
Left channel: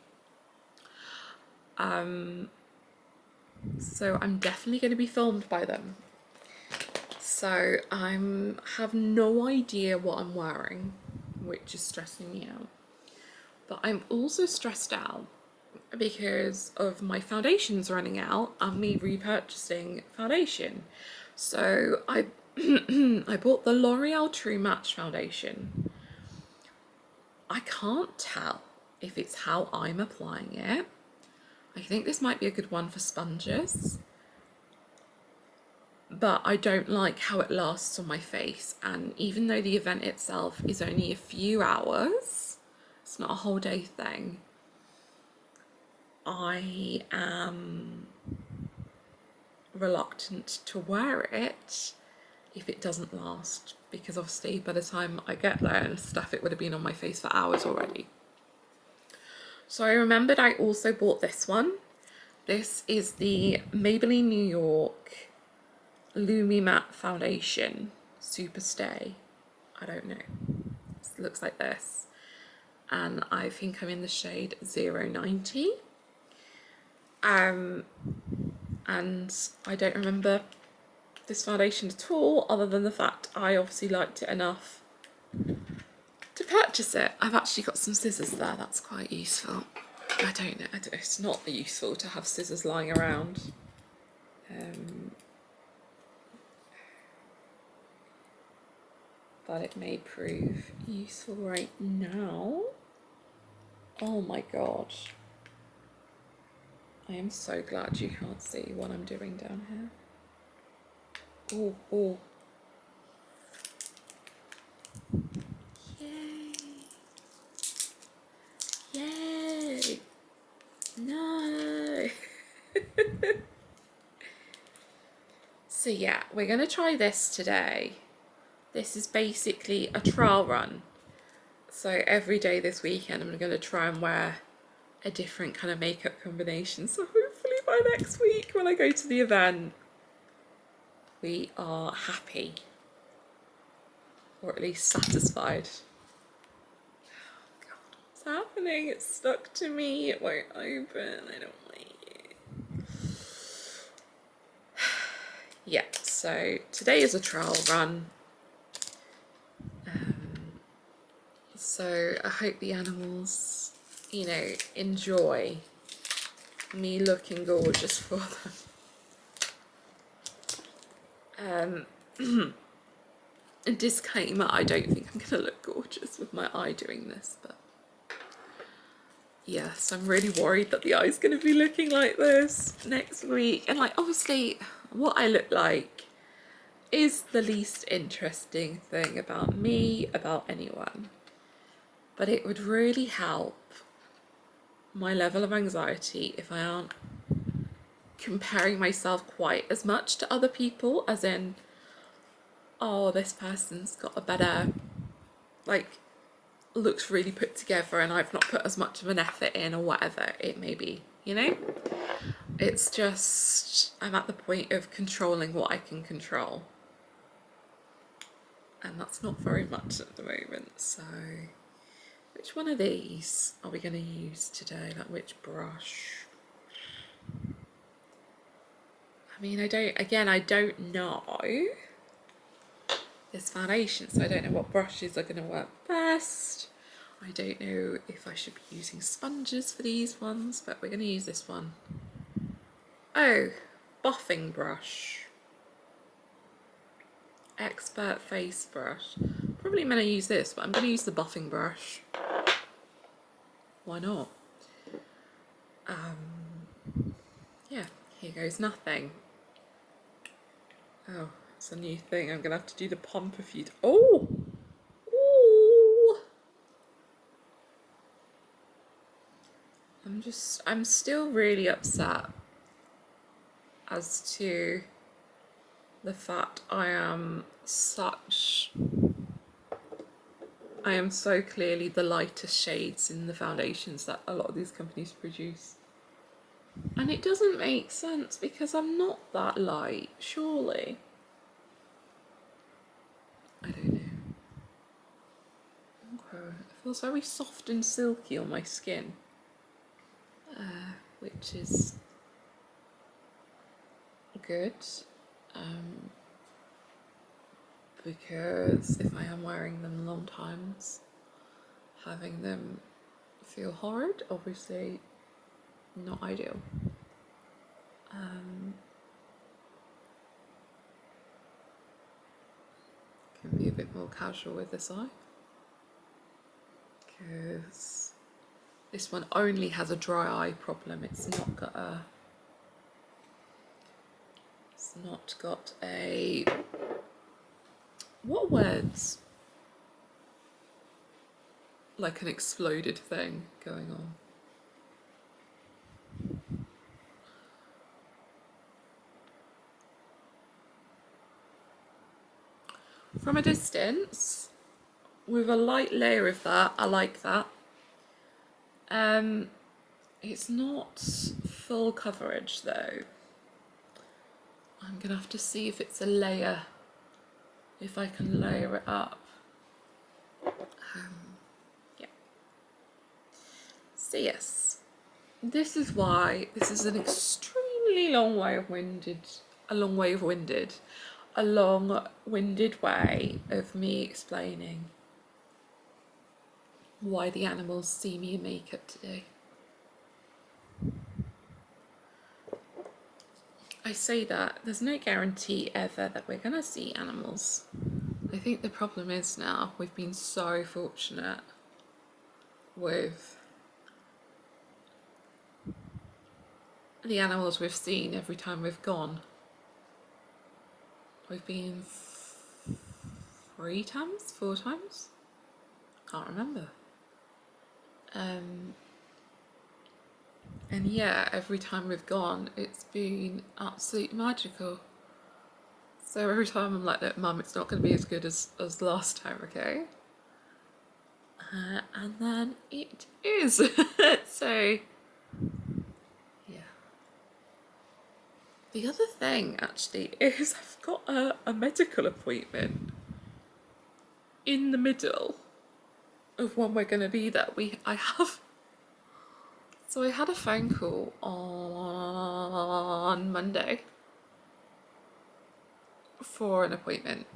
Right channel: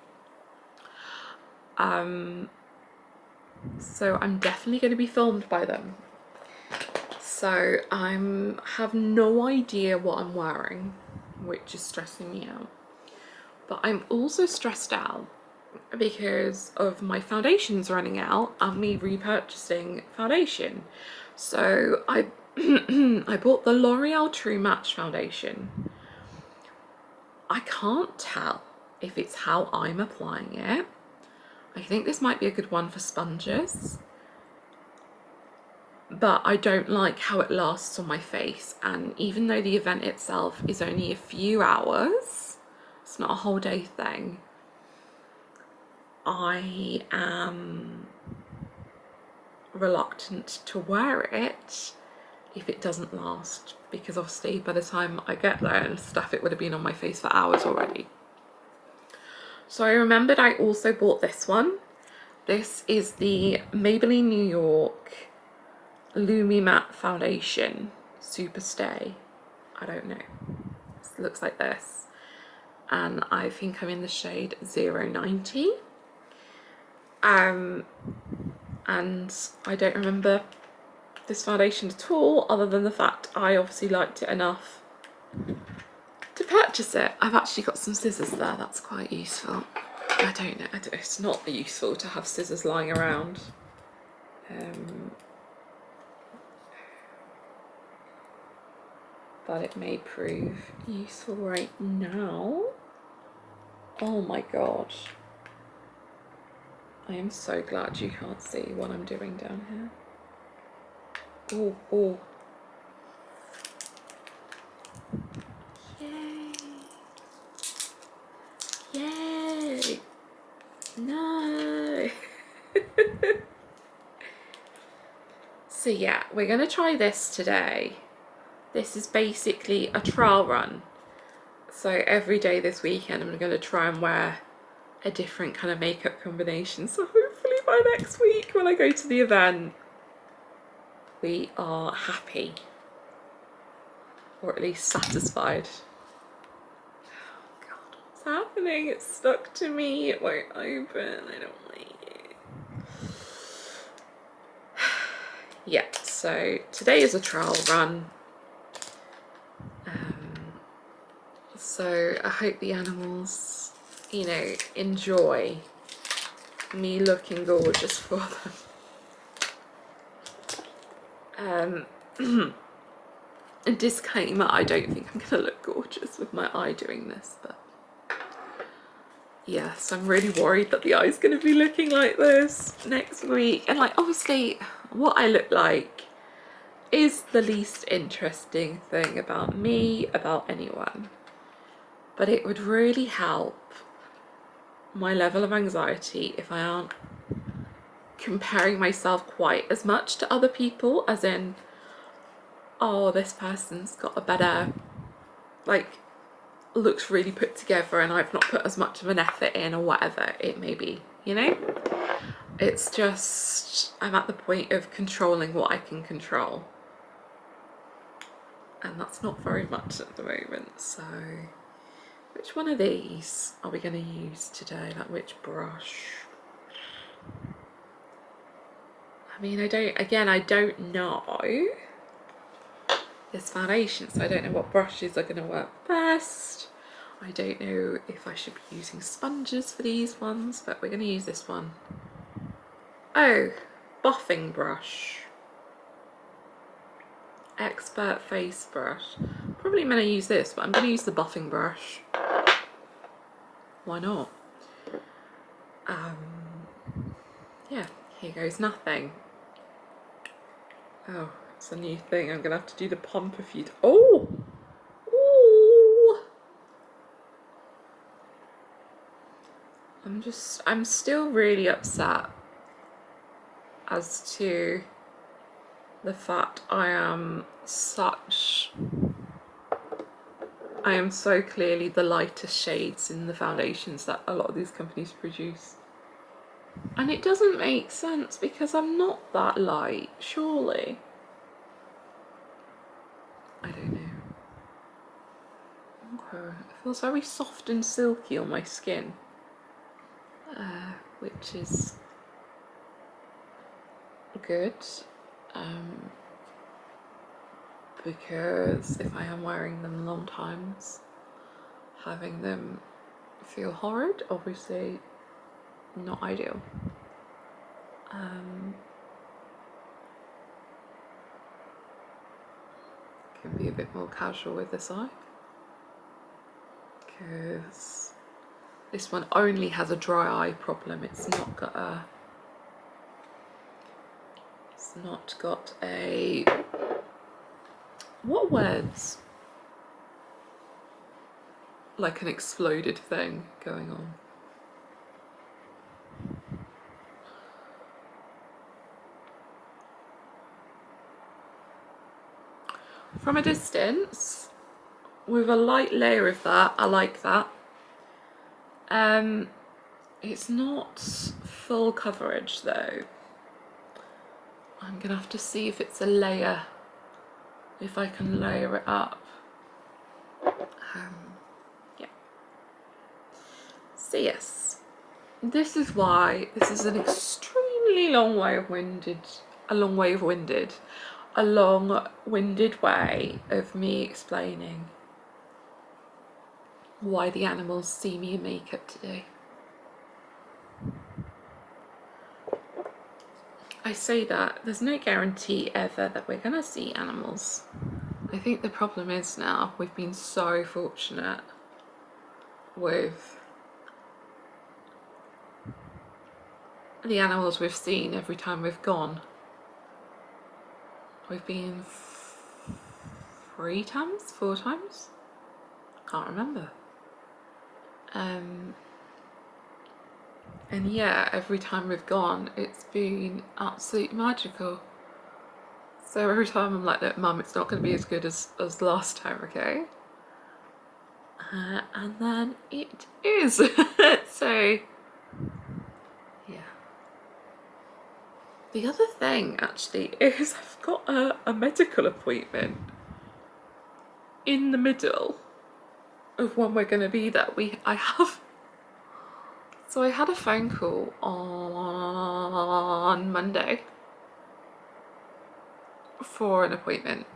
So I'm definitely going to be filmed by them. So I have no idea what I'm wearing, which is stressing me out. But I'm also stressed out because of my foundations running out and me repurchasing foundation. So I I bought the L'Oreal True Match foundation. I can't tell if it's how I'm applying it. I think this might be a good one for sponges, but I don't like how it lasts on my face. And even though the event itself is only a few hours, it's not a whole day thing, I am reluctant to wear it if it doesn't last, because obviously by the time I get there and stuff, it would have been on my face for hours already. So I remembered I also bought this one. This is the Maybelline New York Lumi Matte Foundation Super Stay. I don't know. It looks like this. And I think I'm in the shade 090. And I don't remember this foundation at all, other than the fact I obviously liked it enough to purchase it. I've actually got some scissors there, that's quite useful. I don't know, it's not useful to have scissors lying around. But it may prove useful right now. Oh my god. I am so glad you can't see what I'm doing down here. Oh, oh. Yay. Yay. No. So yeah, we're going to try this today. This is basically a trial run. So every day this weekend I'm going to try and wear a different kind of makeup combination. So hopefully by next week when I go to the event, we are happy. Or at least satisfied. Oh God, what's happening? It's stuck to me. It won't open. I don't like it. Yeah, so today is a trial run. So I hope the animals, you know, enjoy me looking gorgeous for them. A disclaimer, I don't think I'm gonna look gorgeous with my eye doing this, but yes, I'm really worried that the eye's gonna be looking like this next week. And like, obviously what I look like is the least interesting thing about me, about anyone. But it would really help my level of anxiety if I aren't comparing myself quite as much to other people, as in, oh, this person's got a better, like, looks really put together and I've not put as much of an effort in, or whatever it may be, you know? It's just, I'm at the point of controlling what I can control. And that's not very much at the moment, so... Which one of these are we going to use today? Like, which brush? I mean, I don't know this foundation, so I don't know what brushes are going to work best. I don't know if I should be using sponges for these ones, but we're going to use this one. Oh, buffing brush. Expert face brush. Probably going to use this, but I'm going to use the buffing brush. Why not? Yeah, here goes nothing. Oh, it's a new thing. I'm gonna have to do the pump a few. Oh! Ooh! I'm still really upset as to the fact I am so clearly the lightest shades in the foundations that a lot of these companies produce. And it doesn't make sense because I'm not that light, surely. I don't know. Okay, it feels very soft and silky on my skin, which is good, because if I am wearing them long times, having them feel horrid, obviously not ideal. Can be a bit more casual with this eye, because this one only has a dry eye problem. It's not got a what words? Like an exploded thing going on. From a distance, with a light layer of that, I like that. It's not full coverage though. I'm gonna have to see if it's a layer, if I can layer it up. Yeah. So yes, this is why this is an extremely long-winded way of me explaining why the animals see me in makeup today. I say that there's no guarantee ever that we're gonna see animals. I think the problem is now we've been so fortunate with the animals we've seen every time we've gone. We've been 4 times? Can't remember. And yeah, every time we've gone, it's been absolutely magical. So every time I'm like, look, Mum, it's not going to be as good as last time, okay? And then it is. So, yeah. The other thing actually is I've got a medical appointment in the middle of when we're going to be there. So I had a phone call on Monday for an appointment,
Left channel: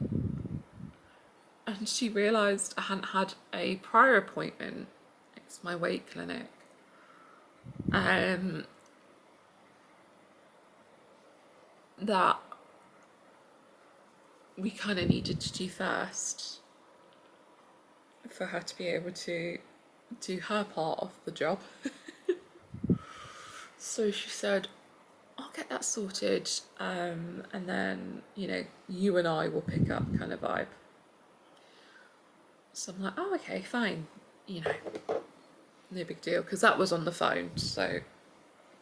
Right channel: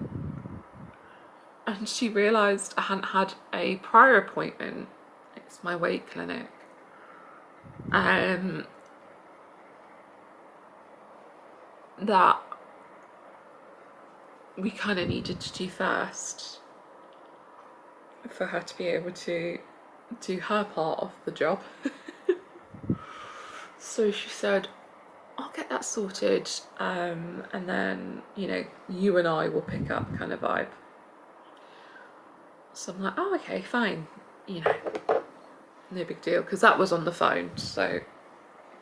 and she realised I hadn't had a prior appointment. It's my weight clinic. That we kind of needed to do first for her to be able to do her part of the job. So she said, I'll get that sorted, and then, you know, you and I will pick up, kind of vibe. So I'm like, oh, okay, fine, you know, no big deal, because that was on the phone, so it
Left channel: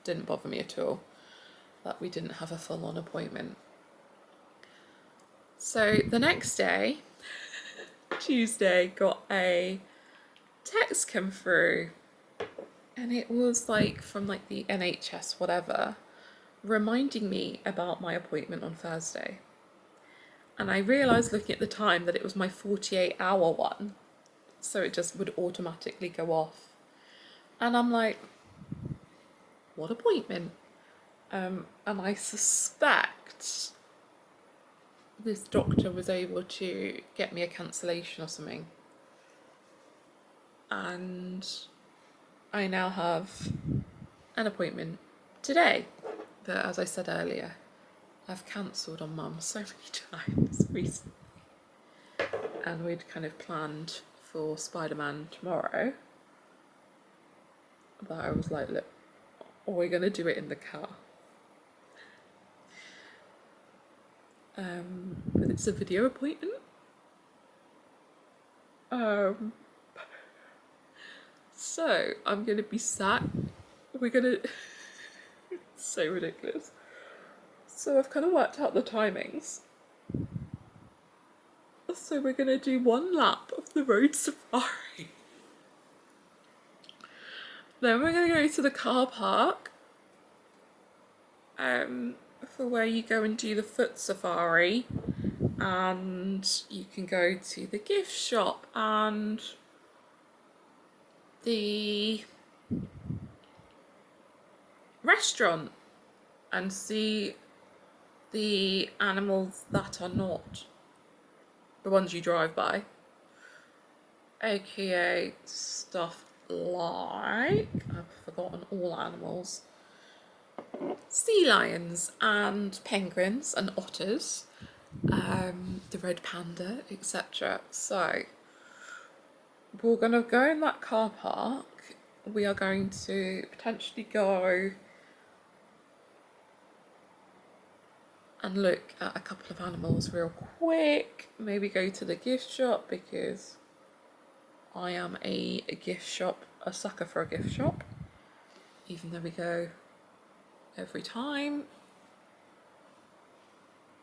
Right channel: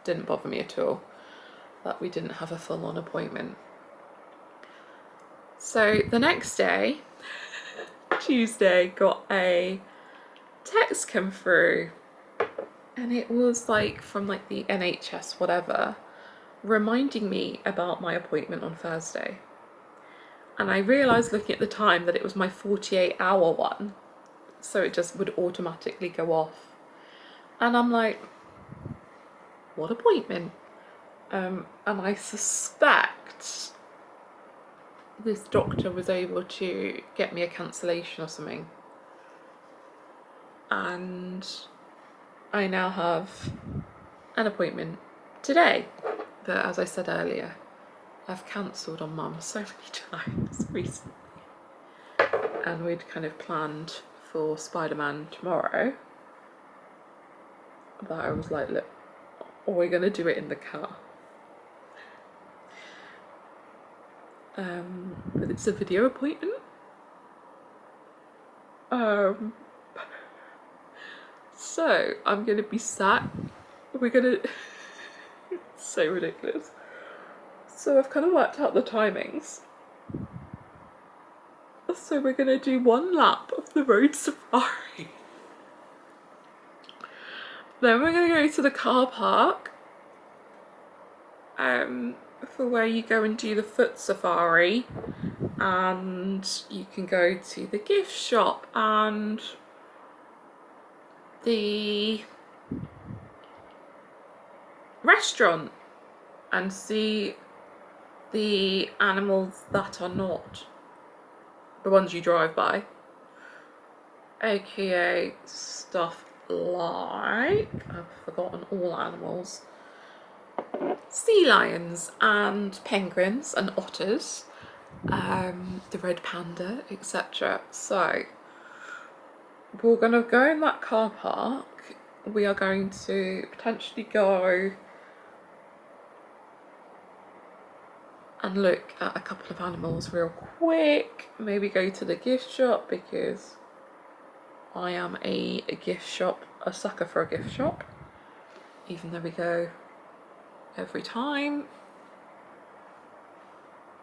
didn't bother me at all that we didn't have a full-on appointment. So the next day, Tuesday, got a text come through, and it was like from like the NHS whatever, reminding me about my appointment on Thursday. And I realised looking at the time that it was my 48-hour one, so it just would automatically go off. And I'm like, what appointment? And I suspect this doctor was able to get me a cancellation or something. And I now have an appointment today. But as I said earlier, I've cancelled on Mum so many times recently. And we'd kind of planned for Spider-Man tomorrow. That I was like, look, we're going to do it in the car. But it's a video appointment. So I'm going to be sat. We're going to... It's so ridiculous. So I've kind of worked out the timings. So we're going to do one lap of the road safari. Then we're going to go to the car park. For where you go and do the foot safari, and you can go to the gift shop and the restaurant and see the animals that are not the ones you drive by, aka stuff like, I've forgotten all animals, sea lions and penguins and otters, the red panda, etc. So we're going to go in that car park. We are going to potentially go and look at a couple of animals real quick. Maybe go to the gift shop, because I am a sucker for a gift shop, even though we go every time.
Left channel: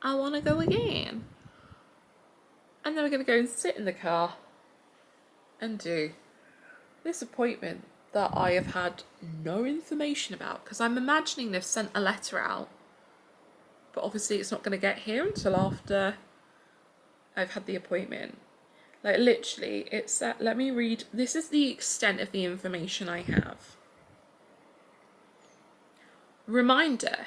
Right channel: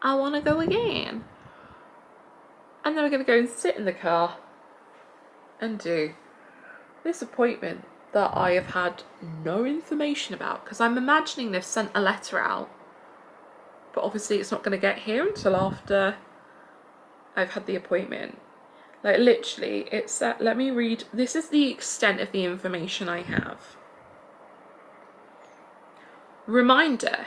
I want to go again. And then we're going to go and sit in the car and do this appointment that I have had no information about, because I'm imagining they've sent a letter out, but obviously it's not going to get here until after I've had the appointment. Like literally, it's that, let me read, this is the extent of the information I have. Reminder,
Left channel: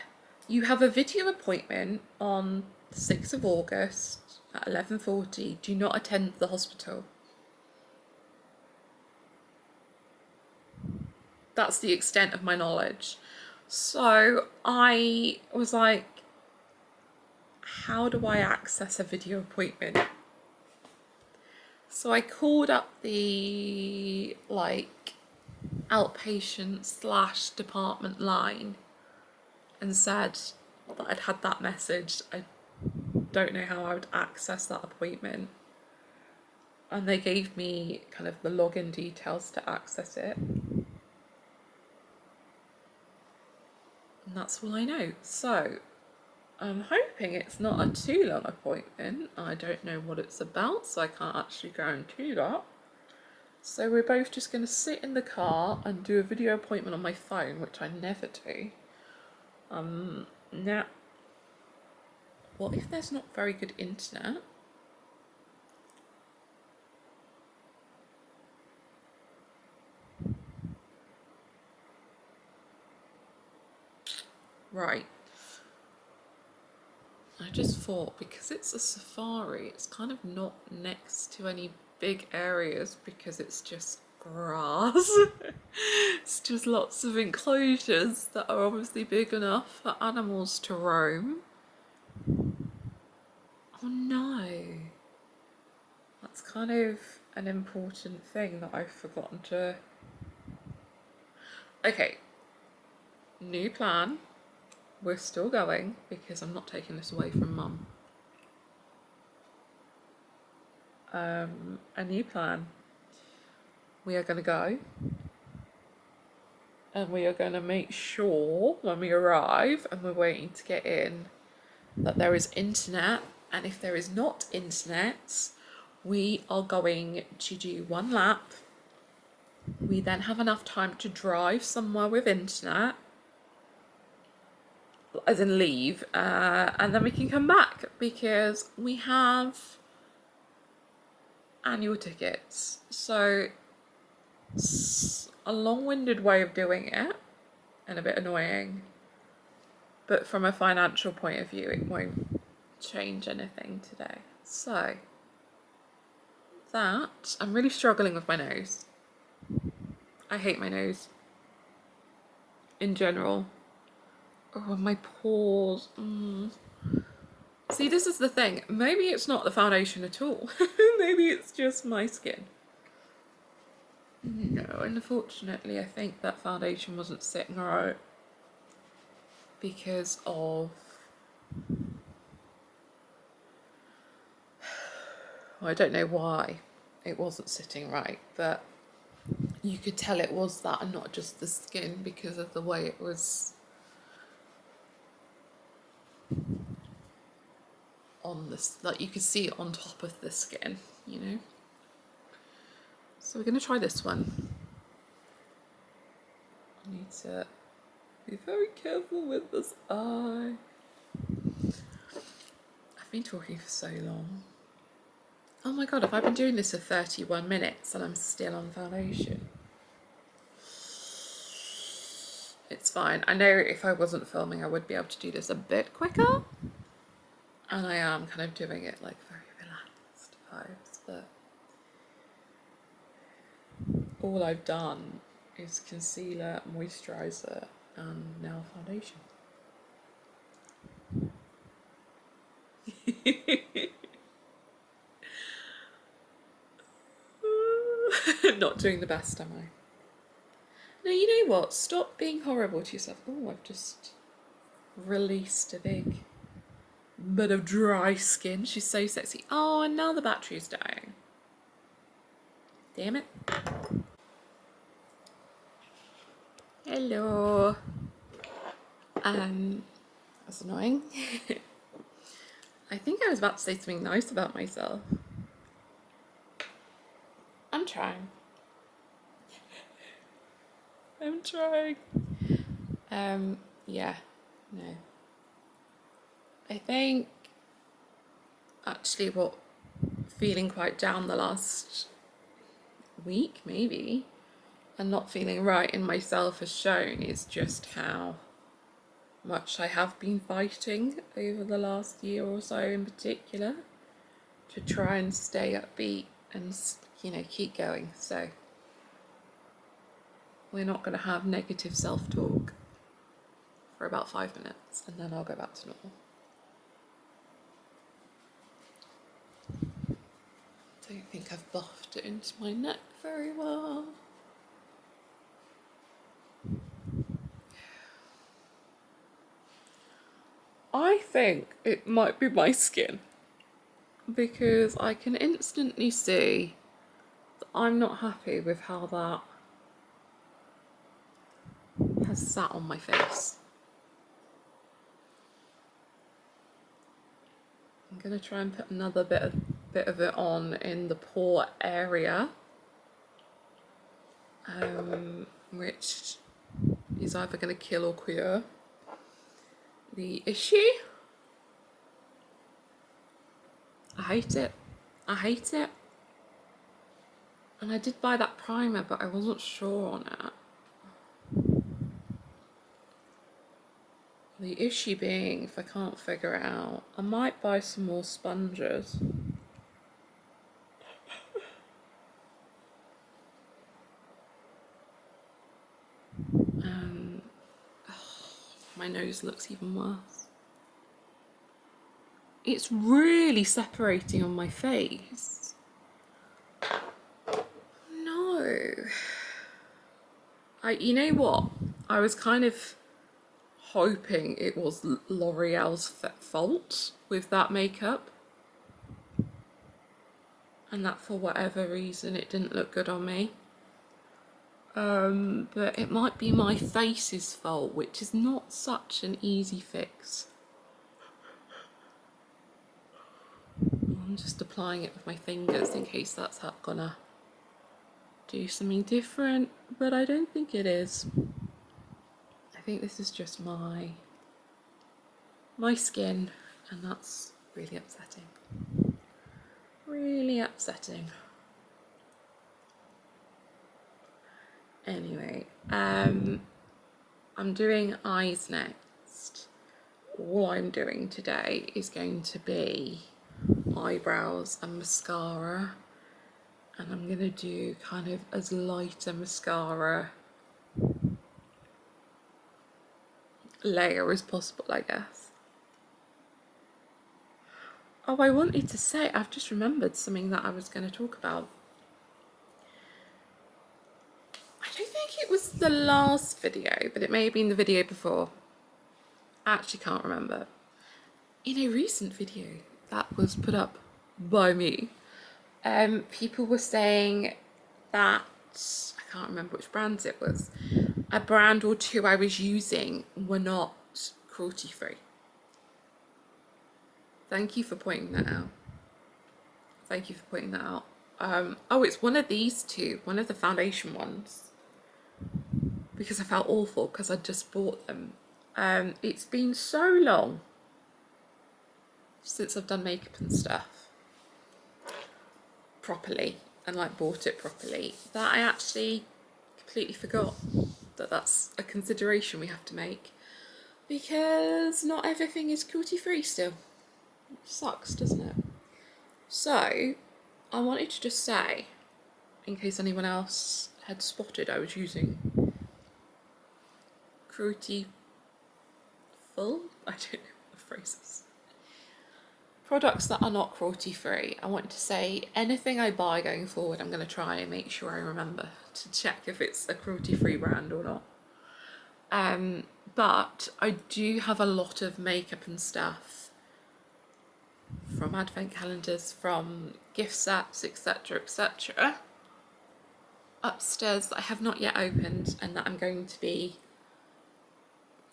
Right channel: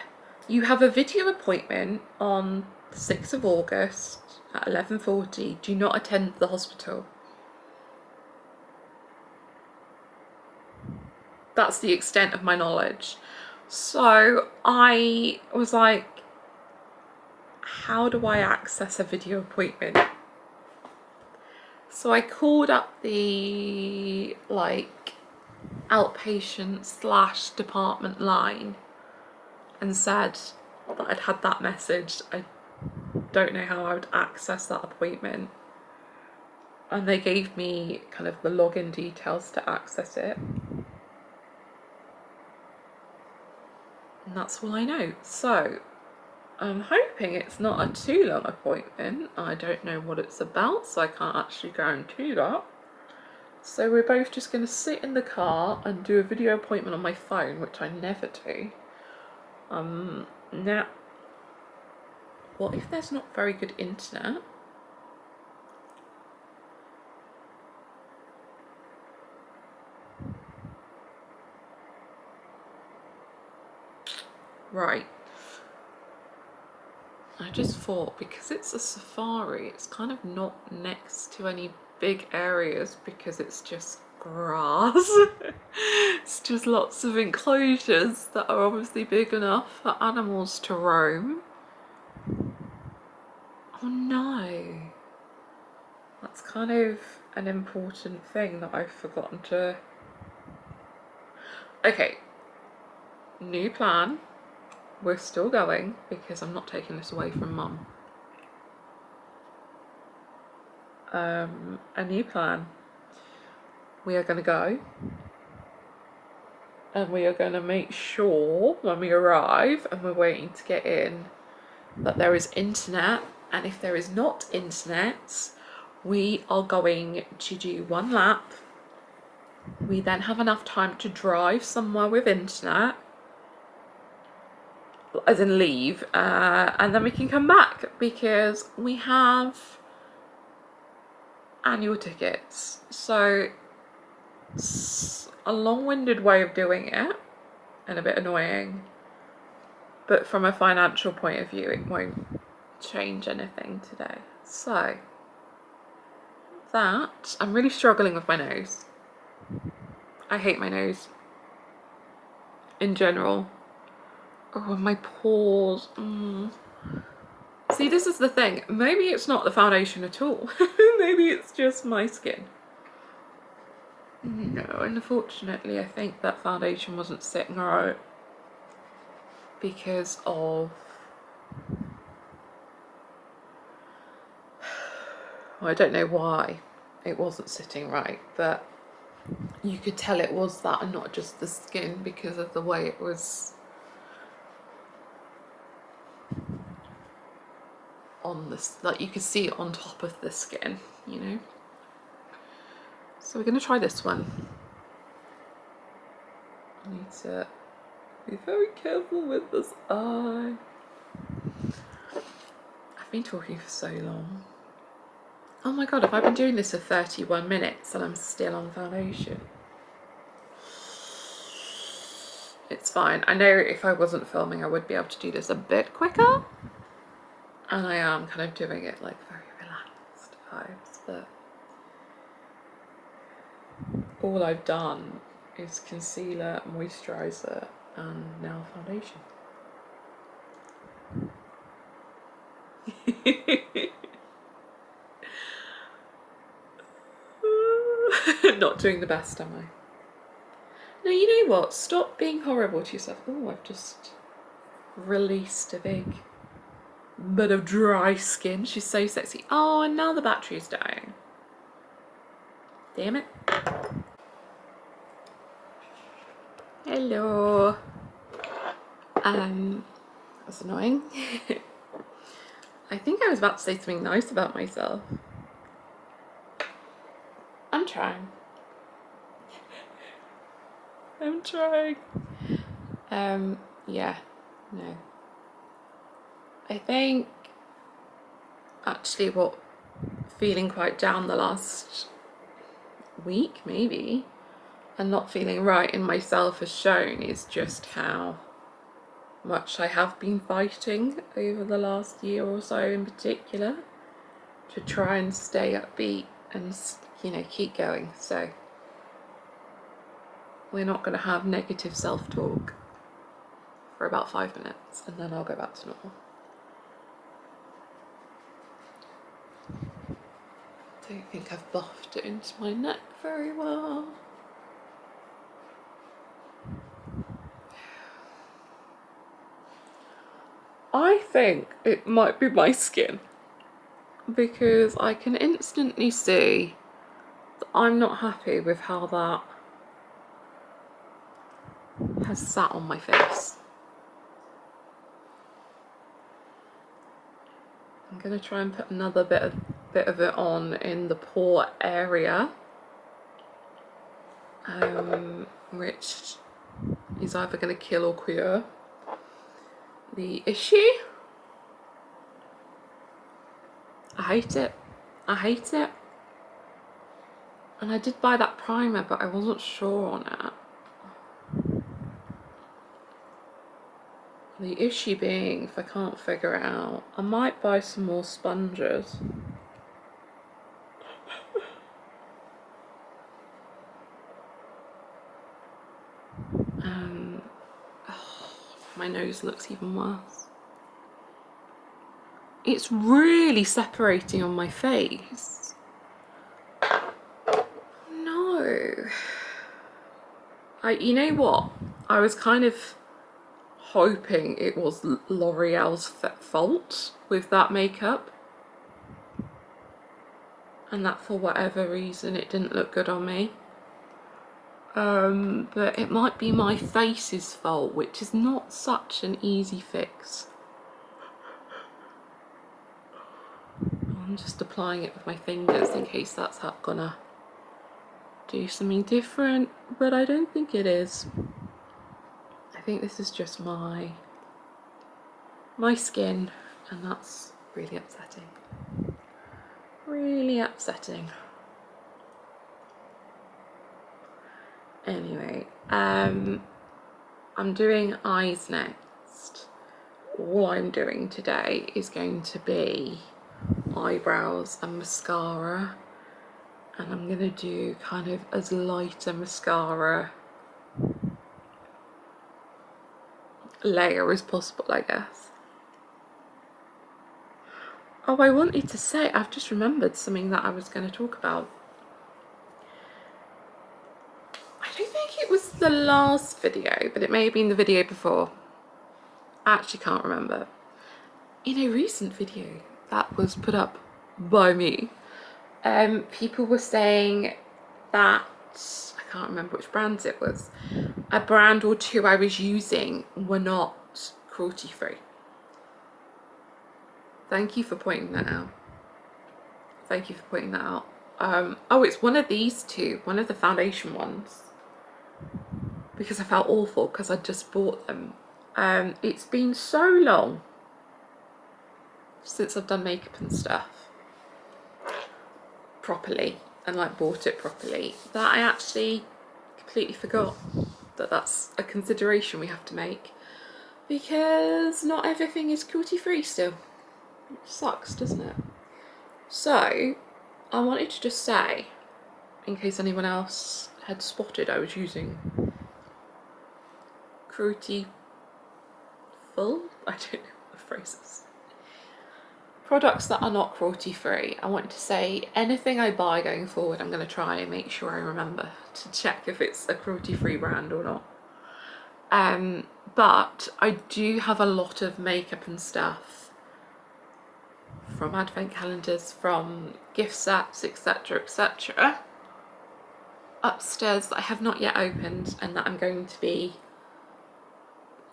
you have a video appointment on the 6th of August at 11:40. Do not attend the hospital. That's the extent of my knowledge. So I was like, how do I access a video appointment? So I called up the like outpatient / department line and said that I'd had that message. I don't know how I would access that appointment. And they gave me kind of the login details to access it. And that's all I know. So I'm hoping it's not a too long appointment. I don't know what it's about, so I can't actually guarantee that. So we're both just going to sit in the car and do a video appointment on my phone, which I never do. what if there's not very good internet? Right. I just thought, because it's a safari, it's kind of not next to any big areas because it's just grass. It's just lots of enclosures that are obviously big enough for animals to roam. Oh no. That's kind of an important thing that I've forgotten to... Okay. New plan. We're still going because I'm not taking this away from Mum. A new plan. We are going to go and we are going to make sure when we arrive and we're waiting to get in that there is internet, and if there is not internet, we are going to do one lap. We then have enough time to drive somewhere with internet, as in leave, and then we can come back because we have annual tickets. So it's a long-winded way of doing it and a bit annoying, but from a financial point of view it won't change anything today. So that, I'm really struggling with my nose. I hate my nose in general. Oh, my pores. See, this is the thing. Maybe it's not the foundation at all. Maybe it's just my skin. No, unfortunately, I think that foundation wasn't sitting right because of... Well, I don't know why it wasn't sitting right, but you could tell it was that and not just the skin because of the way it was on this, like you could see it on top of the skin, you know. So we're going to try this one. I need to be very careful with this eye. I've been talking for so long. Oh my god, have I been doing this for 31 minutes and I'm still on foundation? It's fine. I know if I wasn't filming I would be able to do this a bit quicker. And I am kind of doing it like very relaxed vibes, but all I've done is concealer, moisturiser and now foundation. Not doing the best, am I? No, you know what? Stop being horrible to yourself. Oh, I've just released a big bit of dry skin. She's so sexy. Oh, and now the battery is dying. Damn it. Hello. That's annoying. I think I was about to say something nice about myself. I'm trying. I'm trying. Yeah, no. I think actually what feeling quite down the last week maybe and not feeling right in myself has shown is just how much I have been fighting over the last year or so in particular to try and stay upbeat and, you know, keep going. So we're not going to have negative self-talk for about 5 minutes and then I'll go back to normal. Don't think I've buffed it into my neck very well. I think it might be my skin because I can instantly see that I'm not happy with how that has sat on my face. I'm going to try and put another bit of it on in the pore area, which is either going to kill or cure the issue. hate it. I hate it. And I did buy that primer, but I wasn't sure on it. The issue being, if I can't figure it out, I might buy some more sponges. My nose looks even worse. It's really separating on my face. No. You know what? I was kind of hoping it was L'Oreal's fault with that makeup. And that for whatever reason it didn't look good on me. But it might be my face's fault, which is not such an easy fix. I'm just applying it with my fingers in case that's gonna do something different, but I don't think it is. I think this is just my skin, and that's really upsetting. Really upsetting. Anyway, I'm doing eyes next. All I'm doing today is going to be eyebrows and mascara, and I'm gonna do kind of as light a mascara layer as possible, I guess. Oh, I wanted to say, I've just remembered something that I was going to talk about. I don't think it was the last video, but it may have been the video before. I actually can't remember. In a recent video that was put up by me, people were saying that, I can't remember which brands it was, a brand or two I was using were not cruelty free. Thank you for pointing that out. Thank you for pointing that out. Oh, it's one of these two, one of the foundation ones, because I felt awful because I just bought them. It's been so long since I've done makeup and stuff properly and like bought it properly that I actually completely forgot that that's a consideration we have to make, because not everything is cruelty free still. It sucks, doesn't it? So I wanted to just say, in case anyone else had spotted I was using cruelty full, I don't know what the phrase is, products that are not cruelty free. I wanted to say anything I buy going forward, I'm going to try and make sure I remember to check if it's a cruelty free brand or not. But I do have a lot of makeup and stuff from advent calendars, from gift sets, etc, etc, upstairs that I have not yet opened and that I'm going to be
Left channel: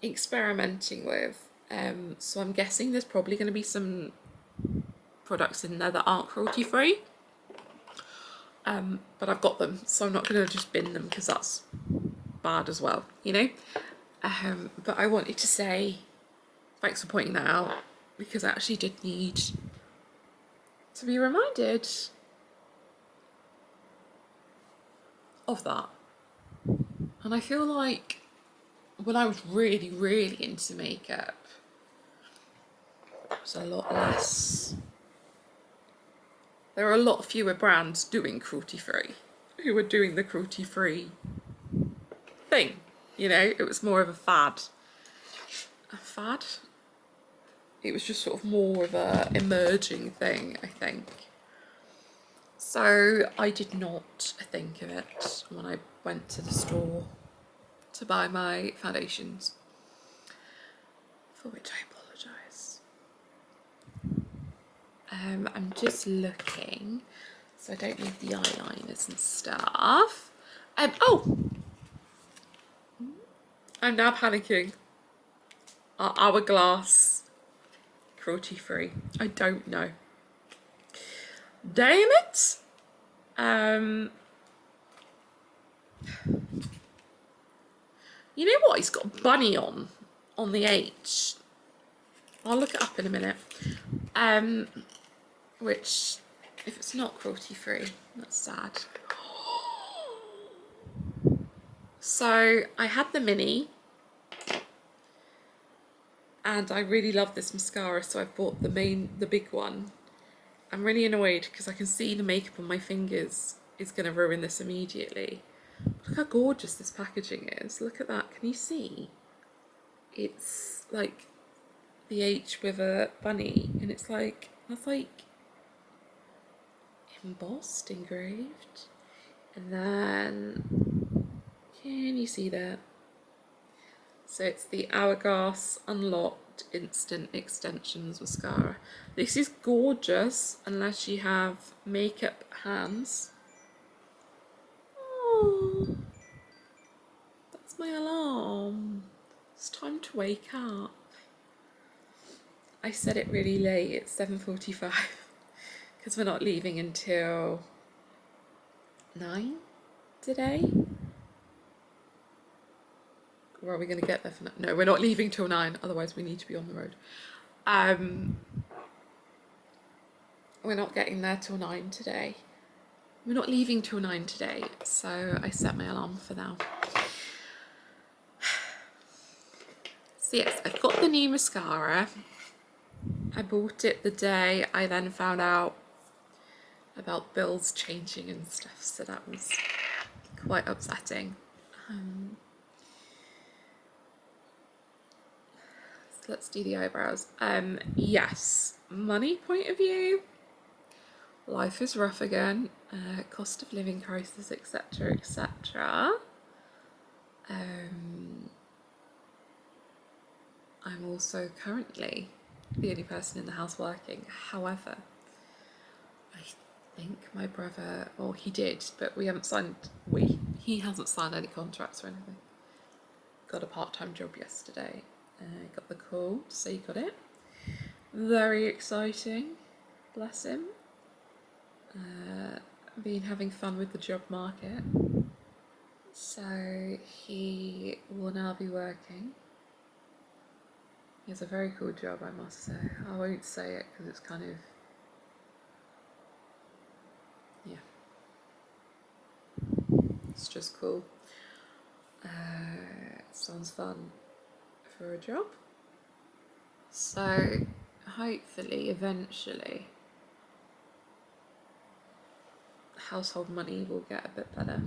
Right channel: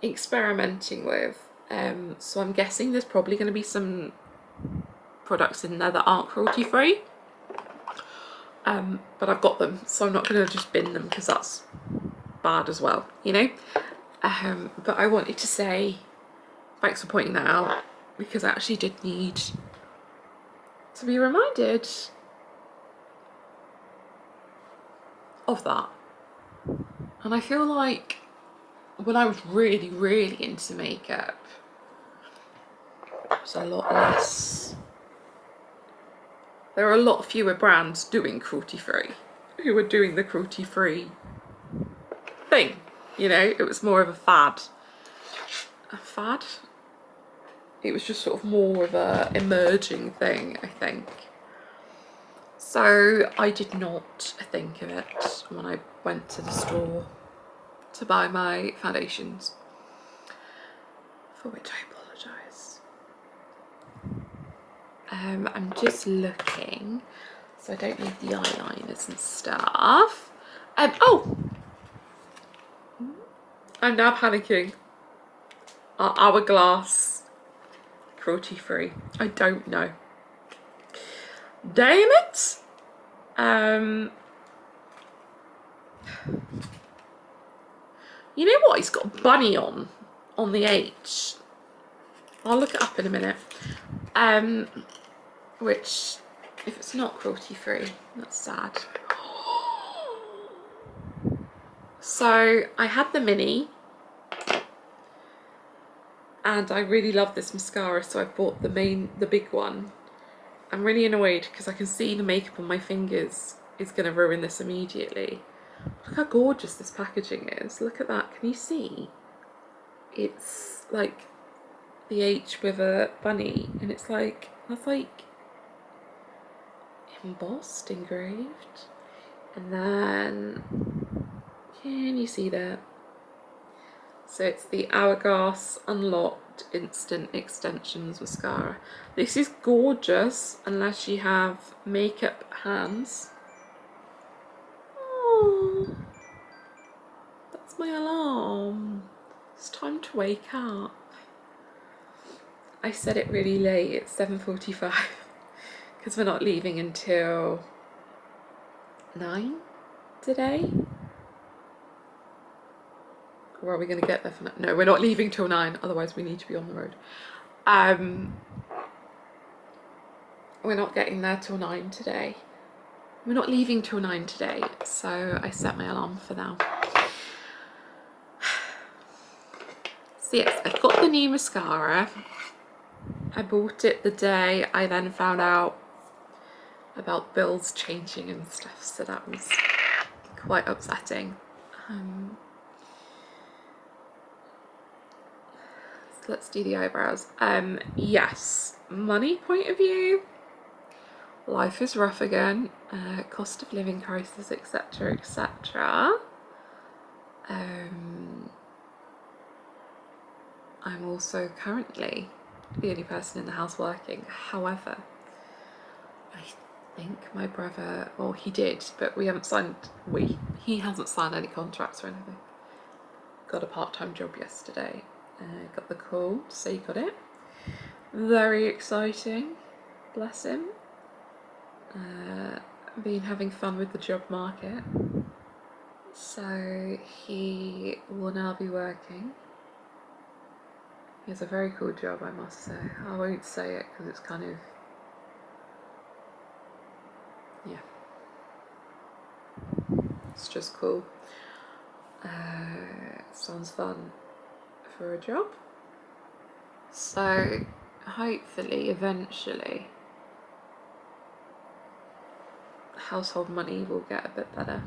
experimenting with. So I'm guessing there's probably going to be some products in there that aren't cruelty free, but I've got them, so I'm not going to just bin them because that's bad as well, you know. But I wanted to say thanks for pointing that out, because I actually did need to be reminded of that. And I feel like when I was really, really into makeup, it was a lot less. There are a lot fewer brands doing cruelty free who were doing the cruelty free thing, you know. It was more of a fad. A fad? It was just sort of more of a emerging thing, I think. So I did not think of it when I went to the store to buy my foundations, for which I apologise. I'm just looking, so I don't need the eyeliners and stuff. Oh! I'm now panicking. Are Hourglass cruelty free? I don't know. Damn it! You know what? It's got a bunny on the H. I'll look it up in a minute. which, if it's not cruelty free, that's sad. So I had the mini, and I really love this mascara, so I bought the big one. I'm really annoyed because I can see the makeup on my fingers is going to ruin this immediately. Look how gorgeous this packaging is. Look at that. Can you see? It's like the H with a bunny, and it's like, that's like embossed, engraved. And then, can you see that? So it's the Hourglass Unlocked Instant Extensions Mascara. This is gorgeous unless you have makeup hands. Oh, that's my alarm. It's time to wake up. I said it really late, it's 7:45 because we're not leaving until 9 today. Or are we going to get there for 9? No, we're not leaving till 9, otherwise we need to be on the road. We're not getting there till 9 today. We're not leaving till 9 today, so I set my alarm for now. So yes, I've got the new mascara. I bought it the day I then found out about bills changing and stuff, so that was quite upsetting. So let's do the eyebrows. Yes, money point of view, life is rough again, cost of living crisis, etc, etc. I'm also currently the only person in the house working. However, I think my brother, or he did, but we haven't signed, he hasn't signed any contracts or anything. Got a part-time job yesterday. Got the call to say he got it. Very exciting, bless him. Been having fun with the job market. So he will now be working. He has a very cool job, I must say. I won't say it because it's kind of, yeah, it's just cool. Sounds fun for a job. So hopefully, eventually, household money will get a bit better.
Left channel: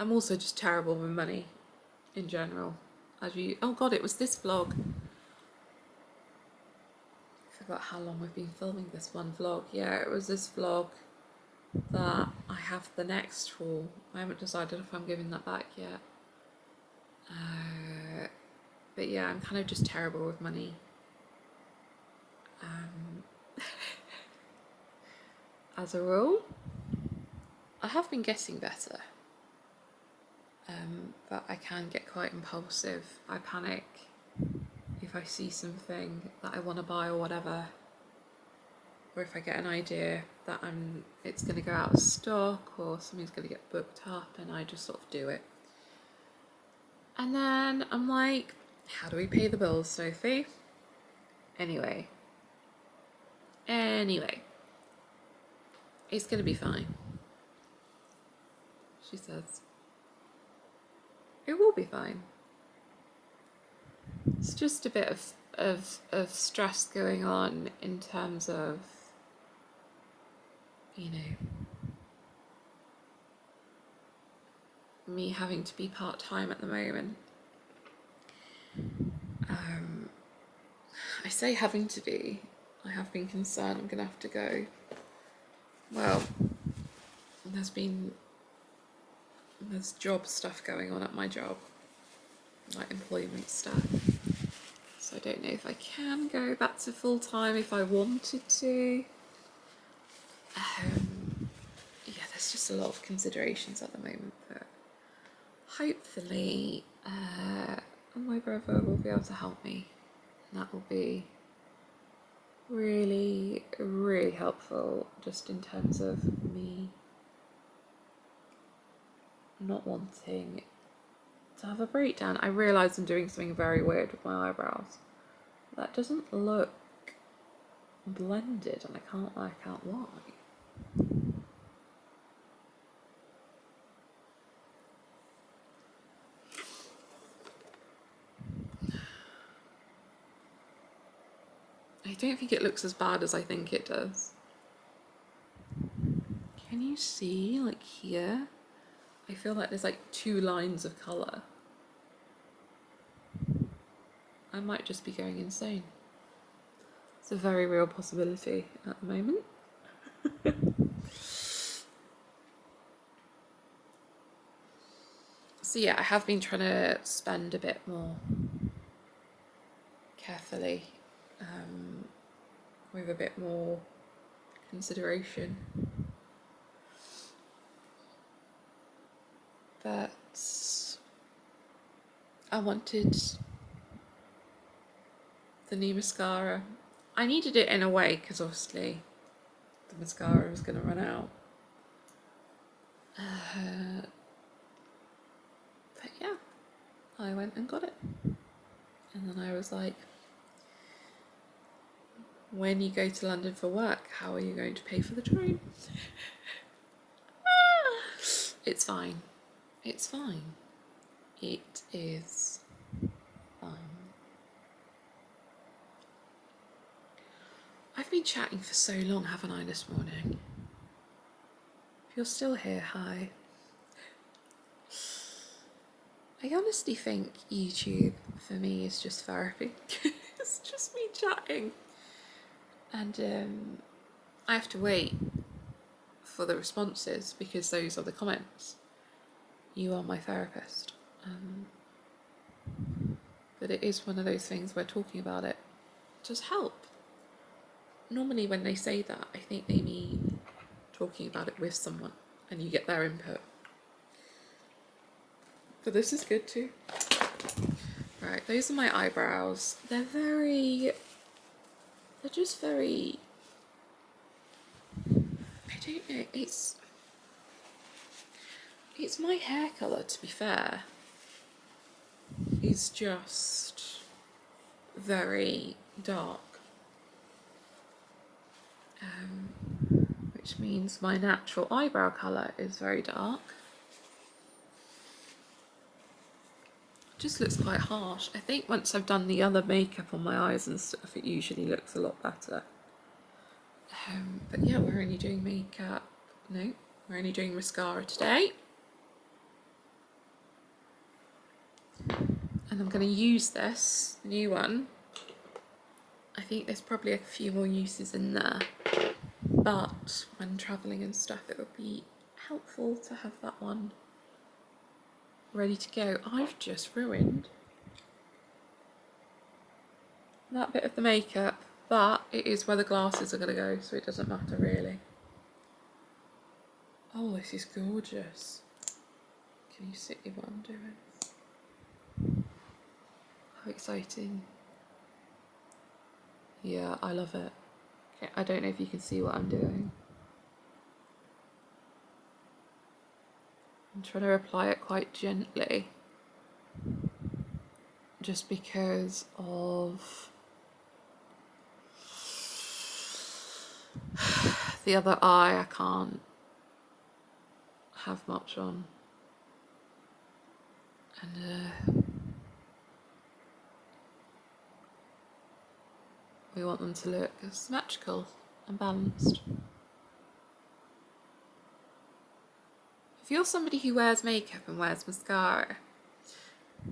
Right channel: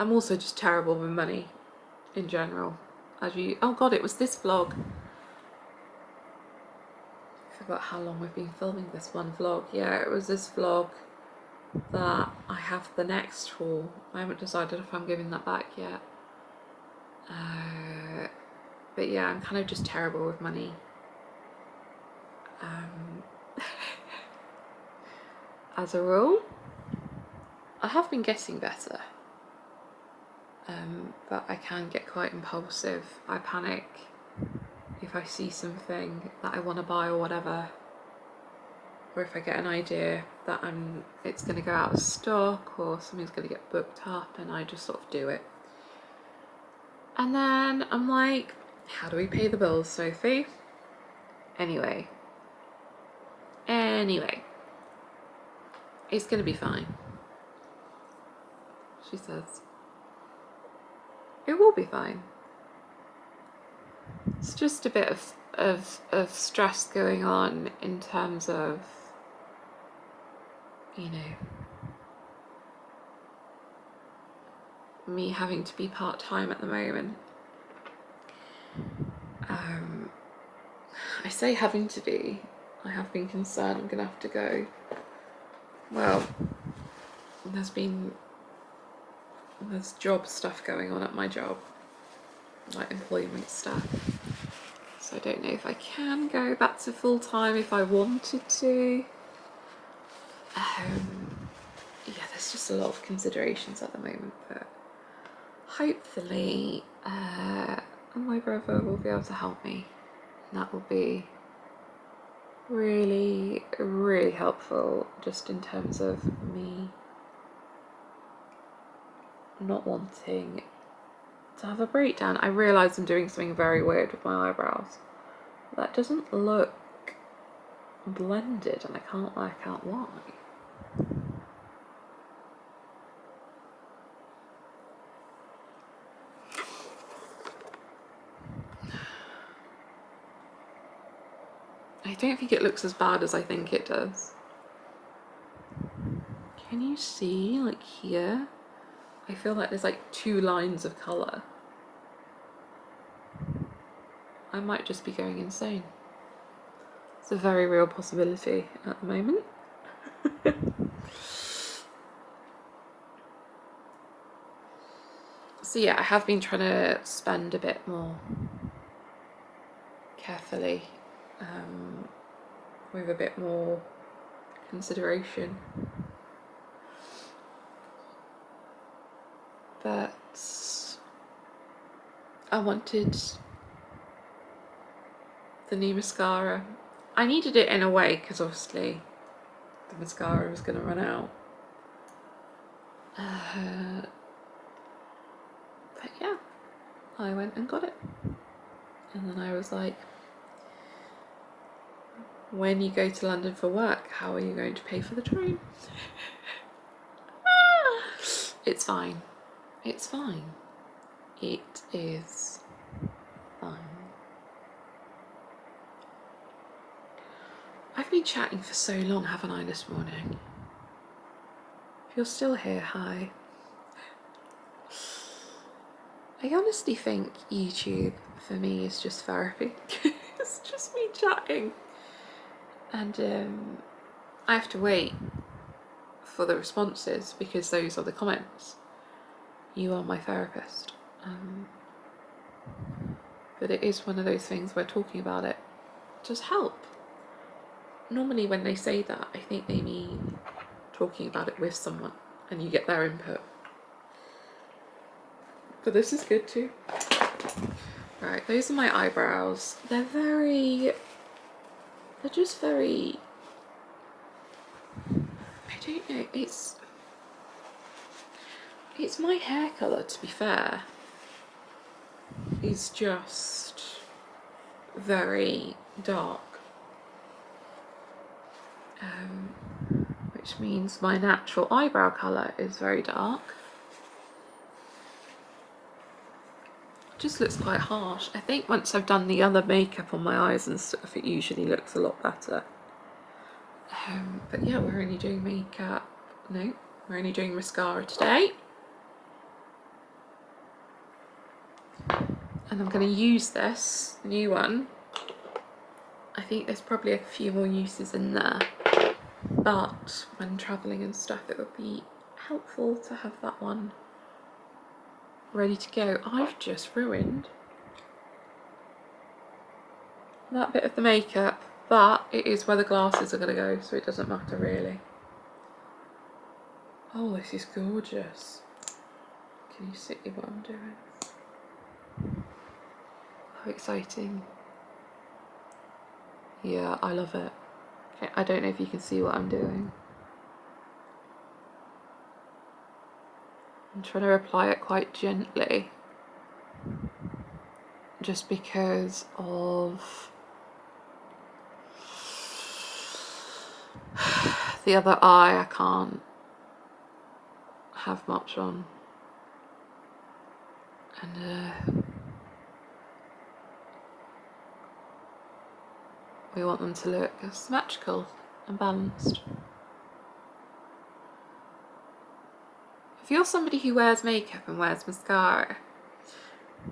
I'm also just terrible with money in general. Oh god, it was this vlog. I forgot how long we've been filming this one vlog. Yeah, it was this vlog that I have the next for. I haven't decided if I'm giving that back yet. But yeah, I'm kind of just terrible with money. As a rule, I have been getting better. But I can get quite impulsive. I panic if I see something that I want to buy or whatever, or if I get an idea that it's going to go out of stock or something's going to get booked up, and I just sort of do it. And then I'm like, how do we pay the bills, Sophie? Anyway, it's going to be fine, she says. It will be fine. It's just a bit of stress going on in terms of, you know, me having to be part-time at the moment. I say having to be. I have been concerned I'm gonna have to go. Well, there's job stuff going on at my job, like employment stuff. So I don't know if I can go back to full-time if I wanted to. Yeah, there's just a lot of considerations at the moment, but hopefully my brother will be able to help me. And that will be really, really helpful, just in terms of me not wanting to have a breakdown. I realise I'm doing something very weird with my eyebrows. That doesn't look blended and I can't work out why. I don't think it looks as bad as I think it does. Can you see, like here? I feel like there's like 2 lines of colour. I might just be going insane. It's a very real possibility at the moment. So yeah, I have been trying to spend a bit more carefully, with a bit more consideration. But I wanted the new mascara. I needed it in a way because obviously the mascara was going to run out. But yeah, I went and got it. And then I was like, when you go to London for work, how are you going to pay for the train? It's fine. It's fine. It is fine. I've been chatting for so long, haven't I, this morning? If you're still here, hi. I honestly think YouTube for me is just therapy. It's just me chatting. And I have to wait for the responses because those are the comments. You are my therapist. But it is one of those things where talking about it does help. Normally when they say that, I think they mean talking about it with someone and you get their input. But this is good too. Right, those are my eyebrows. They're just very, I don't know, it's my hair colour, to be fair. Is just very dark. Which means my natural eyebrow colour is very dark. Just looks quite harsh. I think once I've done the other makeup on my eyes and stuff, it usually looks a lot better. But yeah, we're only doing makeup. No, we're only doing mascara today. And I'm going to use this new one. I think there's probably a few more uses in there. But when travelling and stuff, it would be helpful to have that one ready to go. I've just ruined that bit of the makeup, but it is where the glasses are going to go, so it doesn't matter really. Oh, this is gorgeous. Can you see what I'm doing? How exciting. Yeah, I love it. Okay, I don't know if you can see what I'm doing. I'm trying to apply it quite gently, just because of the other eye. I can't have much on, and we want them to look symmetrical and balanced. If you're somebody who wears makeup and wears mascara,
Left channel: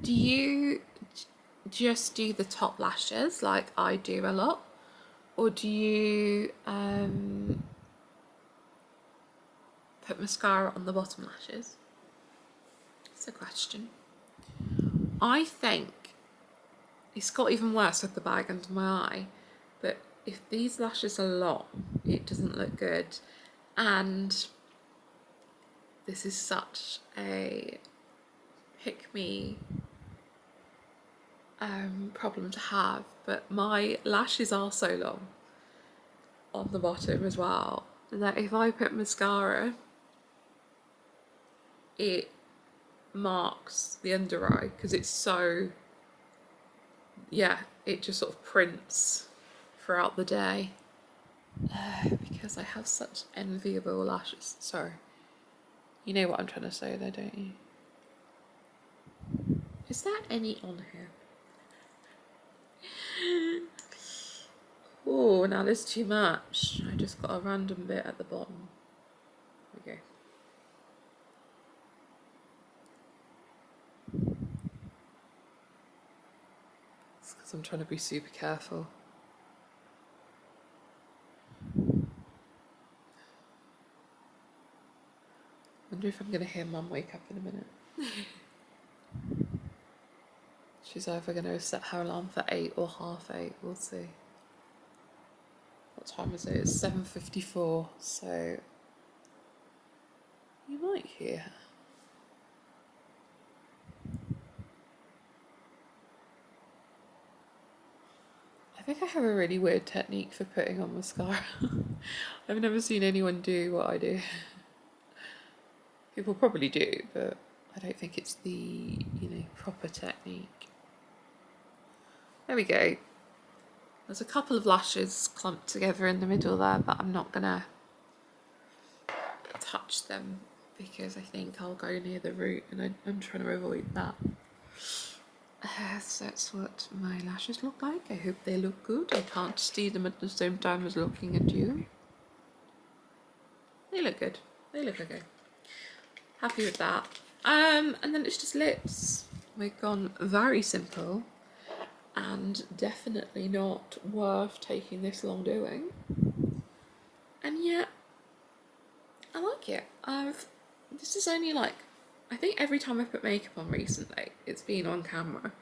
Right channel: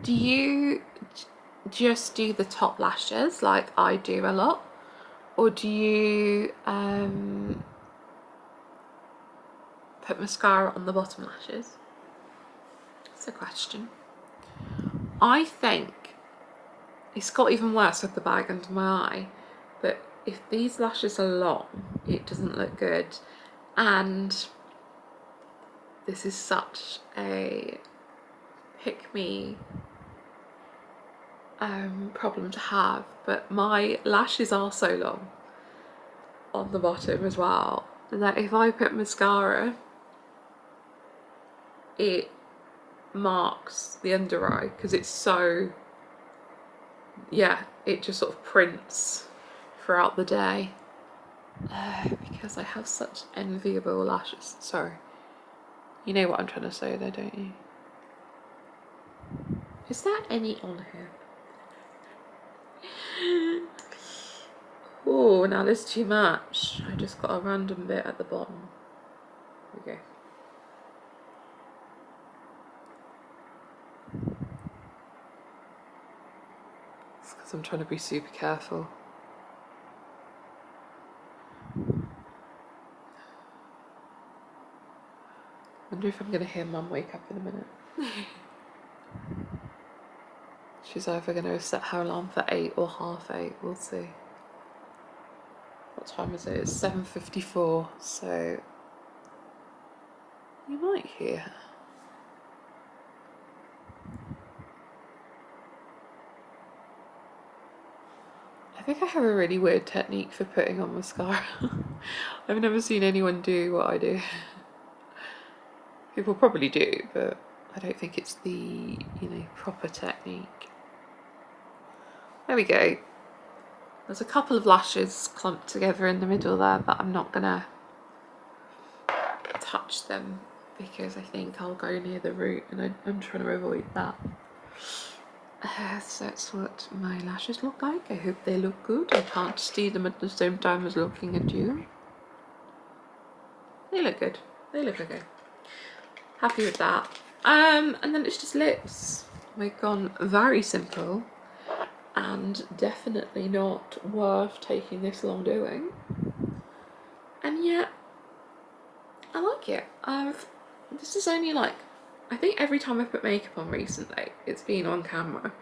do you just do the top lashes like I do a lot, or do you put mascara on the bottom lashes? That's a question. I think it's got even worse with the bag under my eye, but if these lashes are long, it doesn't look good. And this is such a pick-me problem to have, but my lashes are so long on the bottom as well that if I put mascara, it marks the under eye because it's so, yeah, it just sort of prints throughout the day. because I have such enviable lashes. Sorry. You know what I'm trying to say though, don't you? Is there any on here? Oh, now there's too much. I just got a random bit at the bottom. There we go. It's because I'm trying to be super careful. Wonder if I'm going to hear Mum wake up in a minute. She's either going to set her alarm for 8 or 8:30. We'll see. What time is it? It's 7:54, so you might hear her. I think I have a really weird technique for putting on mascara. I've never seen anyone do what I do. People probably do, but I don't think it's the, proper technique. There we go. There's a couple of lashes clumped together in the middle there, but I'm not gonna touch them because I think I'll go near the root, and I'm trying to avoid that. So that's what my lashes look like. I hope they look good. I can't see them at the same time as looking at you. They look good. They look okay. Happy with that. And then it's just lips. We've gone very simple and definitely not worth taking this long doing. And yet, I like it. This is only like, I think every time I've put makeup on recently, it's been on camera.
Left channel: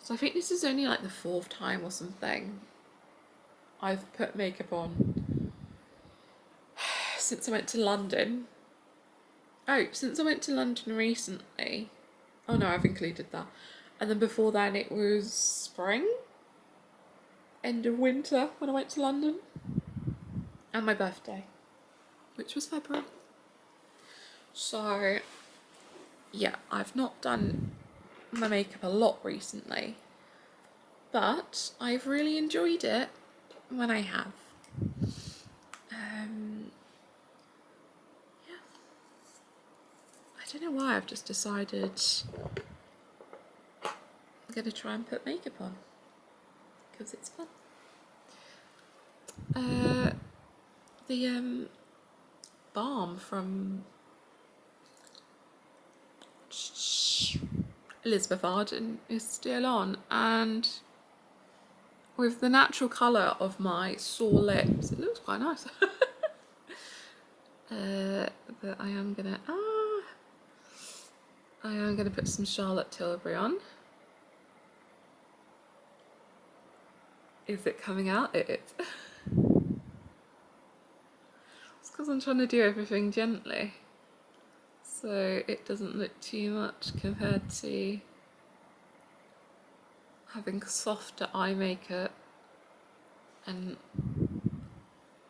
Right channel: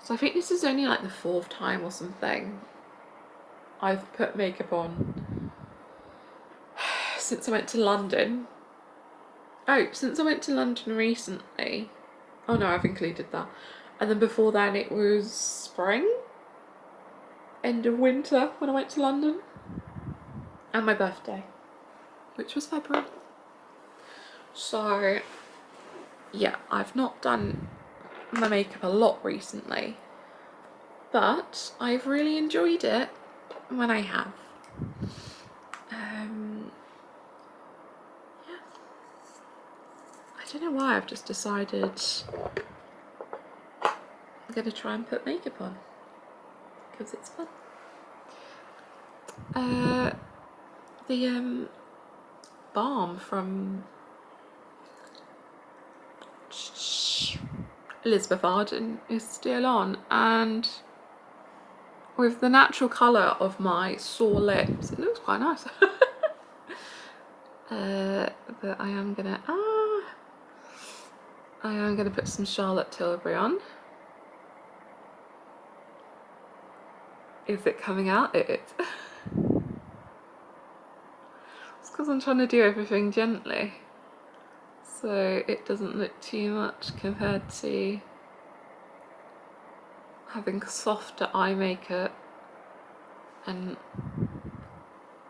So I think this is only like the 4th time or something I've put makeup on since I went to London. Oh, since I went to London recently. Oh no, I've included that. And then before then it was spring, end of winter when I went to London. And my birthday, which was February. So yeah, I've not done my makeup a lot recently, but I've really enjoyed it when I have. Yeah, I don't know why I've just decided I'm gonna try and put makeup on because it's fun. The balm from Elizabeth Arden is still on, and with the natural colour of my sore lips, it looks quite nice. But I am gonna put some Charlotte Tilbury on. Is it coming out? It is. It's because I'm trying to do everything gently, so it doesn't look too much compared to having softer eye makeup, and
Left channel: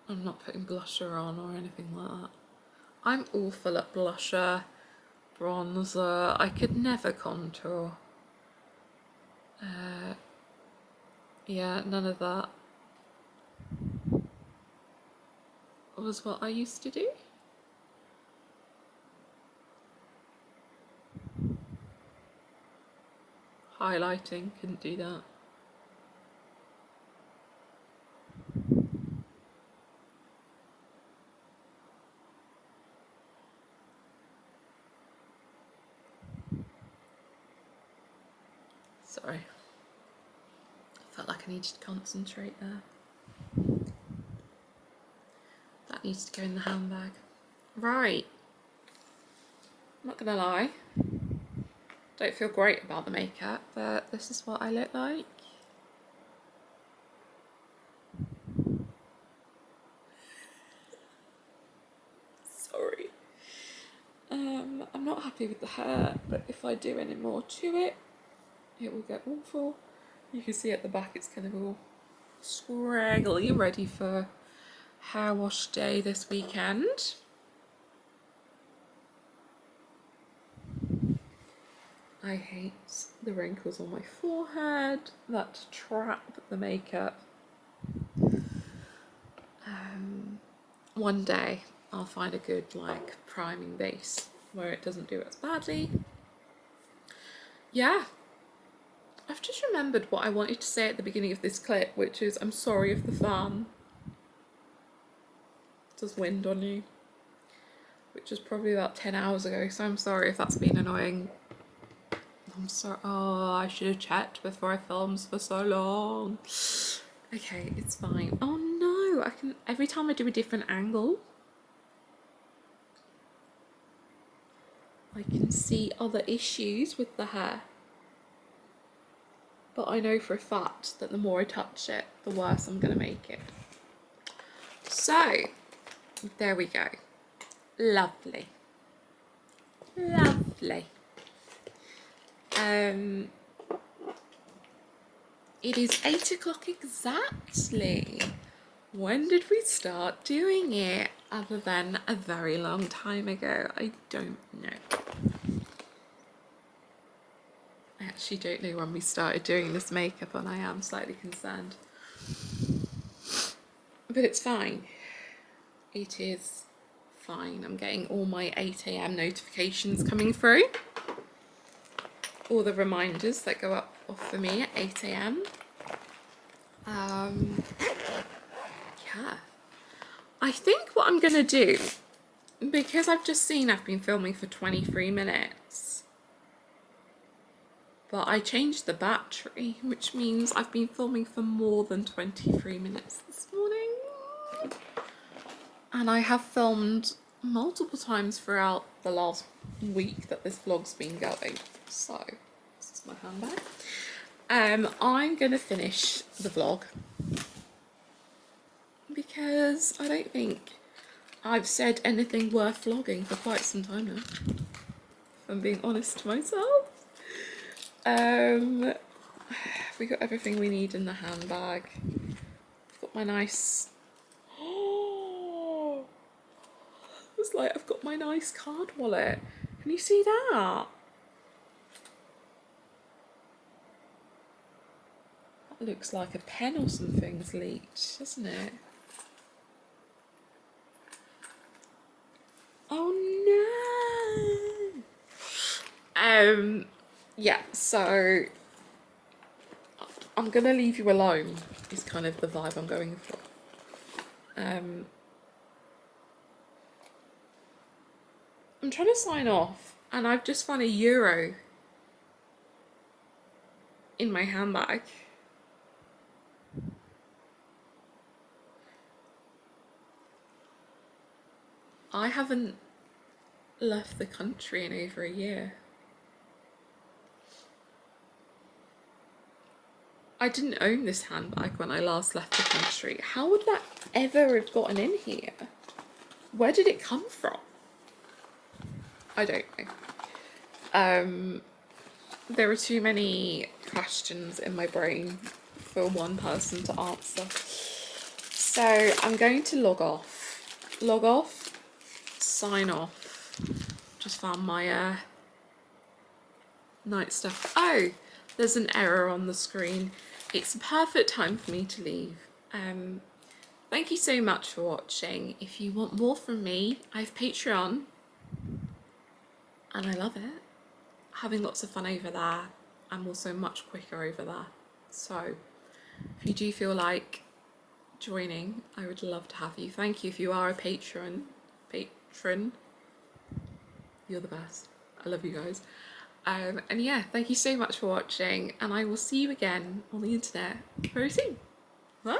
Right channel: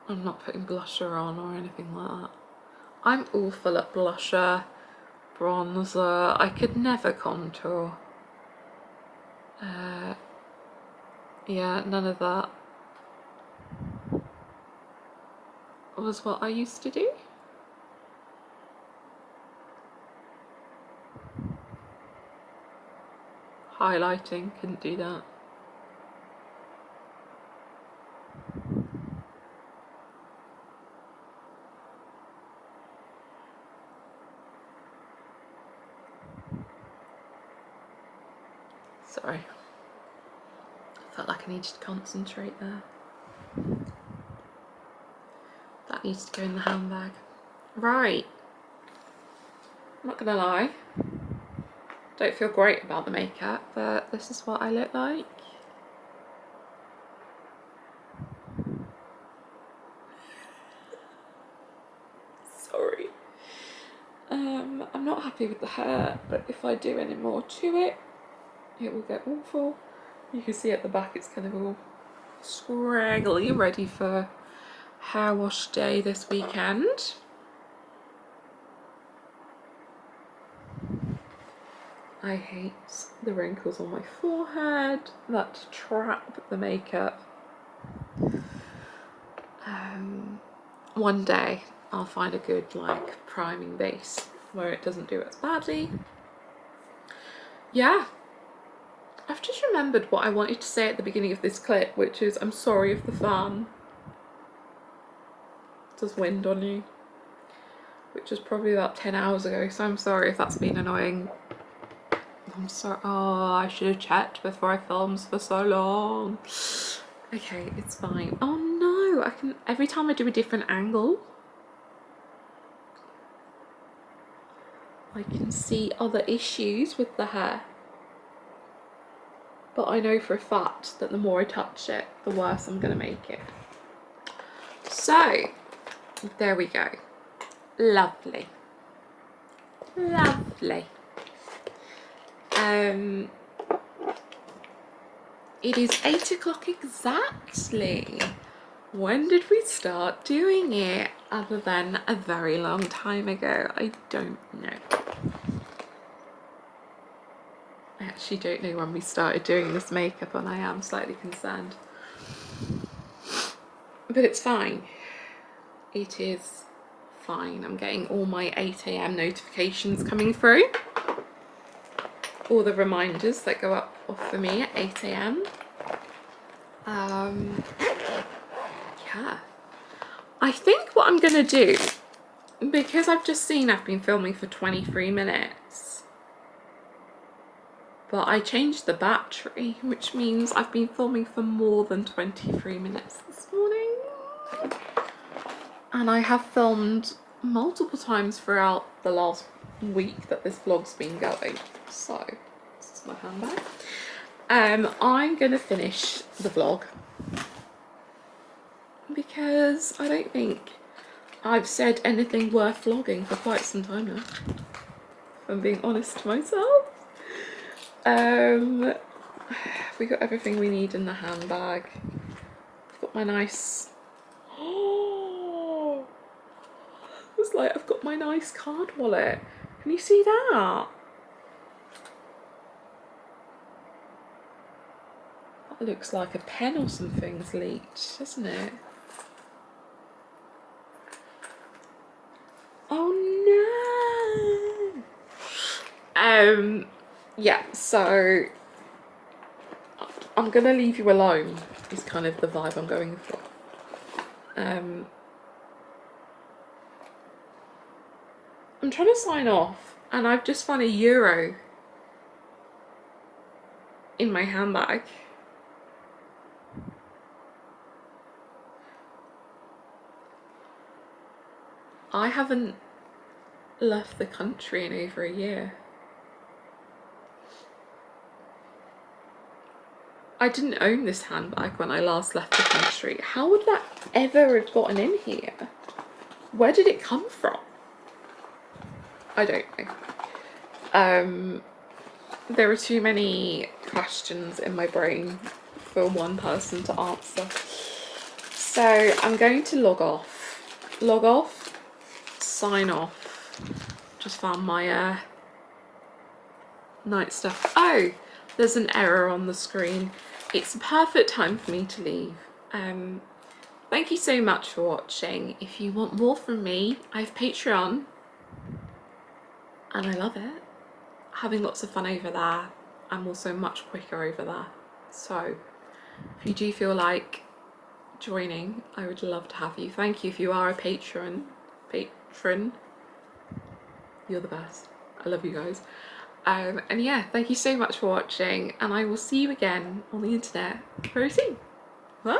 I'm not putting blusher on or anything like that. I'm awful at blusher, bronzer. I could never contour. Yeah, none of that was what I used to do. Highlighting, couldn't do that. Sorry. I felt like I needed to concentrate there. That needs to go in the handbag. Right. I'm not gonna lie. Don't feel great about the makeup, but this is what I look like. Sorry. I'm not happy with the hair, but if I do any more to it, it will get awful. You can see at the back it's kind of all scraggly, ready for hair wash day this weekend. I hate the wrinkles on my forehead that trap the makeup. One day I'll find a good like priming base where it doesn't do as badly. Yeah, I've just remembered what I wanted to say at the beginning of this clip, which is I'm sorry if the fan does wind on you, which was probably about 10 hours ago, so I'm sorry if that's been annoying. I'm sorry. Oh, I should have checked before I filmed for so long. Okay, it's fine. Oh no, I can, every time I do a different angle, I can see other issues with the hair. But I know for a fact that the more I touch it, the worse I'm gonna make it. So, there we go. Lovely. Lovely. It is 8 o'clock exactly. When did we start doing it? Other than a very long time ago, I don't know. I actually don't know when we started doing this makeup and I am slightly concerned. But it's fine. It is fine. I'm getting all my 8 AM notifications coming through. All the reminders that go up off for me at 8 AM. Yeah. I think what I'm gonna do, because I've just seen I've been filming for 23 minutes, but I changed the battery, which means I've been filming for more than 23 minutes this morning. And I have filmed multiple times throughout the last week that this vlog's been going. So, this is my handbag. I'm gonna finish the vlog because I don't think I've said anything worth vlogging for quite some time now, if I'm being honest to myself. We got everything we need in the handbag. I've got my nice, oh, it was like I've got my nice card wallet. Can you see that? That looks like a pen or something's leaked, doesn't it? Oh no! Yeah, so I'm gonna leave you alone is kind of the vibe I'm going for. I'm trying to sign off and I've just found €1 in my handbag. I haven't left the country in over a year. I didn't own this handbag when I last left the country. How would that ever have gotten in here? Where did it come from? I don't know. There are too many questions in my brain for one person to answer. So I'm going to log off, sign off. Just found my night stuff. Oh, there's an error on the screen. It's a perfect time for me to leave. Thank you so much for watching. If you want more from me, I have Patreon and I love it. Having lots of fun over there. I'm also much quicker over there. So if you do feel like joining, I would love to have you. Thank you if you are a patron. You're the best. I love you guys. And yeah, thank you so much for watching and I will see you again on the internet very soon. Bye!